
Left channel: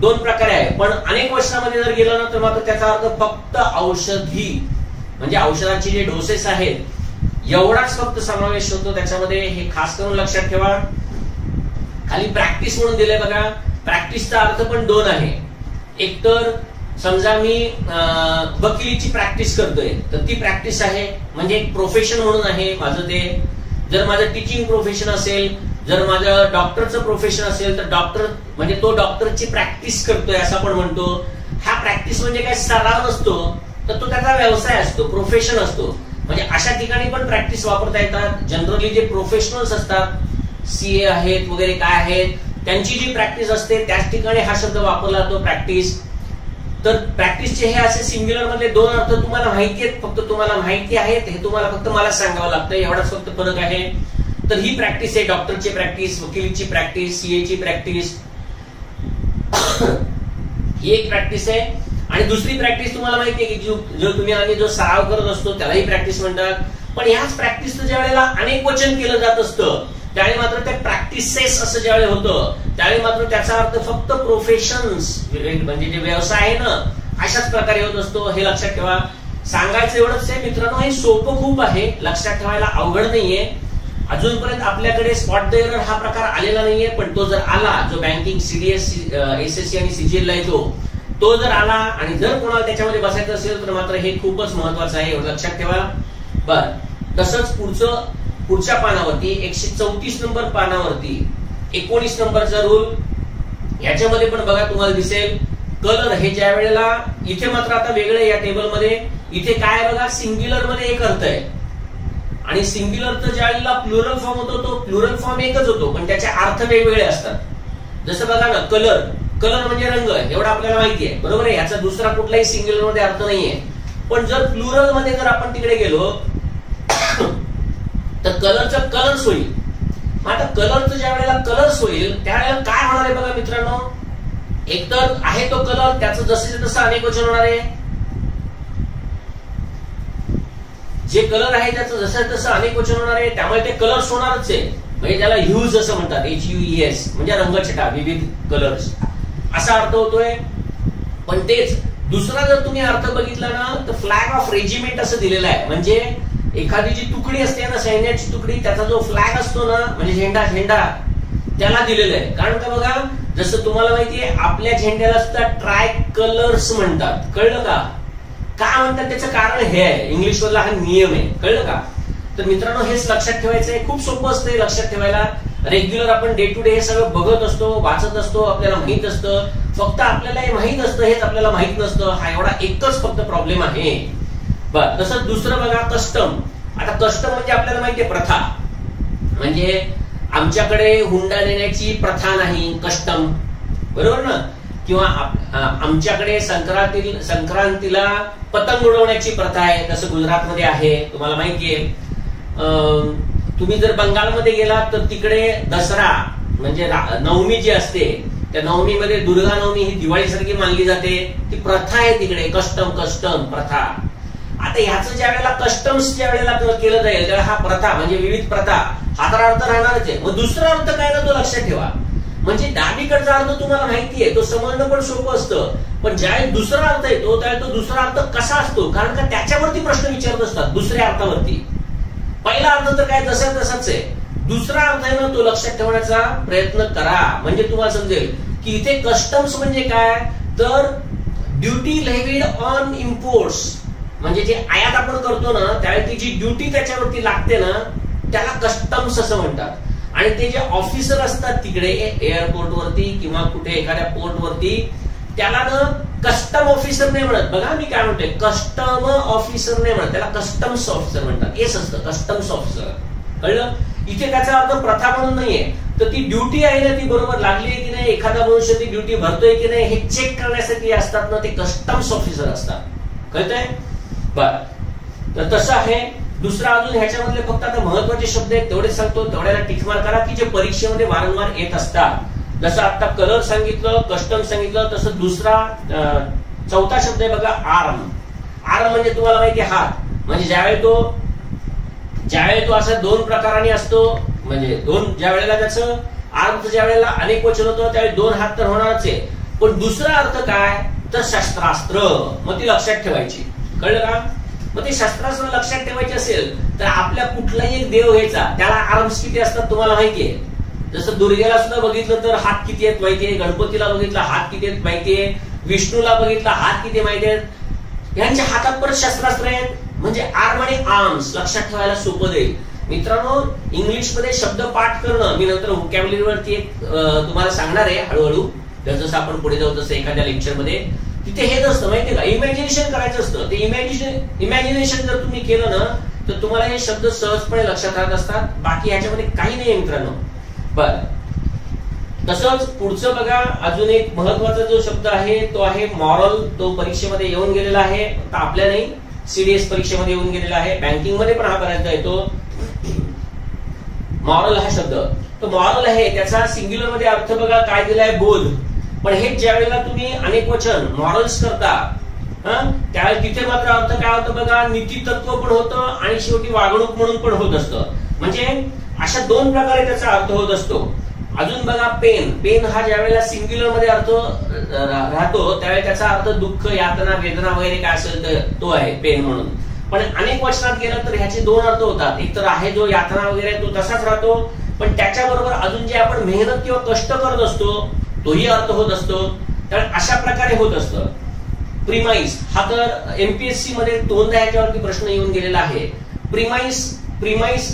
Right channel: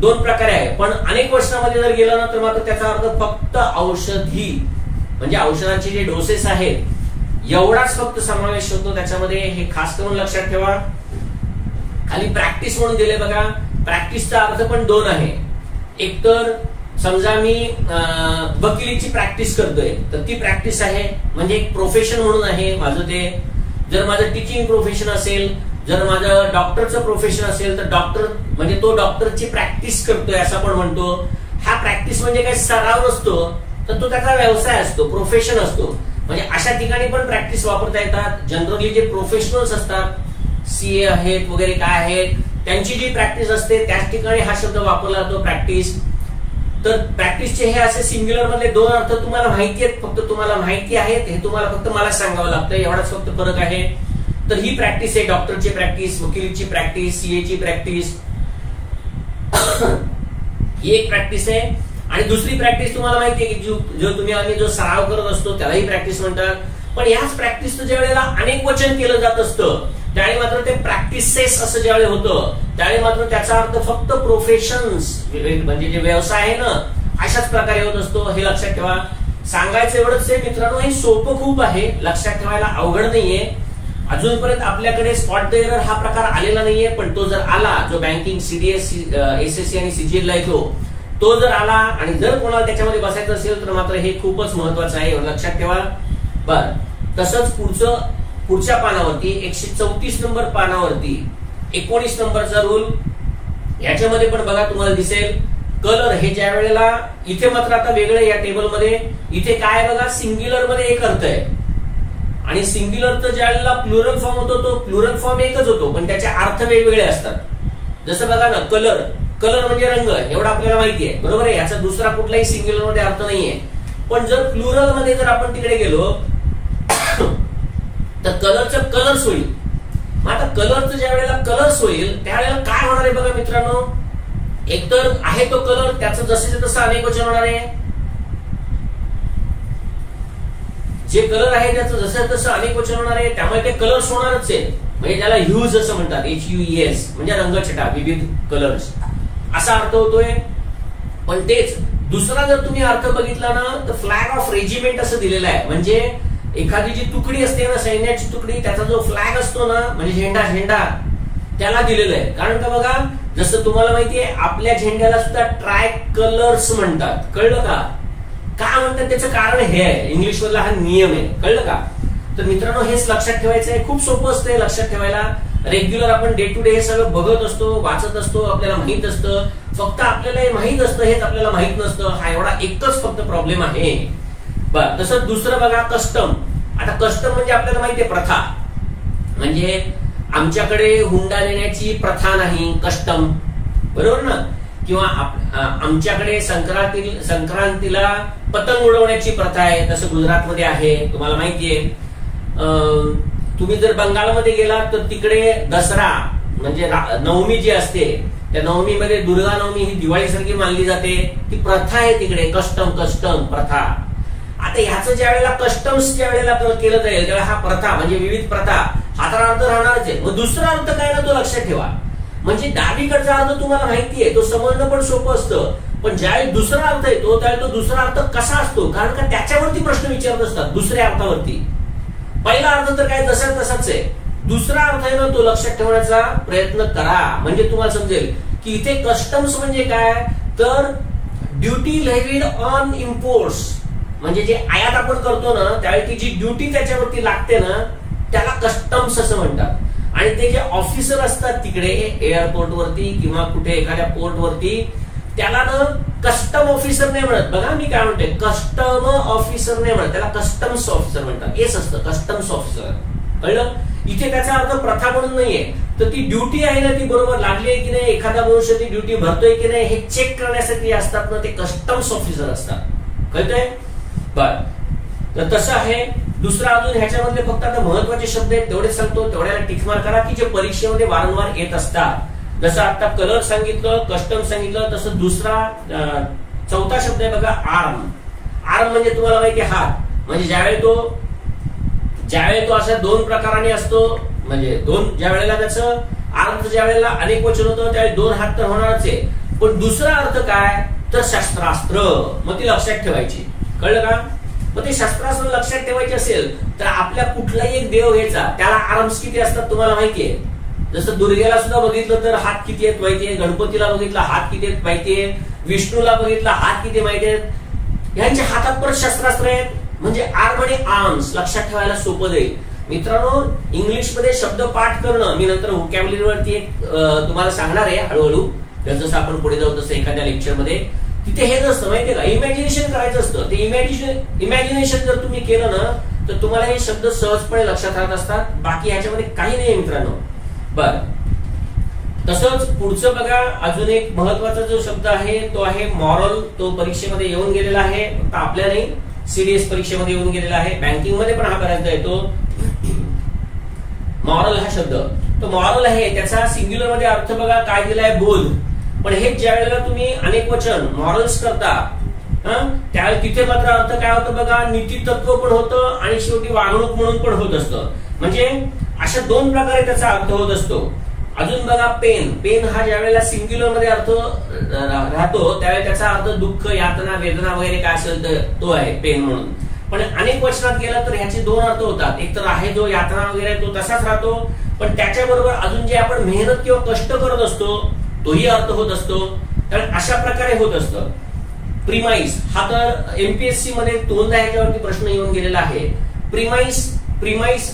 2 प्रकारे आहे, पण अनेक वचनामध्ये जर गेलं ना तर मात्र त्याचा अर्थ फक्त औषधी, म्हणजे औषधांचे जे डोसेस आहेत एवढाच फक्त समावेश होतो त्याच्यामध्ये. हे खास करून लक्षात ठेवा. खाली प्रॅक्टिस म्हणून दिले बघा, प्रॅक्टिसचा अर्थ पण 2 आहे. एक तर समजा मी वकिलीची प्रॅक्टिस करतोय तर ती प्रॅक्टिस आहे, म्हणजे एक प्रोफेशन म्हणून आहे माझं ते. जर माझं टीचिंग प्रोफेशन असेल, जर माझं डॉक्टरचं प्रोफेशन असेल तर डॉक्टर म्हणजे तो डॉक्टरची प्रॅक्टिस करतोय असं आपण म्हणतो. हा प्रॅक्टिस म्हणजे काय सराव नसतो, तर तो त्याचा व्यवसाय असतो, प्रोफेशन असतो. म्हणजे अशा ठिकाणी पण प्रॅक्टिस वापरता येतात. जनरली जे प्रोफेशनल्स असतात, सीए आहेत वगैरे काय आहेत, त्यांची जी प्रॅक्टिस असते त्याच ठिकाणी हा शब्द वापरला जातो प्रॅक्टिस. तर प्रॅक्टिसचे हे असे सिंग्युलर मधले दोन अर्थ तुम्हाला माहिती आहेत, फक्त तुम्हाला माहिती आहेत हे तुम्हाला फक्त मला सांगावं लागतं, एवढाच फक्त फरक आहे. तर ही प्रॅक्टिस आहे, डॉक्टरची प्रॅक्टिस, वकिलीची प्रॅक्टिस, सीएची प्रॅक्टिस, ही एक प्रॅक्टिस आहे. आणि दुसरी प्रॅक्टिस तुम्हाला माहिती आहे की जो तुम्ही आम्ही जो सराव करत असतो त्यालाही प्रॅक्टिस म्हणतात. पण याच प्रॅक्टिसचं ज्या वेळेला अनेक वचन केलं जात असतं त्यावेळी मात्र ते प्रॅक्टिसेस असं ज्यावेळी होतं त्यावेळी मात्र त्याचा अर्थ फक्त प्रोफेशन्स म्हणजे जे व्यवसाय आहे ना अशाच प्रकारे होत असतो. हे लक्षात ठेवा. सांगायचं एवढंच आहे मित्रांनो, हे सोपं खूप आहे, लक्षात ठेवायला अवघड नाहीये. अजूनपर्यंत आपल्याकडे स्पॉट द एरर हा प्रकार आलेला नाहीये, पण तो जर आला, जो बँकिंग सीडीएस एसएससी आणि सीजीएल ला येतो, तो जर आला आणि जर कोणाला त्याच्यामध्ये बसायचं असेल तर मात्र हे खूपच महत्वाचं आहे, लक्षात ठेवा. बर, तसंच पुढच्या पानावरती 134 नंबर पानावरती 19 नंबरचा रूल, याच्यामध्ये पण बघा तुम्हाला दिसेल कलर हे ज्या वेळेला इथे मात्र आता वेगळे या टेबलमध्ये इथे काय बघा सिंग्युलर मध्ये एक अर्थ आहे आणि सिंग्युलरचा ज्या वेळेला प्लुरल फॉर्म होतो तो प्लुरल फॉर्म एकच होतो पण त्याचे अर्थ वेगवेगळे असतात. जसं बघा ना कलर, कलर म्हणजे रंग, एवढं आपल्याला माहिती आहे, बरोबर आहे. याचा दुसरा कुठलाही सिंग्युलर मध्ये अर्थ नाहीये. पण जर प्लुरल मध्ये जर आपण तिकडे गेलो तर कलरचं कलर्स होईल. मग आता कलरचं ज्या वेळेला कलर्स होईल त्यावेळेला काय होणार आहे बघा मित्रांनो, एकतर आहे तो कलर त्याचं जसं तसं अनेक वचन होणार आहे. जे कलर आहे त्याचं जसं तसं अनेक वचन होणार आहे, त्यामुळे ते कलर्स होणारच आहे. म्हणजे त्याला ह्यूज असं म्हणतात, HUES म्हणजे रंगछटा, विविध कलर्स असा अर्थ होतोय. पण तेच दुसरा जर तुम्ही अर्थ बघितला ना तर फ्लॅग ऑफ रेजिमेंट असं दिलेलं आहे. म्हणजे एखादी जी तुकडी असते ना सैन्याची तुकडी, त्याचा जो फ्लॅग असतो ना म्हणजे झेंडा त्याला दिलेलं आहे. कारण का बघा जसं तुम्हाला माहितीये आपल्या झेंड्याला सुद्धा ट्राय कलर्स म्हणतात, कळलं का? का म्हणतात त्याचं कारण हे आहे, इंग्लिश मधला हा नियम आहे, कळलं का? तर मित्रांनो हेच लक्षात ठेवायचं आहे, खूप सोपं असतं हे लक्षात ठेवायला. रेग्युलर आपण डे टू डे हे सगळं बघत असतो, वाचत असतो, आपल्याला माहित असतं, फक्त आपल्याला हे माहित असतं हेच आपल्याला माहित नसतं, हा एवढा एकच फक्त प्रॉब्लेम आहे. बरं, तसंच दुसरं बघा कस्टम. आता कस्टम म्हणजे आपल्याला माहितीये प्रथा, म्हणजे आमच्याकडे हुंडा देण्याची प्रथा नाही, कस्टम, बरोबर ना? किंवा आमच्याकडे संक्रांतीला पतंग उडवण्याची प्रथा आहे, तसं गुजरातमध्ये आहे, तुम्हाला माहितीये. तुम्ही जर बंगालमध्ये गेलात तर तिकडे दसरा म्हणजे नवमी जी असते त्या नवमीमध्ये दुर्गा नवमी ही दिवाळीसारखी मानली जाते, ती प्रथा आहे तिकडे, कस्टम प्रथा. आता ह्याचं ज्या वेळेला कस्टम्स ज्या वेळेला केलं जाईल त्यावेळेला हा प्रथा म्हणजे विविध प्रथा हा तर अर्थ राहणारच आहे. मग दुसरा अर्थ काय ना तो लक्षात ठेवा. म्हणजे डावीकडचा अर्थ तुम्हाला माहितीये, तो समजणं पण सोपं असतं, पण ज्यावेळी दुसरा अर्थ येतो त्यावेळी तो दुसरा अर्थ कसा असतो, कारण का त्याच्यावरती प्रश्न विचारत असतात दुसऱ्या अर्थावरती. पहिला अर्थ तर काय जसा तसाच आहे, दुसरा अर्थ आहे ना तो लक्षात ठेवण्याचा प्रयत्न करा, म्हणजे तुम्हाला समजेल की इथे कस्टम्स म्हणजे काय, तर ड्युटी लेव्हिड ऑन इम्पोर्ट्स, म्हणजे जे आयात आपण करतो ना त्यावेळी ती जी ड्युटी त्याच्यावरती लागते ना त्याला कस्टम्स असं म्हणतात. आणि ते जे ऑफिसर असतात तिकडे एअरपोर्ट वरती किंवा कुठे एखाद्या पोर्ट वरती त्याला ना कस्टम ऑफिसर नाही म्हणत, बघा मी काय म्हणतोय, कस्टम ऑफिसर नाही म्हणत, त्याला कस्टम्स ऑफिसर म्हणतात, हेच असतं कस्टम्स ऑफिसर, कळलं? इथे त्याचा अर्थ प्रथा म्हणून नाहीये, तर ती ड्युटी आहे ना ती बरोबर लागली आहे की नाही, एखादा मनुष्य ती ड्युटी भरतोय की नाही हे चेक करण्यासाठी असतात ना ते कस्टम्स ऑफिसर असतात, कळतंय? बर, तर तसं आहे. दुसरा अजून ह्याच्यामधले फक्त आता महत्वाचे शब्द आहेत तेवढेच सांगतो, तेवढ्याला टिक मार करा की जे परीक्षेमध्ये वारंवार येत असतात. जसं आता कलर सांगितलं, कस्टम सांगितलं, तसं दुसरा चौथा शब्द आहे बघा आर्म. आर्म म्हणजे तुम्हाला माहिती आहे हात, म्हणजे ज्यावेळी तो अशा दोन प्रकाराने असतो, म्हणजे दोन ज्या वेळेला त्याचं आर्मचं ज्या वेळेला अनेक वचन होतं त्यावेळी दोन हात तर होणारच आहे, पण दुसरा अर्थ काय तर शस्त्रास्त्र, मग ती लक्षात ठेवायची, कळलं का? मग ते शस्त्रास्त्र लक्षात ठेवायचे असेल तर आपल्या कुठलाही एक देव घ्यायचा, त्याला आर्म्स किती असतात तुम्हाला माहितीये. जसं दुर्गेला सुद्धा बघितलं तर हात किती आहेत माहितीये, गणपतीला बघितलं हात किती आहेत माहितीये, विष्णूला बघितलं हात किती माहिती आहेत, ह्यांच्या हातात परत शस्त्रास्त्र आहेत. म्हणजे आर्म आणि आर्म्स लक्षात ठेवायला सोपं जाईल. मित्रांनो इंग्लिश मध्ये शब्द पाठ करणं मी नंतर व्होकॅब्युलरी वरती एक तुम्हाला सांगणार आहे हळूहळू, जसं आपण पुढे जाऊ तसं एखाद्या लेक्चर मध्ये. तिथे हेच असतं माहितीये का, इमॅजिनेशन करायचं असतं. ते इमॅजिनेशन जर तुम्ही केलं ना तर तुम्हाला हे शब्द सहजपणे लक्षात राहत असतात, बाकी ह्याच्यामध्ये काही नाही मित्रांनो. बर, तसंच पुढचं बघा, अजून एक महत्वाचा जो शब्द आहे तो आहे मॉरल. तो परीक्षेमध्ये येऊन गेलेला आहे, फक्त आपल्या नाही, सीडीएस परीक्षेमध्ये येऊन गेलेला आहे, बँकिंग मध्ये पण हा बऱ्याचदा येतो. मॉरल हा शब्द, तो मॉरल आहे, त्याचा सिंग्युलर मध्ये अर्थ बघा काय दिलाय, बोध. पण हे ज्या वेळेला तुम्ही अनेक वचन मॉरल्स करता, त्यावेळेस तिथे मात्र अर्थ काय होतं बघा, नीती तत्व पण होतं आणि शेवटी वागणूक म्हणून पण होत असतं. म्हणजे अशा दोन प्रकारे त्याचा अर्थ होत असतो. अजून बघा पेन. पेन हा ज्या वेळेला सिंग्युलर मध्ये अर्थ राहतो त्यावेळेला त्याचा अर्थ दुःख, यातना, वेदना वगैरे काय असेल तर तो आहे पेन म्हणून. पण अनेक वचनात गेलं तर ह्याचे दोन अर्थ होतात. एक तर आहे जो यातना वगैरे तो तसाच राहतो, पण त्याच्याबरोबर अजून जे आपण मेहनत किंवा कष्ट करत असतो तोही अर्थ होत असतो. तर अशा प्रकारे होत असतं. प्रिमाइस हा तर एमपीएससी मध्ये दोनदा ह्याच्यावरती प्रश्न येऊन गेलेला आहे. प्रिमाइस PREMISE,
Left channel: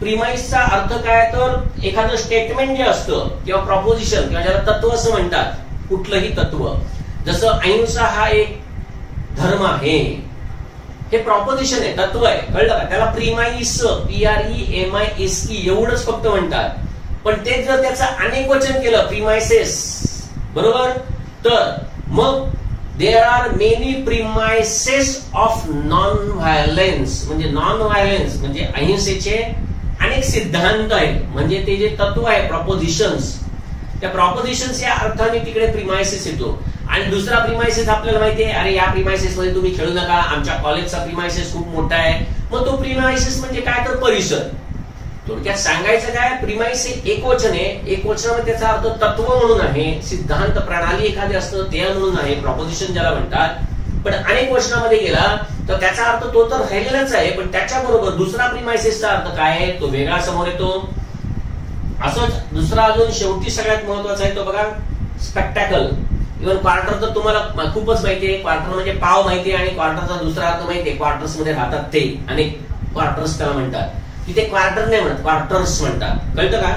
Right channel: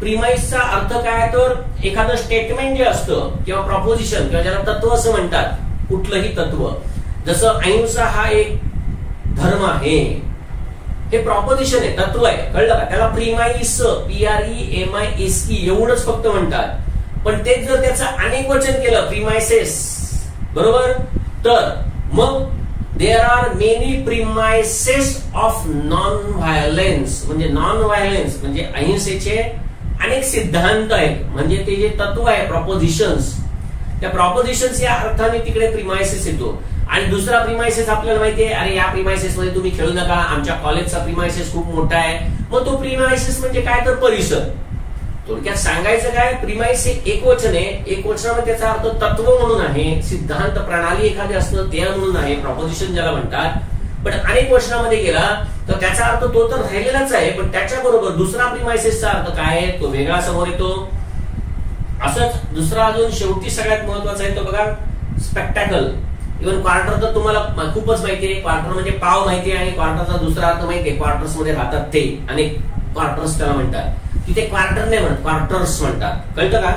प्रिमाइसचा अर्थ काय, तर एखादं स्टेटमेंट जे असतं किंवा प्रॉपोजिशन किंवा ज्याला तत्व असं म्हणतात, कुठलंही तत्व, जसं अहिंसा हा एक धर्म आहे, हे प्रॉपोजिशन आहे, तत्व आहे, कळलं का? त्याला प्रिमाइस PREMISE एवढंच फक्त म्हणतात. पण तेच जर त्याचं अनेक वचन केलं, प्रिमाइसेस, बरोबर, तर मग there are many premises of non violence. म्हणजे नॉन व्हायलन्स म्हणजे अहिंसेचे अनेक सिद्धांत आहेत, म्हणजे ते जे तत्व आहे, प्रॉपोजिशन्स, त्या प्रॉपोजिशन्स या अर्थाने तिकडे प्रिमाइसेस येतो. आणि दुसरा प्रिमाइसेस आपल्याला माहिती आहे, अरे या प्रिमाइसेस मध्ये तुम्ही खेळू नका, आमच्या कॉलेजचा प्रिमाइसेस खूप मोठा आहे. मग तो प्रिमाइसेस म्हणजे काय, तर परिसर. थोडक्यात सांगायचं काय, प्रिमाइस हे एक वचन आहे, एक वचनामध्ये त्याचा अर्थ तत्व म्हणून आहे, सिद्धांत, प्रणाली एखादी असतं ते म्हणून आहे, प्रॉपोजिशन ज्याला म्हणतात. पण अनेक वचनामध्ये गेला तर त्याचा अर्थ तो तर राहिलेलाच आहे, पण त्याच्याबरोबर दुसरा प्रिमाइसेसचा अर्थ काय आहे तो वेगळा समोर येतो. असंच दुसरा अजून शेवटी सगळ्यात महत्वाचा आहे तो बघा, स्पेक्टॅकल. इव्हन क्वार्टर तर तुम्हाला खूपच माहिती आहे, क्वार्टर म्हणजे पाव माहिती आहे, आणि क्वार्टरचा दुसरा अर्थ माहिती आहे, क्वार्टर्स मध्ये राहतात ते, अनेक क्वार्टर्स त्याला म्हणतात. तिथे क्वार्टर नाही म्हणत, क्वार्टर्स म्हणतात, कळतं का?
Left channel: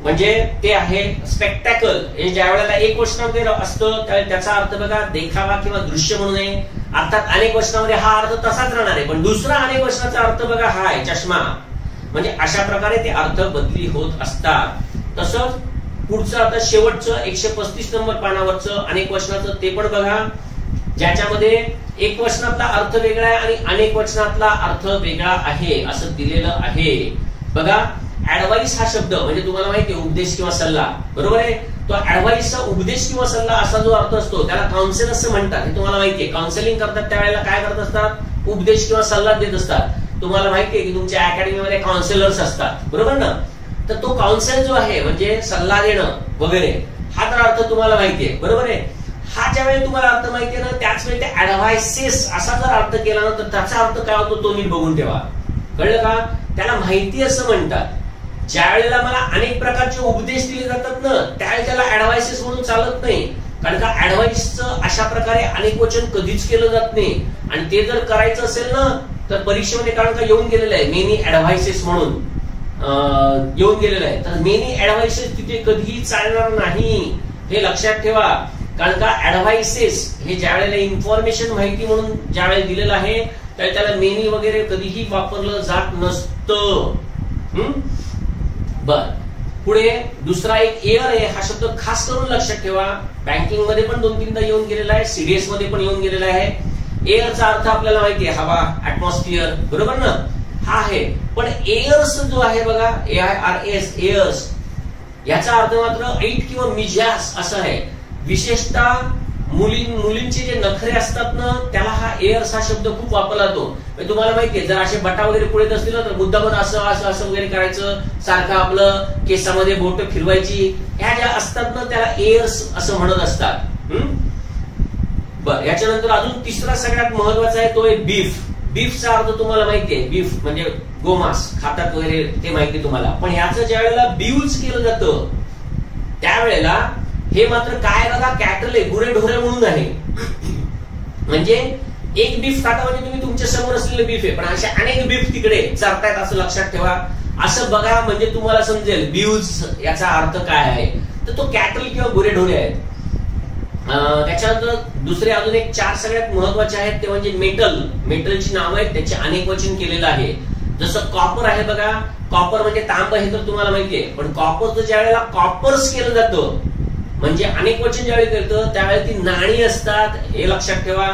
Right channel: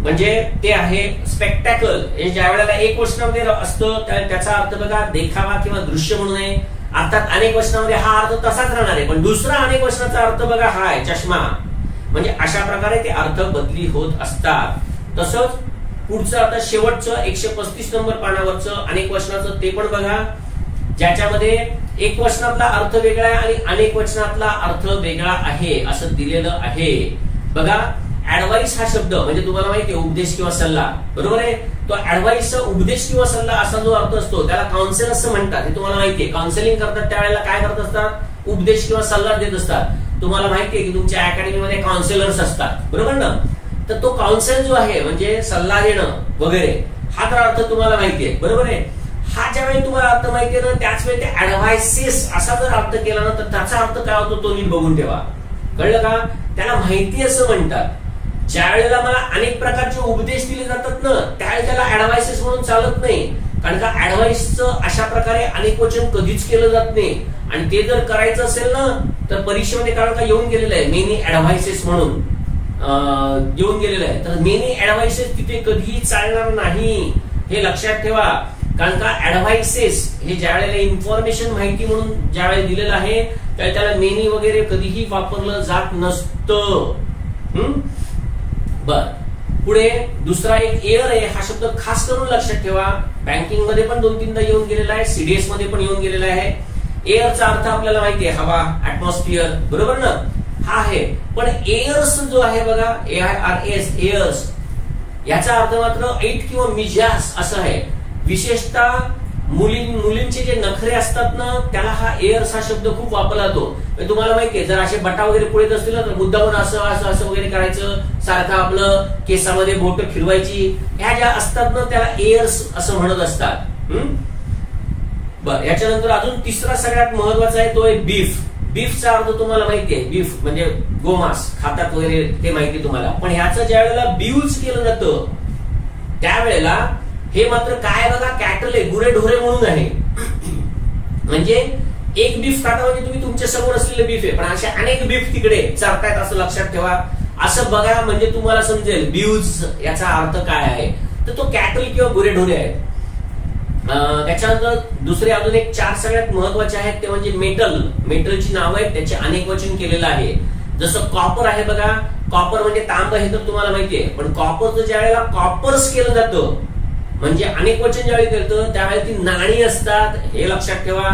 म्हणजे ते आहे स्पेक्टॅकल. हे ज्या वेळेला एक वचनामध्ये असतं त्याचा अर्थ बघा देखावा किंवा दृश्य म्हणून आहे. अर्थात अनेक वचनामध्ये हा अर्थ तसाच राहणार आहे, पण दुसरा अनेक वचनाचा अर्थ बघा हा आहे, चष्मा. म्हणजे अशा प्रकारे ते अर्थ बदली होत असतात. तसंच पुढचं आता शेवटचं 135 नंबर पानावरचं अनेक वचनाचं ते पण बघा, ज्याच्यामध्ये एक वचनातला अर्थ वेगळा आहे आणि अनेक वचनातला अर्थ वेगळा आहे असं दिलेलं आहे. बघा, ऍडवाइस हा शब्द म्हणजे तुम्हाला माहिती आहे उपदेश किंवा सल्ला, बरोबर आहे. तो ऍडवाइसचा उपदेश किंवा सल्ला असा जो अर्थ असतो त्याला काउन्सिल असं म्हणतात, हे तुम्हाला माहिती आहे. काउन्सिलिंग करतात त्यावेळेला काय करत असतात, उपदेश किंवा सल्ला देत असतात. तुम्हाला माहिती आहे की तुमच्या अकॅडमीमध्ये काउन्सिलर्स असतात, बरोबर ना. तर तो काउन्सिल जो आहे म्हणजे सल्ला देणं वगैरे, हा तर अर्थ तुम्हाला माहिती आहे, बरोबर आहे. हा ज्या वेळी तुम्हाला अर्थ माहिती आहे ना, त्याच वेळी ते ऍडवाइसेस असा जर अर्थ केला ना तर त्याचा अर्थ काय होतो तो नीट बघून ठेवा, कळलं का? त्याला माहिती असं म्हणतात. ज्या वेळेला मला अनेक प्रकारचे उपदेश दिले जातात ना त्यावेळी त्याला ऍडवाइसेस म्हणून चालत नाही, कारण का ऍडवाइसचं अशा प्रकारे अनेक वचन कधीच केलं जात नाही. आणि ते जर करायचं असेल ना तर परीक्षेमध्ये कारण का येऊन गेलेलं आहे मेनी ऍडवाइसेस म्हणून येऊन गेलेलं आहे. तर मेनी ऍडवाइसेस तिथे कधीही चालणार नाही, हे लक्षात ठेवा. कारण का ऍडवाइसेस हे ज्या वेळेला इन्फॉर्मेशन माहिती म्हणून ज्या वेळेला दिलेलं आहे त्याला मेनी वगैरे कधीही वापरलं जात नसतं. बर, पुढे दुसरा एक एअर आहे, हा शब्द खास करून लक्षात ठेवा. बँकिंग मध्ये पण 2-3दा येऊन गेलेला आहे, सीडीएस मध्ये पण येऊन गेलेला आहे. एअरचा अर्थ आपल्याला माहिती आहे हवा, ऍटमॉस्फिअर, बरोबर ना, हा आहे. पण एअर्स जो आहे बघा, AIRS, एअर्स, याचा अर्थ मात्र ऐट किंवा मिजाज असं आहे. विशेषतः मुलींचे जे नखरे असतात ना त्याला हा एअर्स हा शब्द खूप वापरला जातो. तुम्हाला माहितीये जर असे बटा वगैरे पुढे असतील ना तर मुद्दामून असं असं असं वगैरे करायचं, सारखं आपलं केसामध्ये बोट फिरवायची, ह्या ज्या असतात ना त्याला एअर्स असं म्हणत असतात. बर, याच्यानंतर अजून तिसरा सगळ्यात महत्वाचा आहे तो आहे बीफ. बीफचा अर्थ तुम्हाला माहिती आहे, बीफ म्हणजे गोमांस खातात वगैरे ते माहिती तुम्हाला. पण ह्याचं ज्या वेळेला बीव्ज केलं जातं त्यावेळेला हे मात्र काय बघा, कॅटल आहे, गुरेढोरे म्हणून आहे. म्हणजे एक बीफ खाता म्हणजे तुम्ही तुमच्या समोर असलेले बीफ आहे, पण असे अनेक बीफ तिकडे चरतायत असं लक्षात ठेवा. असं बघा म्हणजे तुम्हाला समजेल बीव्ज याचा अर्थ काय आहे. तर तो कॅटल किंवा गुरेढोरे आहेत. त्याच्यानंतर दुसरे अजून एक 4 सगळ्यात महत्वाचे आहेत ते म्हणजे मेटल. मेटलची नावं आहेत, त्याचे अनेक वचन केलेलं आहे. जसं कॉपर आहे बघा, कॉपर म्हणजे तांब हे तर तुम्हाला माहितीये, पण कॉपरचं ज्या वेळेला कॉपर्स केलं जातं म्हणजे अनेक वचन ज्यावेळी करतं त्यावेळी ती नाणी असतात, हे लक्षात ठेवा.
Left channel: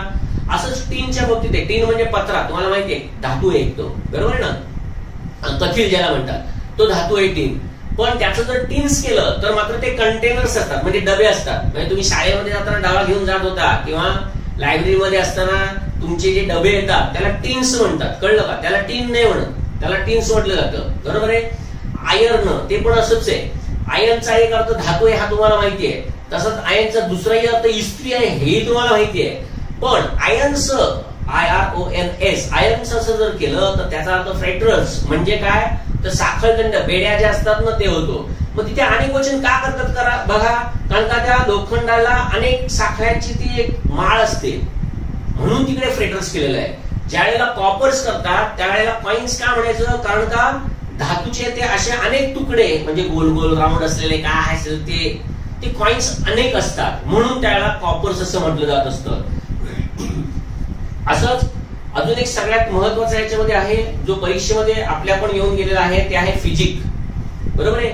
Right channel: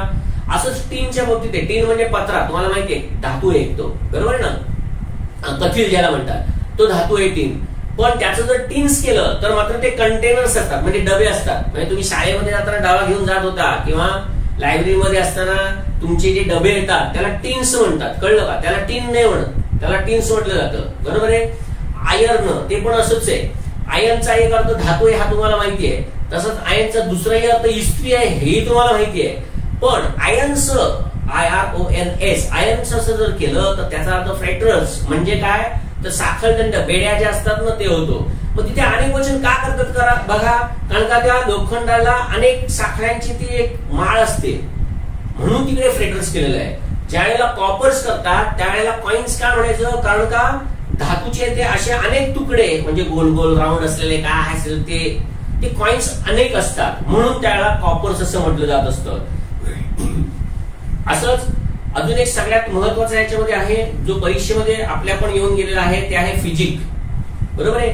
असंच टीनच्या बाबतीत आहे. टीन म्हणजे पत्रा, तुम्हाला माहितीये धातू आहे तो, बरोबर आहे ना, कथील ज्याला म्हणतात, तो धातू आहे टीन. पण त्याचं जर टिन्स केलं तर मात्र ते कंटेनर्स असतात, म्हणजे डबे असतात. म्हणजे तुम्ही शाळेमध्ये जाताना डबा घेऊन जात होता किंवा लायब्ररीमध्ये असताना तुमचे जे डबे येतात त्याला टिन्स म्हणतात, कळलं का? त्याला टीन नाही म्हणत, त्याला टिन्स म्हटलं जातं, बरोबर आहे. आयर्न ते पण असंच आहे. आयर्नचा एक अर्थ धातू आहे हा तुम्हाला माहितीये, तसंच आयर्नचा दुसराही अर्थ इस्त्री आहे हेही तुम्हाला माहितीये. पण आयर्नस IRONS आयर्नस असं जर केलं तर त्याचा अर्थ फ्रेटर्स म्हणजे काय, तर साखळदंड बेड्या ज्या असतात ना ते होतो. मग तिथे अनेक वचन का करतात करा बघा, कारण का त्या लोखंडाला अनेक साखळ्यांची ती एक माळ असते म्हणून तिकडे फ्रेटर्स केलेलं आहे. ज्या वेळेला कॉपर्स करतात त्यावेळेला कॉइन्स का म्हणायचं, कारण का धातूचे ते असे अनेक तुकडे म्हणजे गोल गोल राऊंड असलेले काय असेल ते कॉइन्स अनेक असतात म्हणून त्यावेळेला कॉपर्स असं म्हटलं जात असतं. असंच अजून एक सगळ्यात महत्वाचा याच्यामध्ये आहे जो परीक्षेमध्ये आपल्या पण येऊन गेलेला आहे, ते आहे फिजिक, बरोबर आहे.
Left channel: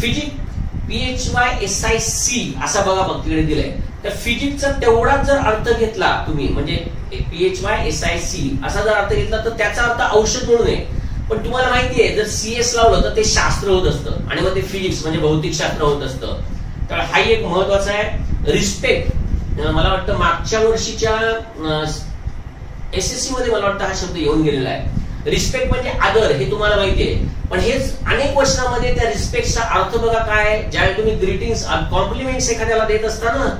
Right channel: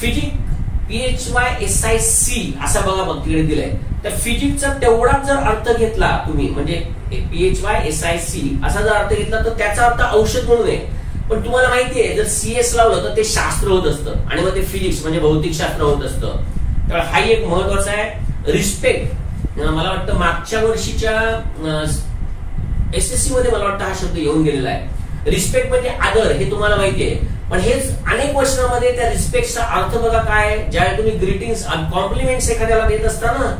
फिजिक PHYSIC असा बघा बघ तिकडे दिलंय. तर फिजिकचा तेवढाच जर अर्थ घेतला तुम्ही, म्हणजे PHYSIC असा जर अर्थ घेतला तर त्याचा अर्थ औषध म्हणून आहे. पण तुम्हाला माहितीये जर CS लावलं तर ते शास्त्र होत असतं आणि मग ते फिजिक्स म्हणजे भौतिक शास्त्र होत असतं. तर हा एक महत्वाचा आहे. रिस्पेक्ट, मला वाटतं मागच्या वर्षीच्या SSC मध्ये मला वाटतं हा शब्द येऊन गेलेला आहे. रिस्पेक्ट म्हणजे आदर, हे तुम्हाला माहितीये. पण हेच अनेक वचनामध्ये त्या रिस्पेक्टचा अर्थ बघा काय, ज्यावेळी तुम्ही ग्रीटिंग्स कॉम्प्लिमेंट्स एखाद्याला देत असता ना,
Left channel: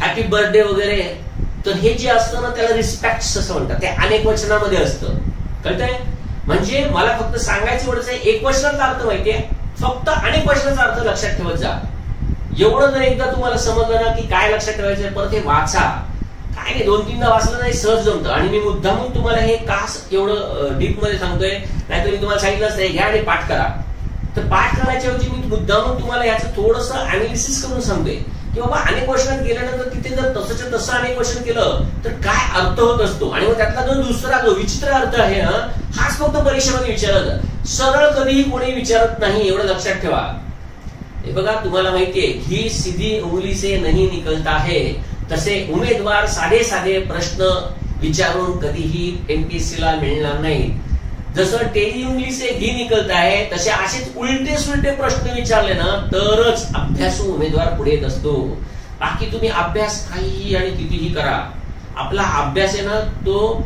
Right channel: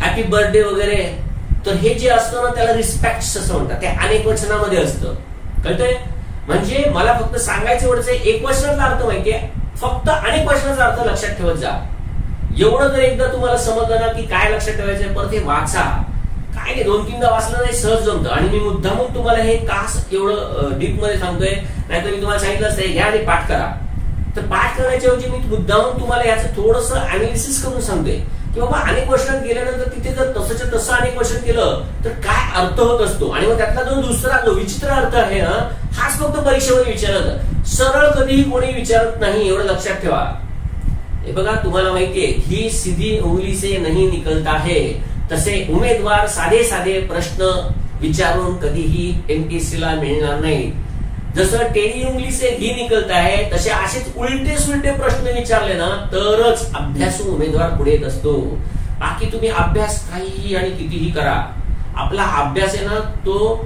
हॅपी बर्थडे वगैरे, तर हे जे असतं ना त्याला रिस्पेक्ट असं म्हणतात, ते अनेक वचनामध्ये असतं, कळतंय. म्हणजे मला फक्त सांगायचं एवढंच आहे, एक वचनाचा अर्थ माहितीये, फक्त अनेक वचनाचा अर्थ लक्षात ठेवत जा. एवढं जर एकदा तुम्हाला समजलं ना की काय लक्षात ठेवायचं, परत हे वाचा, काय नाही 2-3दा वाचलं नाही सहज जमतं. आणि मी मुद्दामून तुम्हाला हे कास एवढं डीप मध्ये सांगतोय, नाहीतर मी तुम्हाला सांगितलं असतं घ्या आणि पाठ करा. तर पाठ करण्याच्या ऐवजी मी मुद्दामून तुम्हाला याचं थोडंसं अनालिसिस करून सांगतोय की बाबा अनेक वचनात गेल्यानंतर तिथे जर तसंच्या तसं अनेक वचन केलं तर काय अर्थ होत असतो. आणि मग त्यातला जो दुसरा जो विचित्र अर्थ आहे हाच फक्त परीक्षेमध्ये विचारत, सरळ कधीही कोणी विचारत नाही, एवढं लक्षात ठेवा. हे बघा तुम्हाला माहितीये, ही सीधी उंगली से नहीं निकलता है, तसे उमेदवार साधे साधे प्रश्न विचारून कधीही MPSC ला मिळणार नाही. जसं टेढ़ी उंगली से घी निकलता है, तसे असेच उलटे सुलटे प्रश्न विचारले ना तरच अभ्यासू उमेदवार पुढे येत असतो. बाकी तुम्ही अभ्यास काहीही आणि कितीही करा, आपला अभ्यास आहे ना तो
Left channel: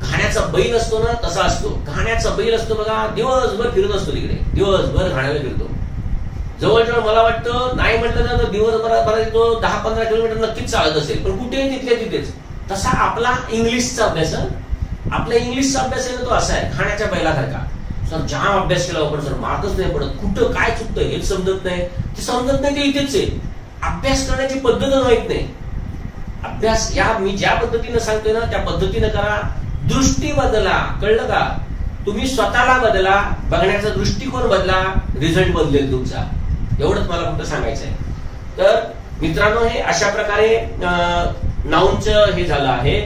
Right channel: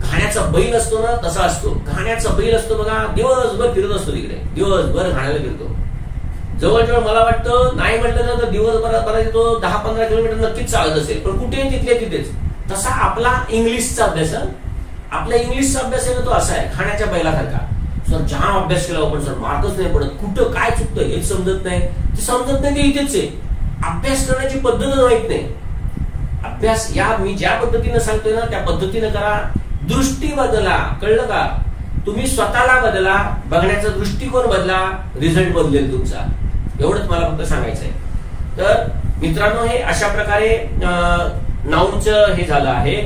घाण्याचा बैल असतो ना तसा असतो. घाण्याचा बैल असतो बघा, दिवसभर फिरत असतो तिकडे, दिवसभर घाण्याला फिरतो. जवळजवळ मला वाटतं नाही म्हटलं ना तर दिवसभरात तो 10-15 किलोमीटर नक्कीच चालत असेल, पण कुठे तिथल्या तिथेच. तसा आपला इंग्लिशचा अभ्यास, आपला इंग्लिशचा अभ्यास आहे ना तो असा आहे खाण्याच्या बैलासारखा. सर जाम अभ्यास केला पण सर मार्कच नाही पडत, कुठं काय चुकतं हेच समजत नाही, ते समजत नाही ते इथेच आहे. अभ्यास करण्याची पद्धत माहित नाही. अभ्यास या मी ज्या पद्धतीने सांगतोय ना त्या पद्धतीने करा. दृष्टी बदला, कळलं का? तुम्ही स्वतःला बदला, बघण्याचा दृष्टिकोन बदला, रिझल्ट बदलेल तुमचा. एवढंच मला फक्त सांगायचं आहे. तर मित्रांनो हे अशा प्रकारे नाउनचं हे झालं आहे.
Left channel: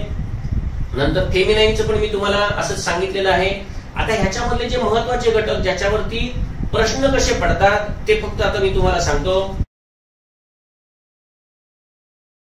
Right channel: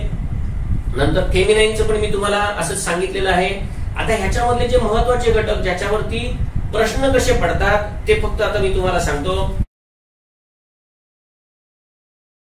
नंतर फेमिनाईनचं पण मी तुम्हाला असंच सांगितलेलं आहे. आता ह्याच्यामधले जे महत्वाचे घटक ज्याच्यावरती प्रश्न कसे पडतात ते फक्त आता मी तुम्हाला सांगतो.